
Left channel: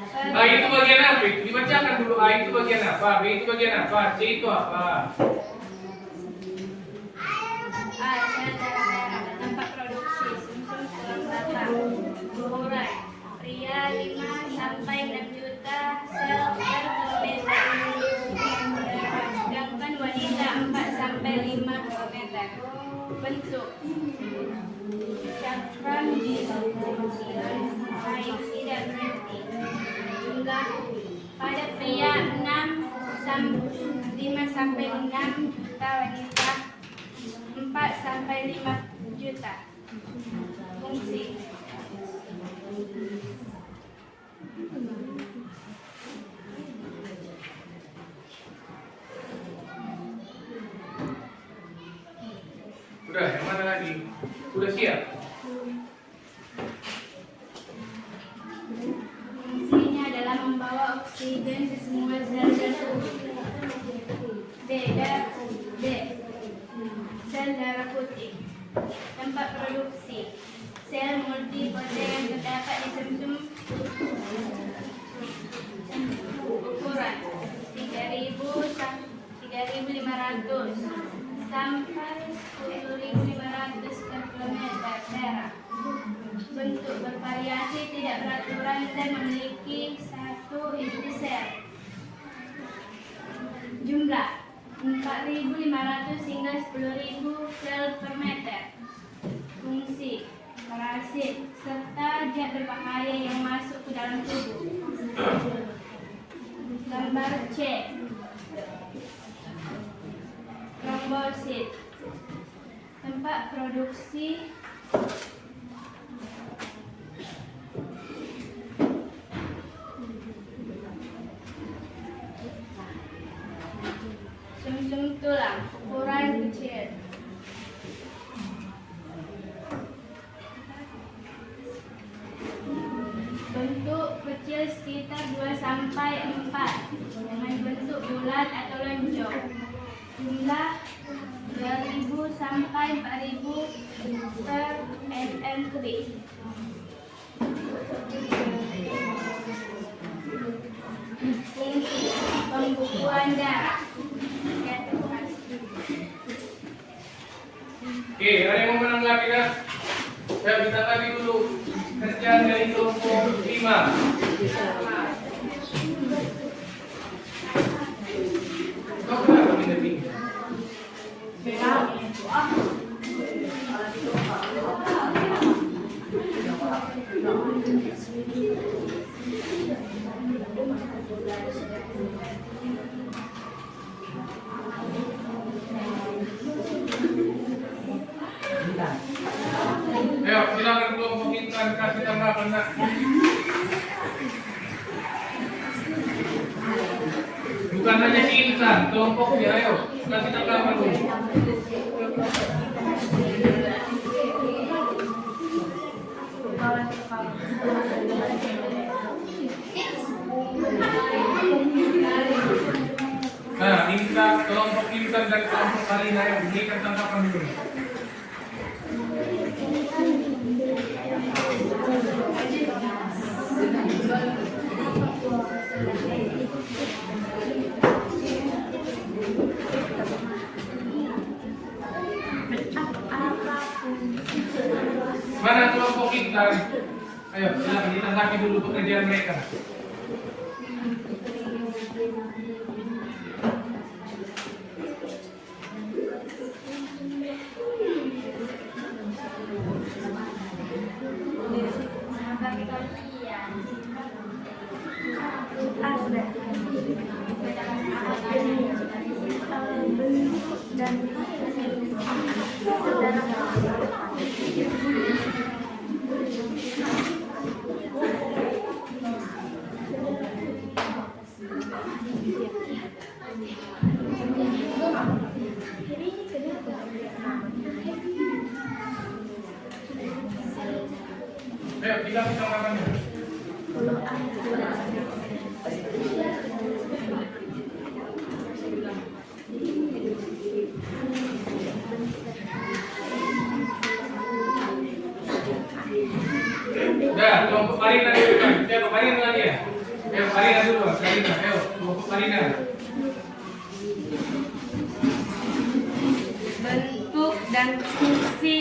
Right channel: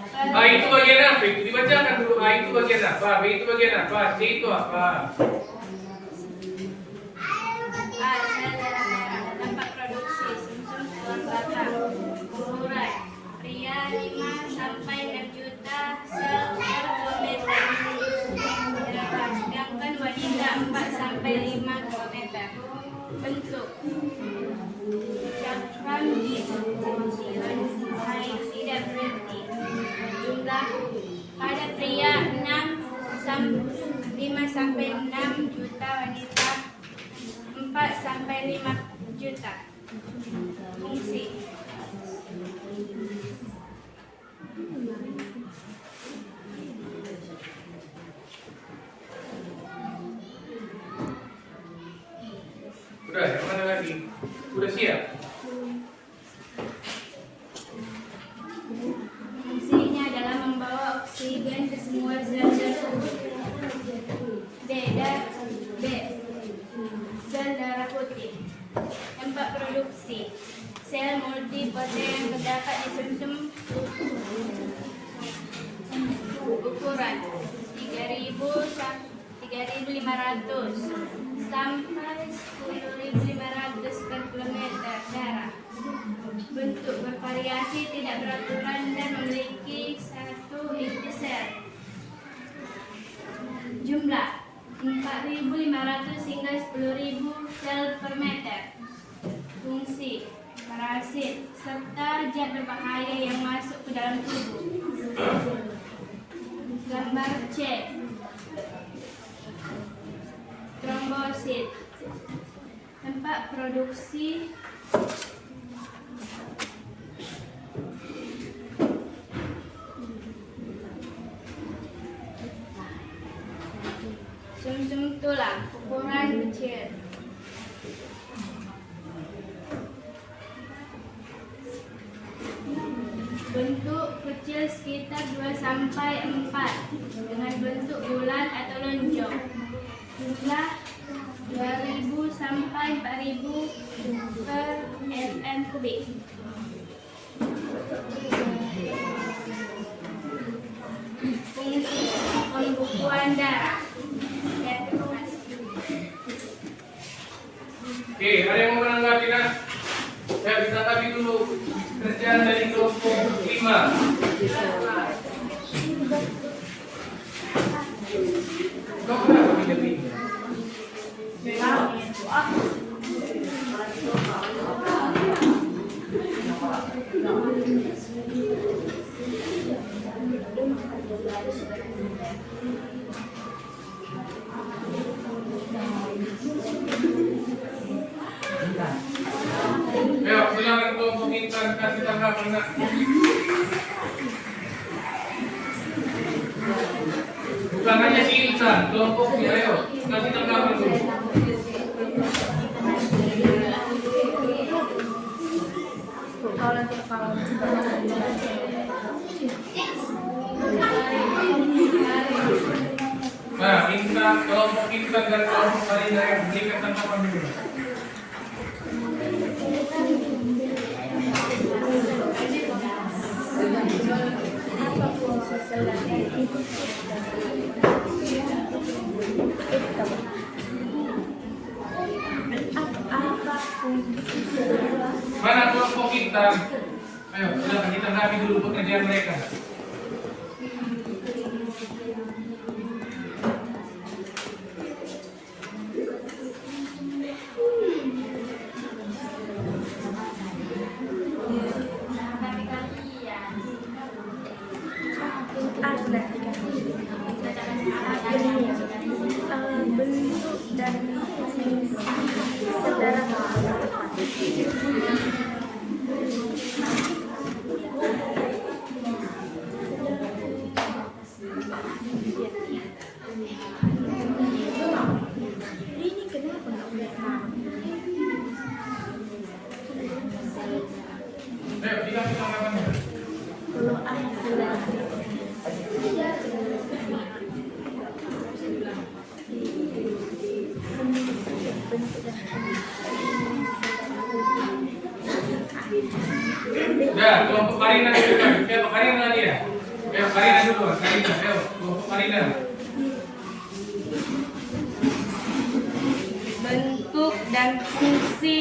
per A itu bagian apa? Dibacakan dulu. A itu bagian apa? B itu bagian apa? C itu apa? A. Sel darah merah. Tempat produksi sumsum tulang belakang. Ukuran pria 5 sampai 6 juta sel per kilometer. Sedangkan wanita 4 sampai 5 kilometer. Bentuk ucapan tidak berarti. Jumlah pada pria 5 sampai 6 juta, wanita 4 sampai 5 juta. Fungsi Udah, yang mana lagi? Udah siap? Fungsinya adalah membawa oksigen ke semua sel-sel tubuh. B. Sel darah putih. Tempat produksi sel multipoten yang terdapat di sumsum. Ukuran 3.500 sampai 10.500 per kilometer darah. Bentuk bervariasi, tidak beraturan dan memiliki satu inti sel. Jumlah 4.500 hingga 10.000 sel per meter. Fungsi parasit serta zat berbahaya yang masuk ke dalam tubuh. Gambar C. Trombosit. Tempat produksi sumsum tulang, ukuran kecil. Bentuk kecil sekitar 2 sampai 4 dengan bentuk bulat atau lonjong. Jumlah 2.000 sampai 4.000 per mm kubik. Fungsi pembukuan darah. Oke, ada yang mau menanggapi kan? Ya, ditanggapi dulu. Kerjaan dari kelompok 5. Kau kenapa tidak pindah? Ayo, silakan kelompok Intan kasih tanggapan enggak? Bukan hanya si Intan, kelompoknya ayo kasih tanggapan dulu. Nah, Intan, kelompok Intan dan kelompok Farida yang berikan tanggapan dulu. Mana kelompok Intan? Ayo, silakan ditanggapi dulu pekerjaan mereka. Ayo, dikasih tanggapan dulu. Ya, kelompok Karina dulu kan. Ya, Karina lagi ya. Ya, Karina dulu. Karina, ayo, kelompok Karina. Bentuk dan fungsi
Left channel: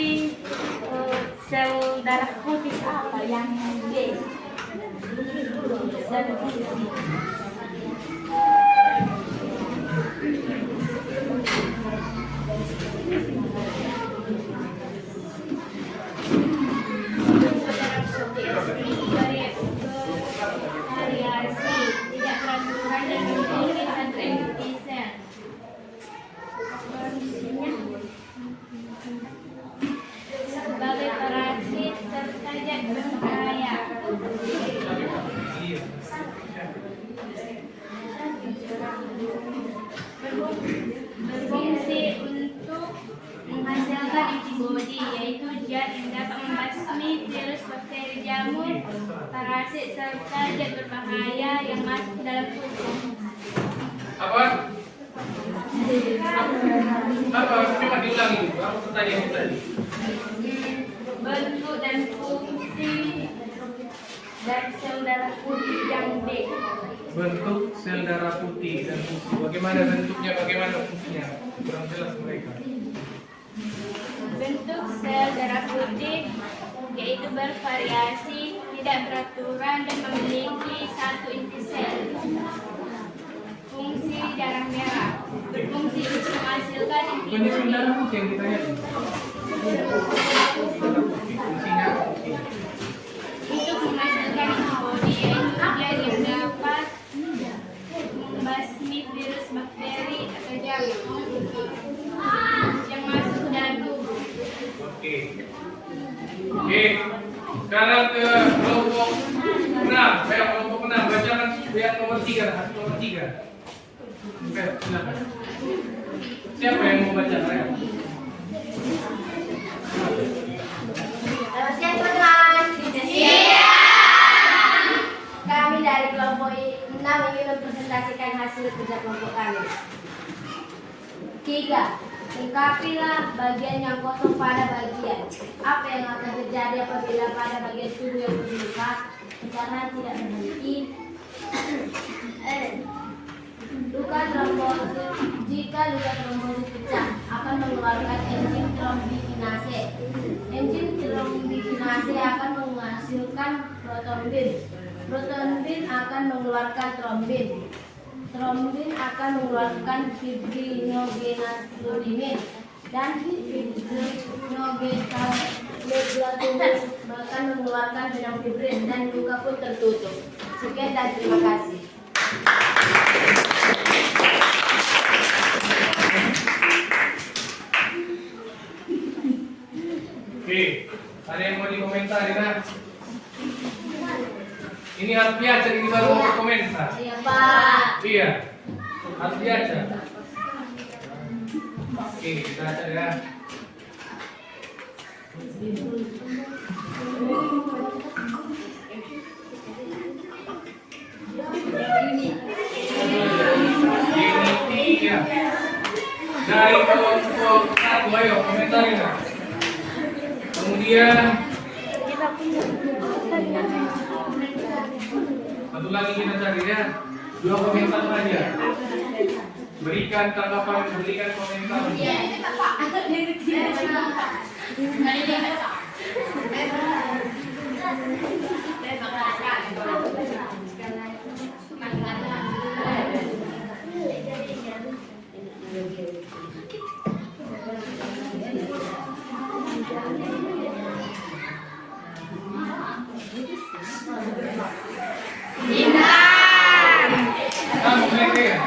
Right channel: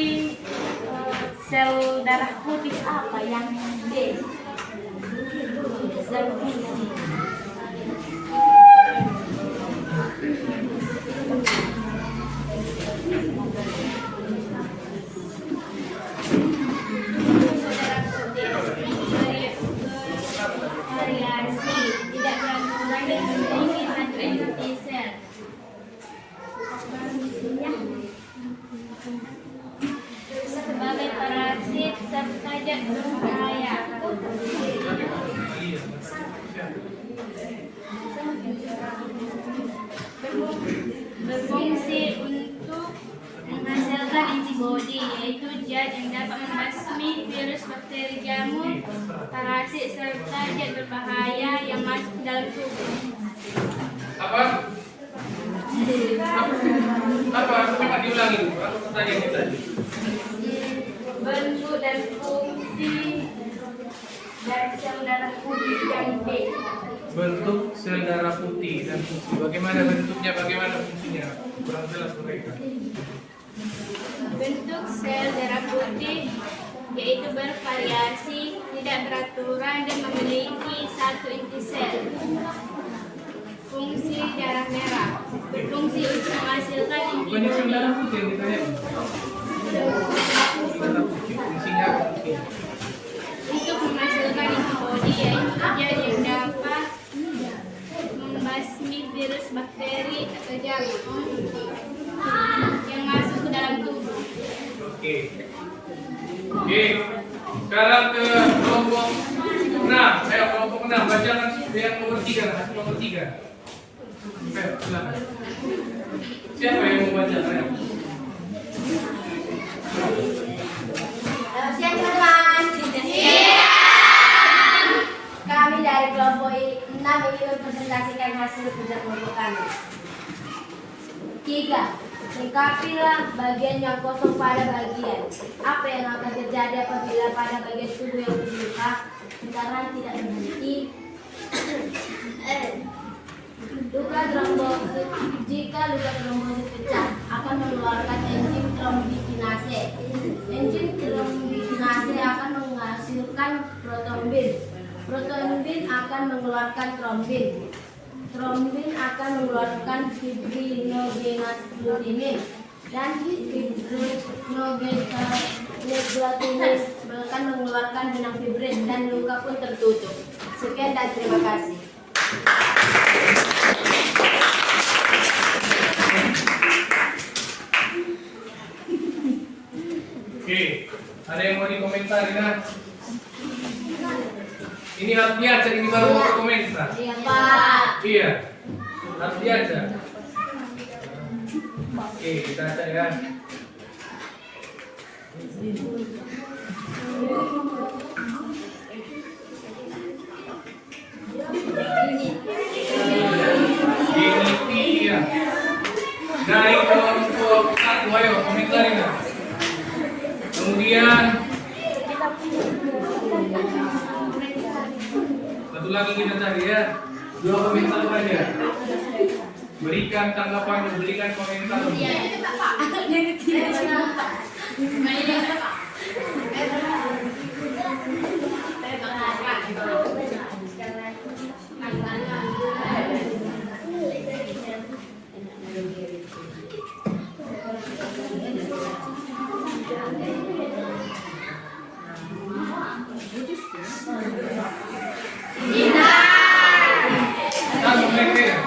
sel darah putih apa yang D? Dan fungsi. Variasi, tidak beraturan dan memiliki satu inti sel. Sebagai parasit serta zat berbahaya. Berfungsi untuk menghasilkan antibodi, yaitu zat yang dapat membasmi virus, bakteri, jamur, parasit serta zat berbahaya yang masuk ke dalam tubuh. Apa? Apa? Coba diulangi dulu. Apa pertanyaan itu tadi? Bentuk dan fungsi dan sel darah putih yang B. Bentuk sel darah putih dan fungsi. Bagaimana bentuknya? Bagaimana fungsinya? Kurang jelas mereka. Bentuk sel darah putih yaitu bervariasi, tidak beraturan dan memiliki satu inti sel. Fungsi darah merah berfungsi untuk menghasilkan Bukannya sel antibodi. darah putih yang ditanya? Darah putih. Fungsinya apa? Untuk menghasilkan antibodi, yaitu zat yang dapat membasmi virus, bakteri, atau jamur yang masuk ke dalam tubuh. Oke. Oke. Sekarang ke kelompok 6. Saya kelompok 6. Bacakan yang nomor 3. Hasil nomor 3. Oke, silakan. Siapa yang mau baca? Ayo. Selamat siang teman-teman. Kami dari kelompok 6 ingin mempresentasikan hasil kerja kelompok kami. 3. Lengkapilah bagian yang kosong pada bagian. Apa yang akan terjadi apabila pada bagian tubuh yang terluka pencernaan tidak berhenti? Luka trombosit. Jika luka trombosit pecah, akan mengeluarkan enzim trombikinase. Enzim trombikinase akan menghasilkan protombin. Protombin akan mengeluarkan trombin. Trombin akan mengeluarkan fibrinogenaturin dan fibrinogenaturin akan mengeluarkan benang fibrin dan luka pun tertutup. Sekian dan terima kasih. Oke. Ada yang mau dikomentari kan? Ini harus diajar, ini baru mau berkomentar. Iya Pak. Iya. Harus diajar. Oke, kita baca ya. Ini iya. Dari kelompok 1, ayo komentarin lah. Kemudian satu lagi kita cari ya. 2 komentar saja. Berikan tanggapan, berikan komentar. Nah, komentar.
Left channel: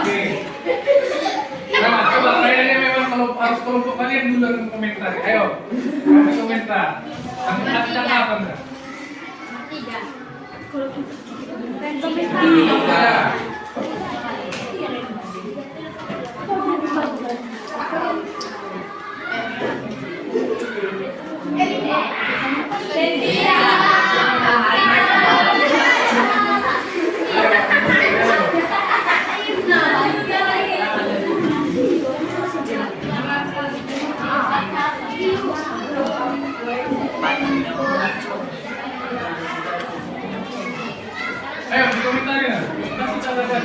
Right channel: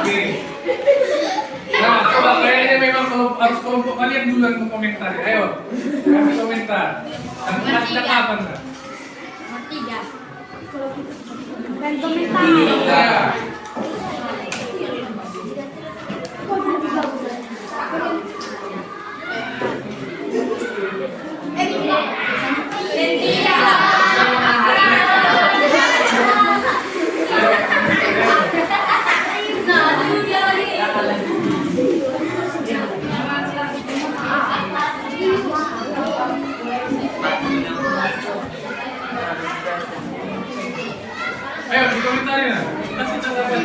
Oke. Nah, coba kayaknya memang kalau harus kelompok kalian duluan komentar. Ayo, kasih komentar. Tempatnya apa enggak? 3. Iya. komentarnya. Kasih tanggapan.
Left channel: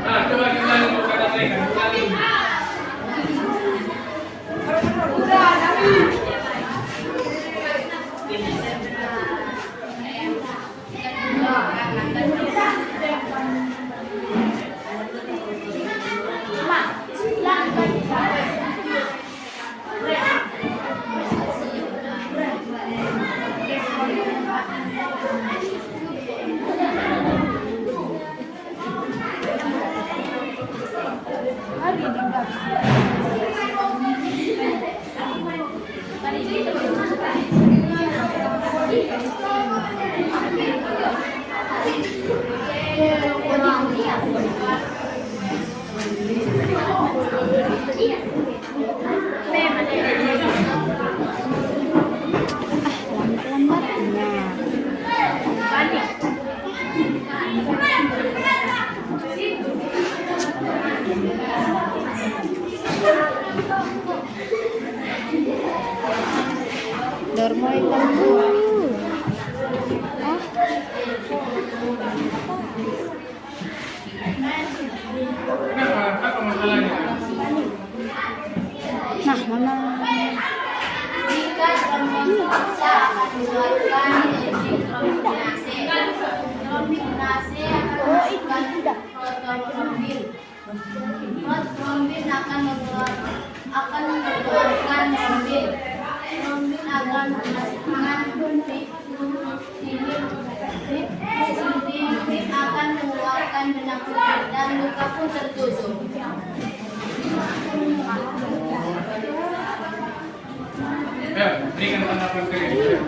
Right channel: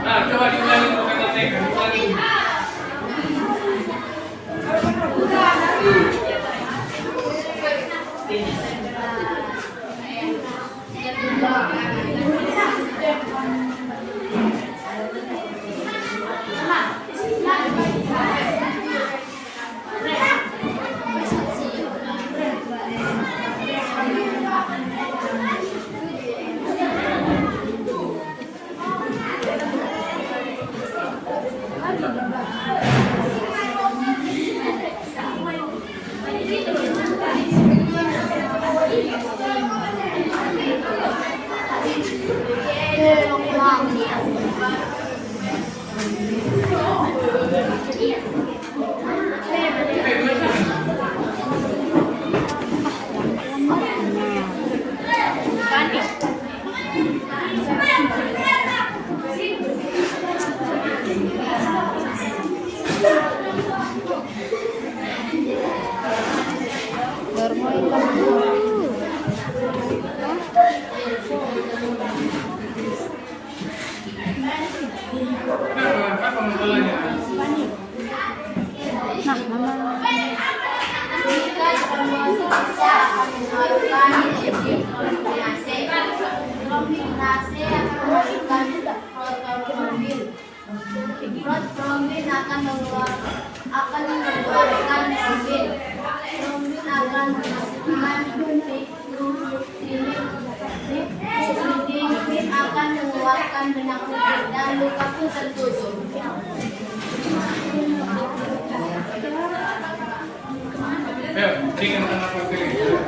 Nah, coba diulangi untuk kata mereka. Ulangi. Kenapa? Apa masalahnya? Jika termosa akan mengeluarkan trombinase akan mengeluarkan protrombin. Protrombin akan mengeluarkan trombin. Trombin akan menghasilkan triptinin akan mengeluarkan benang putih dan luka pun tertutup. Ya, berikan tanggapan kalian.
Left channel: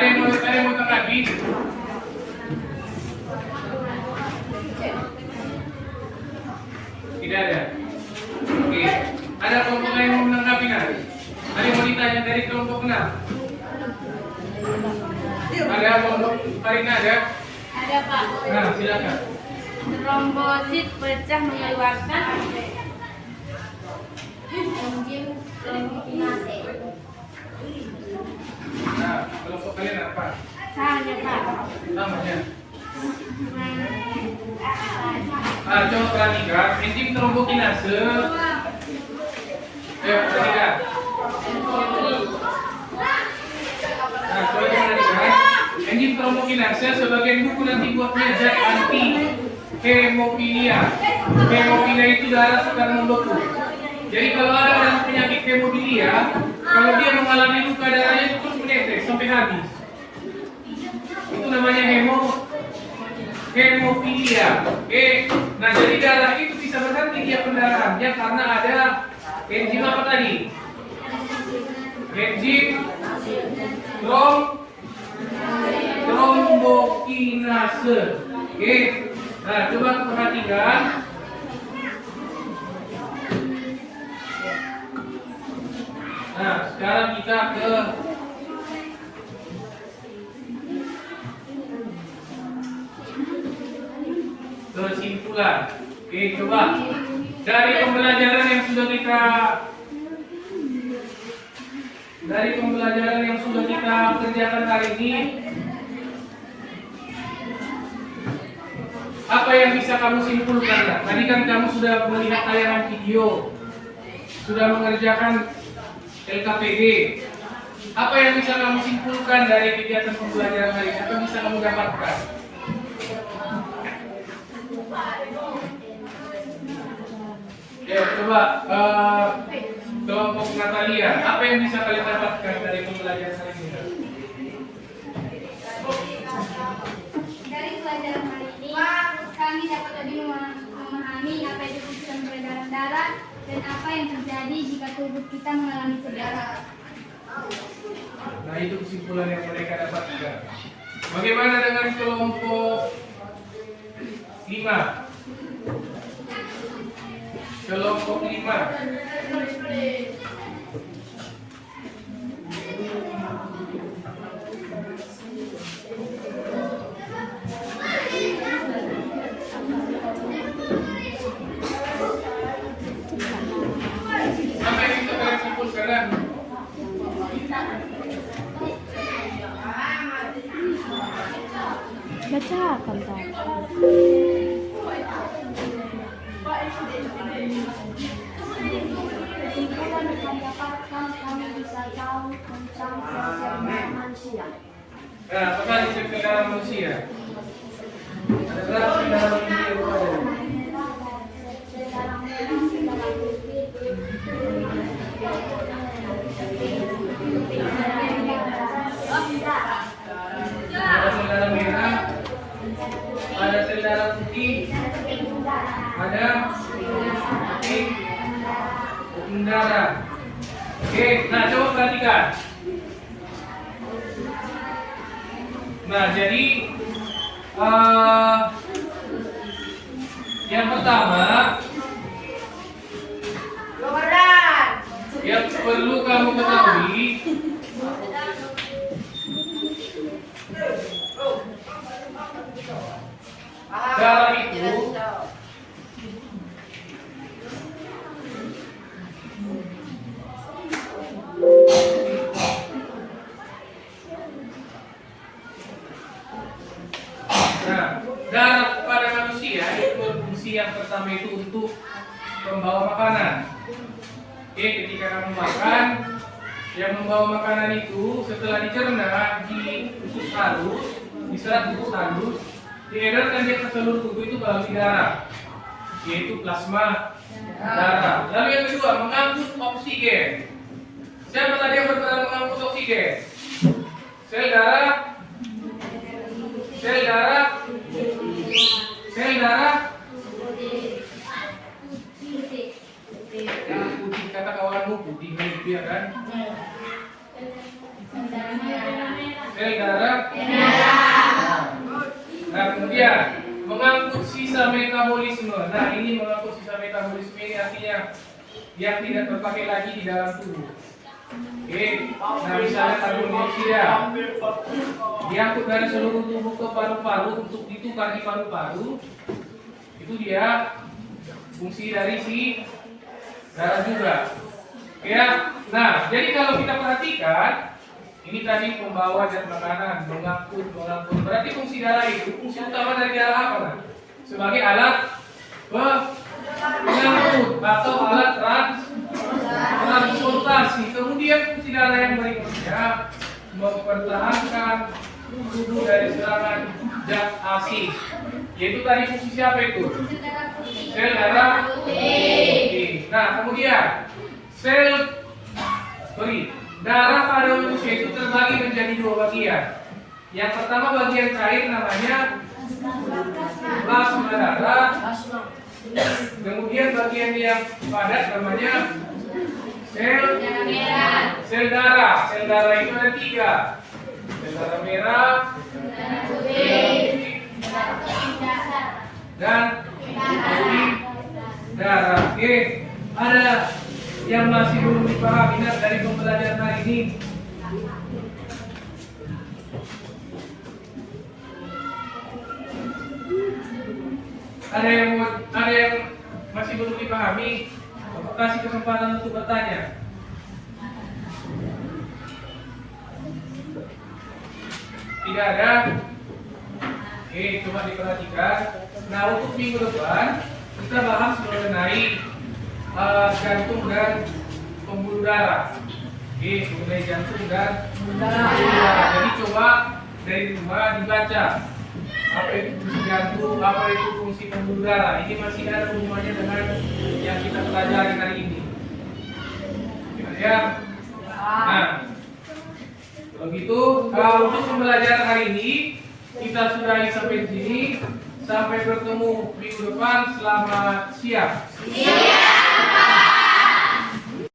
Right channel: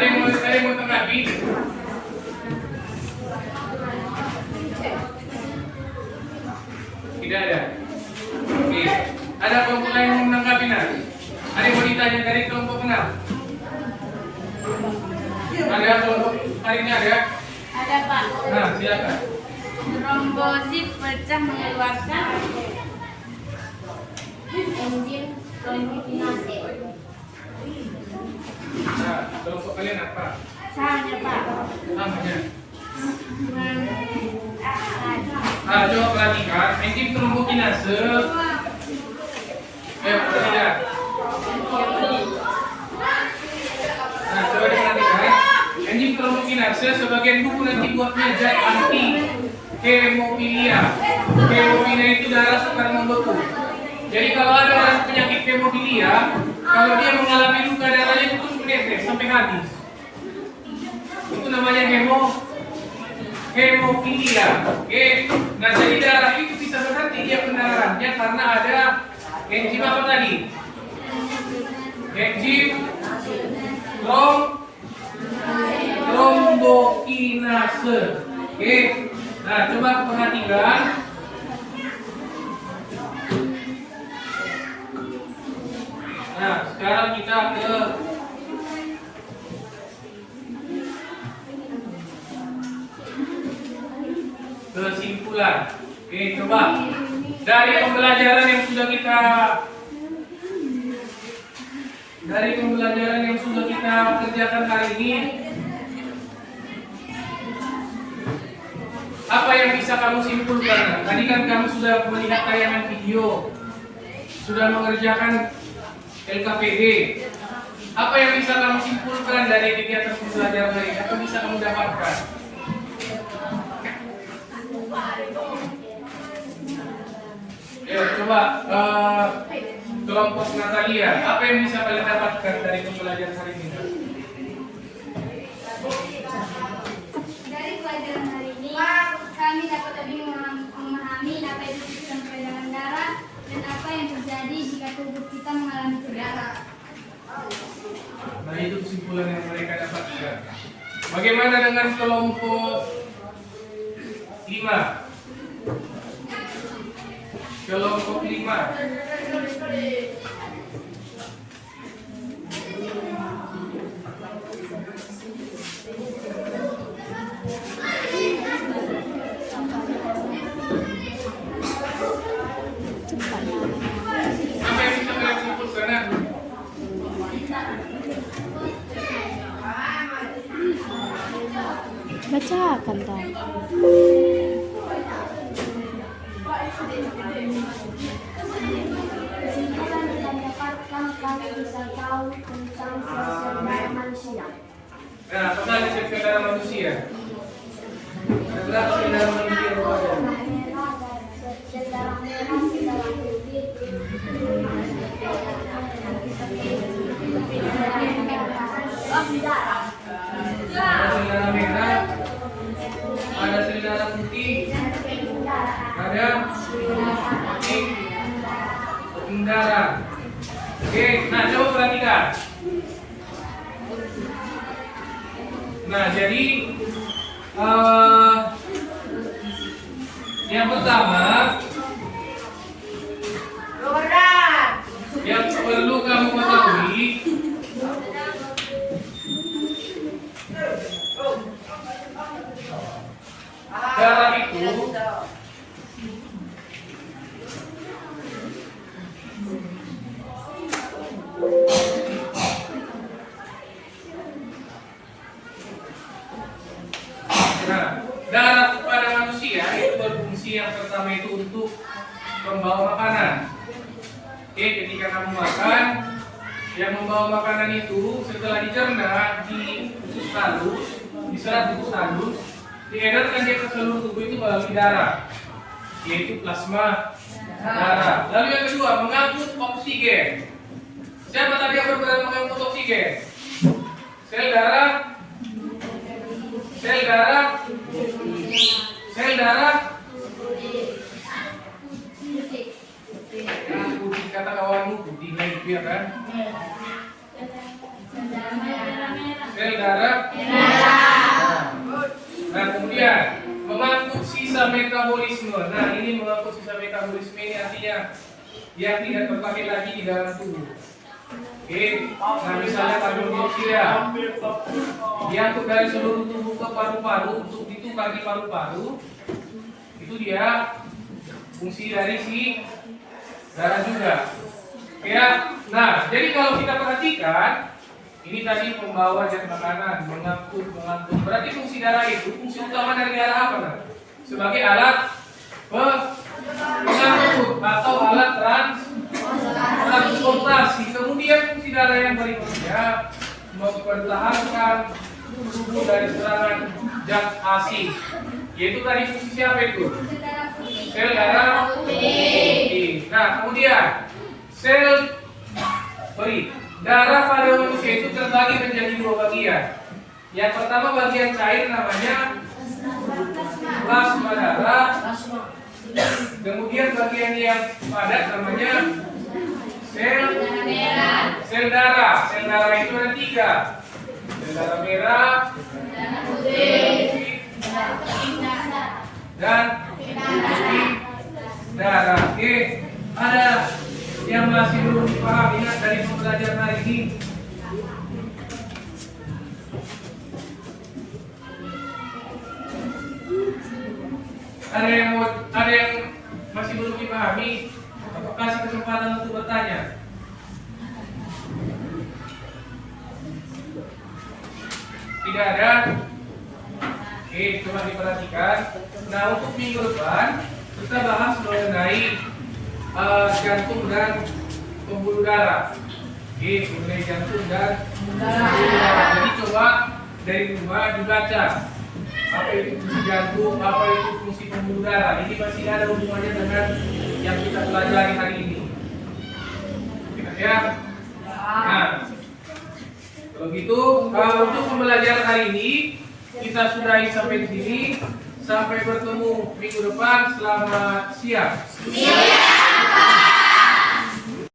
Ada yang mau tanggapi? Tidak ada. Oke. Ada kelompok lain yang mau menanggapi nanti? Ada yang mau ditanya dari kelompok mana? Ada kelompok Karina ada? Ada Pak. Nah, silakan. Trombosit pecah mengeluarkan Enzim trombinase. Nah, kelompok kalian apa? Sama Pak. Namanya? Nah, coba perhatikan enzim trombokinase. Perhatikan. Nah, coba diperhatikan. Enzim trombokinase sebagian buku nanti buatnya zat anti hemofilia. Hemofilia itu darah sukar membeku. Jadi kalau ada orang penyakit hemofilia, kalau dia mengalami luka darahnya itu terus menetes sampai habis. Itu namanya hemofilia. Oke. Nah, jadi darah itu bisa berhenti dia pendarahannya karena ada enzim apa tadi? Enzim trombokinase. Oke. Nah, coba perhatikan. Nah, sekarang kita ke kesimpulan. Oke, coba dari pembelajaran yang sudah kita kerjakan kali ini, apa yang bisa kamu simpulkan? Tadi kan kamu sudah melihat tayangan video, sudah mengerjakan LKPD. Apa yang bisa kamu simpulkan dari kegiatan pembelajaran hari ini? Apa bisa kamu dapatkan? Ya, coba kelompok Natalia, apa yang bisa kalian dapatkan dari pembelajaran hari ini? Dari pelajaran hari ini, kami dapat lebih memahami apa itu sistem peredaran darah dan apa yang terjadi jika tubuh kita mengalami cedera. Nah, itu kesimpulan yang mereka dapatkan. Bagaimana dengan kelompok 5? Kelompok 5. Apa yang bisa kalian simpulkan? Bacakan tadi. Kesimpulan yang kami dapatkan, kami bisa tahu tentang sel-sel darah manusia. Nah, apa sel darah manusia? Ada berapa sel darah manusia yang ada? Sel darah merah, sel darah putih, darah. Ada sel darah merah, ada sel darah putih, ada putih darah. Oke, nah coba perhatikan. Nah, jadi yang pertama yang perlu kamu ketahui, darah itu darah pada manusia itu berfungsi yang pertama itu untuk membawa makanan. Oke, ketika kamu makan, yang membawa makanan itu setelah dicerna di usus halus, diserap usus halus, diedarkan dia ke seluruh tubuh itu melalui darah, yaitu plasma darah. Lalu yang kedua, mengangkut oksigen. Siapa tadi yang berperan mengangkut oksigen? Sel darah, sel darah, sel darah. Yang putih kata kawanmu putih ya kan? Sel darah. Nah, kemudian mengangkut sisa metabolisme. Nah, ini mengangkut sisa metabolisme ini artinya yang tidak terpakai lagi di dalam tubuh. Oke, nah misalnya karbon dioksida diangkut dari seluruh tubuh ke paru-paru untuk ditukar di paru-paru, itu dia fungsi dari si darah juga. Ya, nah jadi kalau kita perhatikan ini tadi membawa zat makanan, mengangkut. Berarti fungsi darah itu fungsi utama dari darah apa? Nah? Sebagai alat pengangkut atau alat transportasi. Kemudian fungsi darah yang berikutnya mempertahankan tubuh dari serangan zat asing. Yaitu tadi fungsi siapa itu? Sel darah putih. Nah, kemudian darah pada manusia itu terbagi menjadi dua bagian. Yang pertama bagian cair namanya plasma darah. Kemudian bagian yang padat namanya sel darah. Sel darah itu ada 3. Sel darah merah, putih, dan pembuluh darah. Oke, ada yang masih belum dipahami dari pembelajaran hari ini? Ada yang masih belum dipahami? Aku kasih kesempatan untuk bertanya. Tidak ada? Oke, coba diperhatikan. Nah, untuk minggu depan kita bahas mengenai jantung dan pembuluh darah. Oke, mengenai jantung dan pembuluh darah. Jadi coba dari rumah dibaca apa itu fungsi jantung, apa itu fungsi pembuluh darah. Ini masih ada hubungannya dengan yang kita pelajari hari ini. Ya. Nah, kalau gitu, untuk pembelajaran hari ini kita sudahi sampai di sini. Sampai bertemu minggu depan. Selamat siang.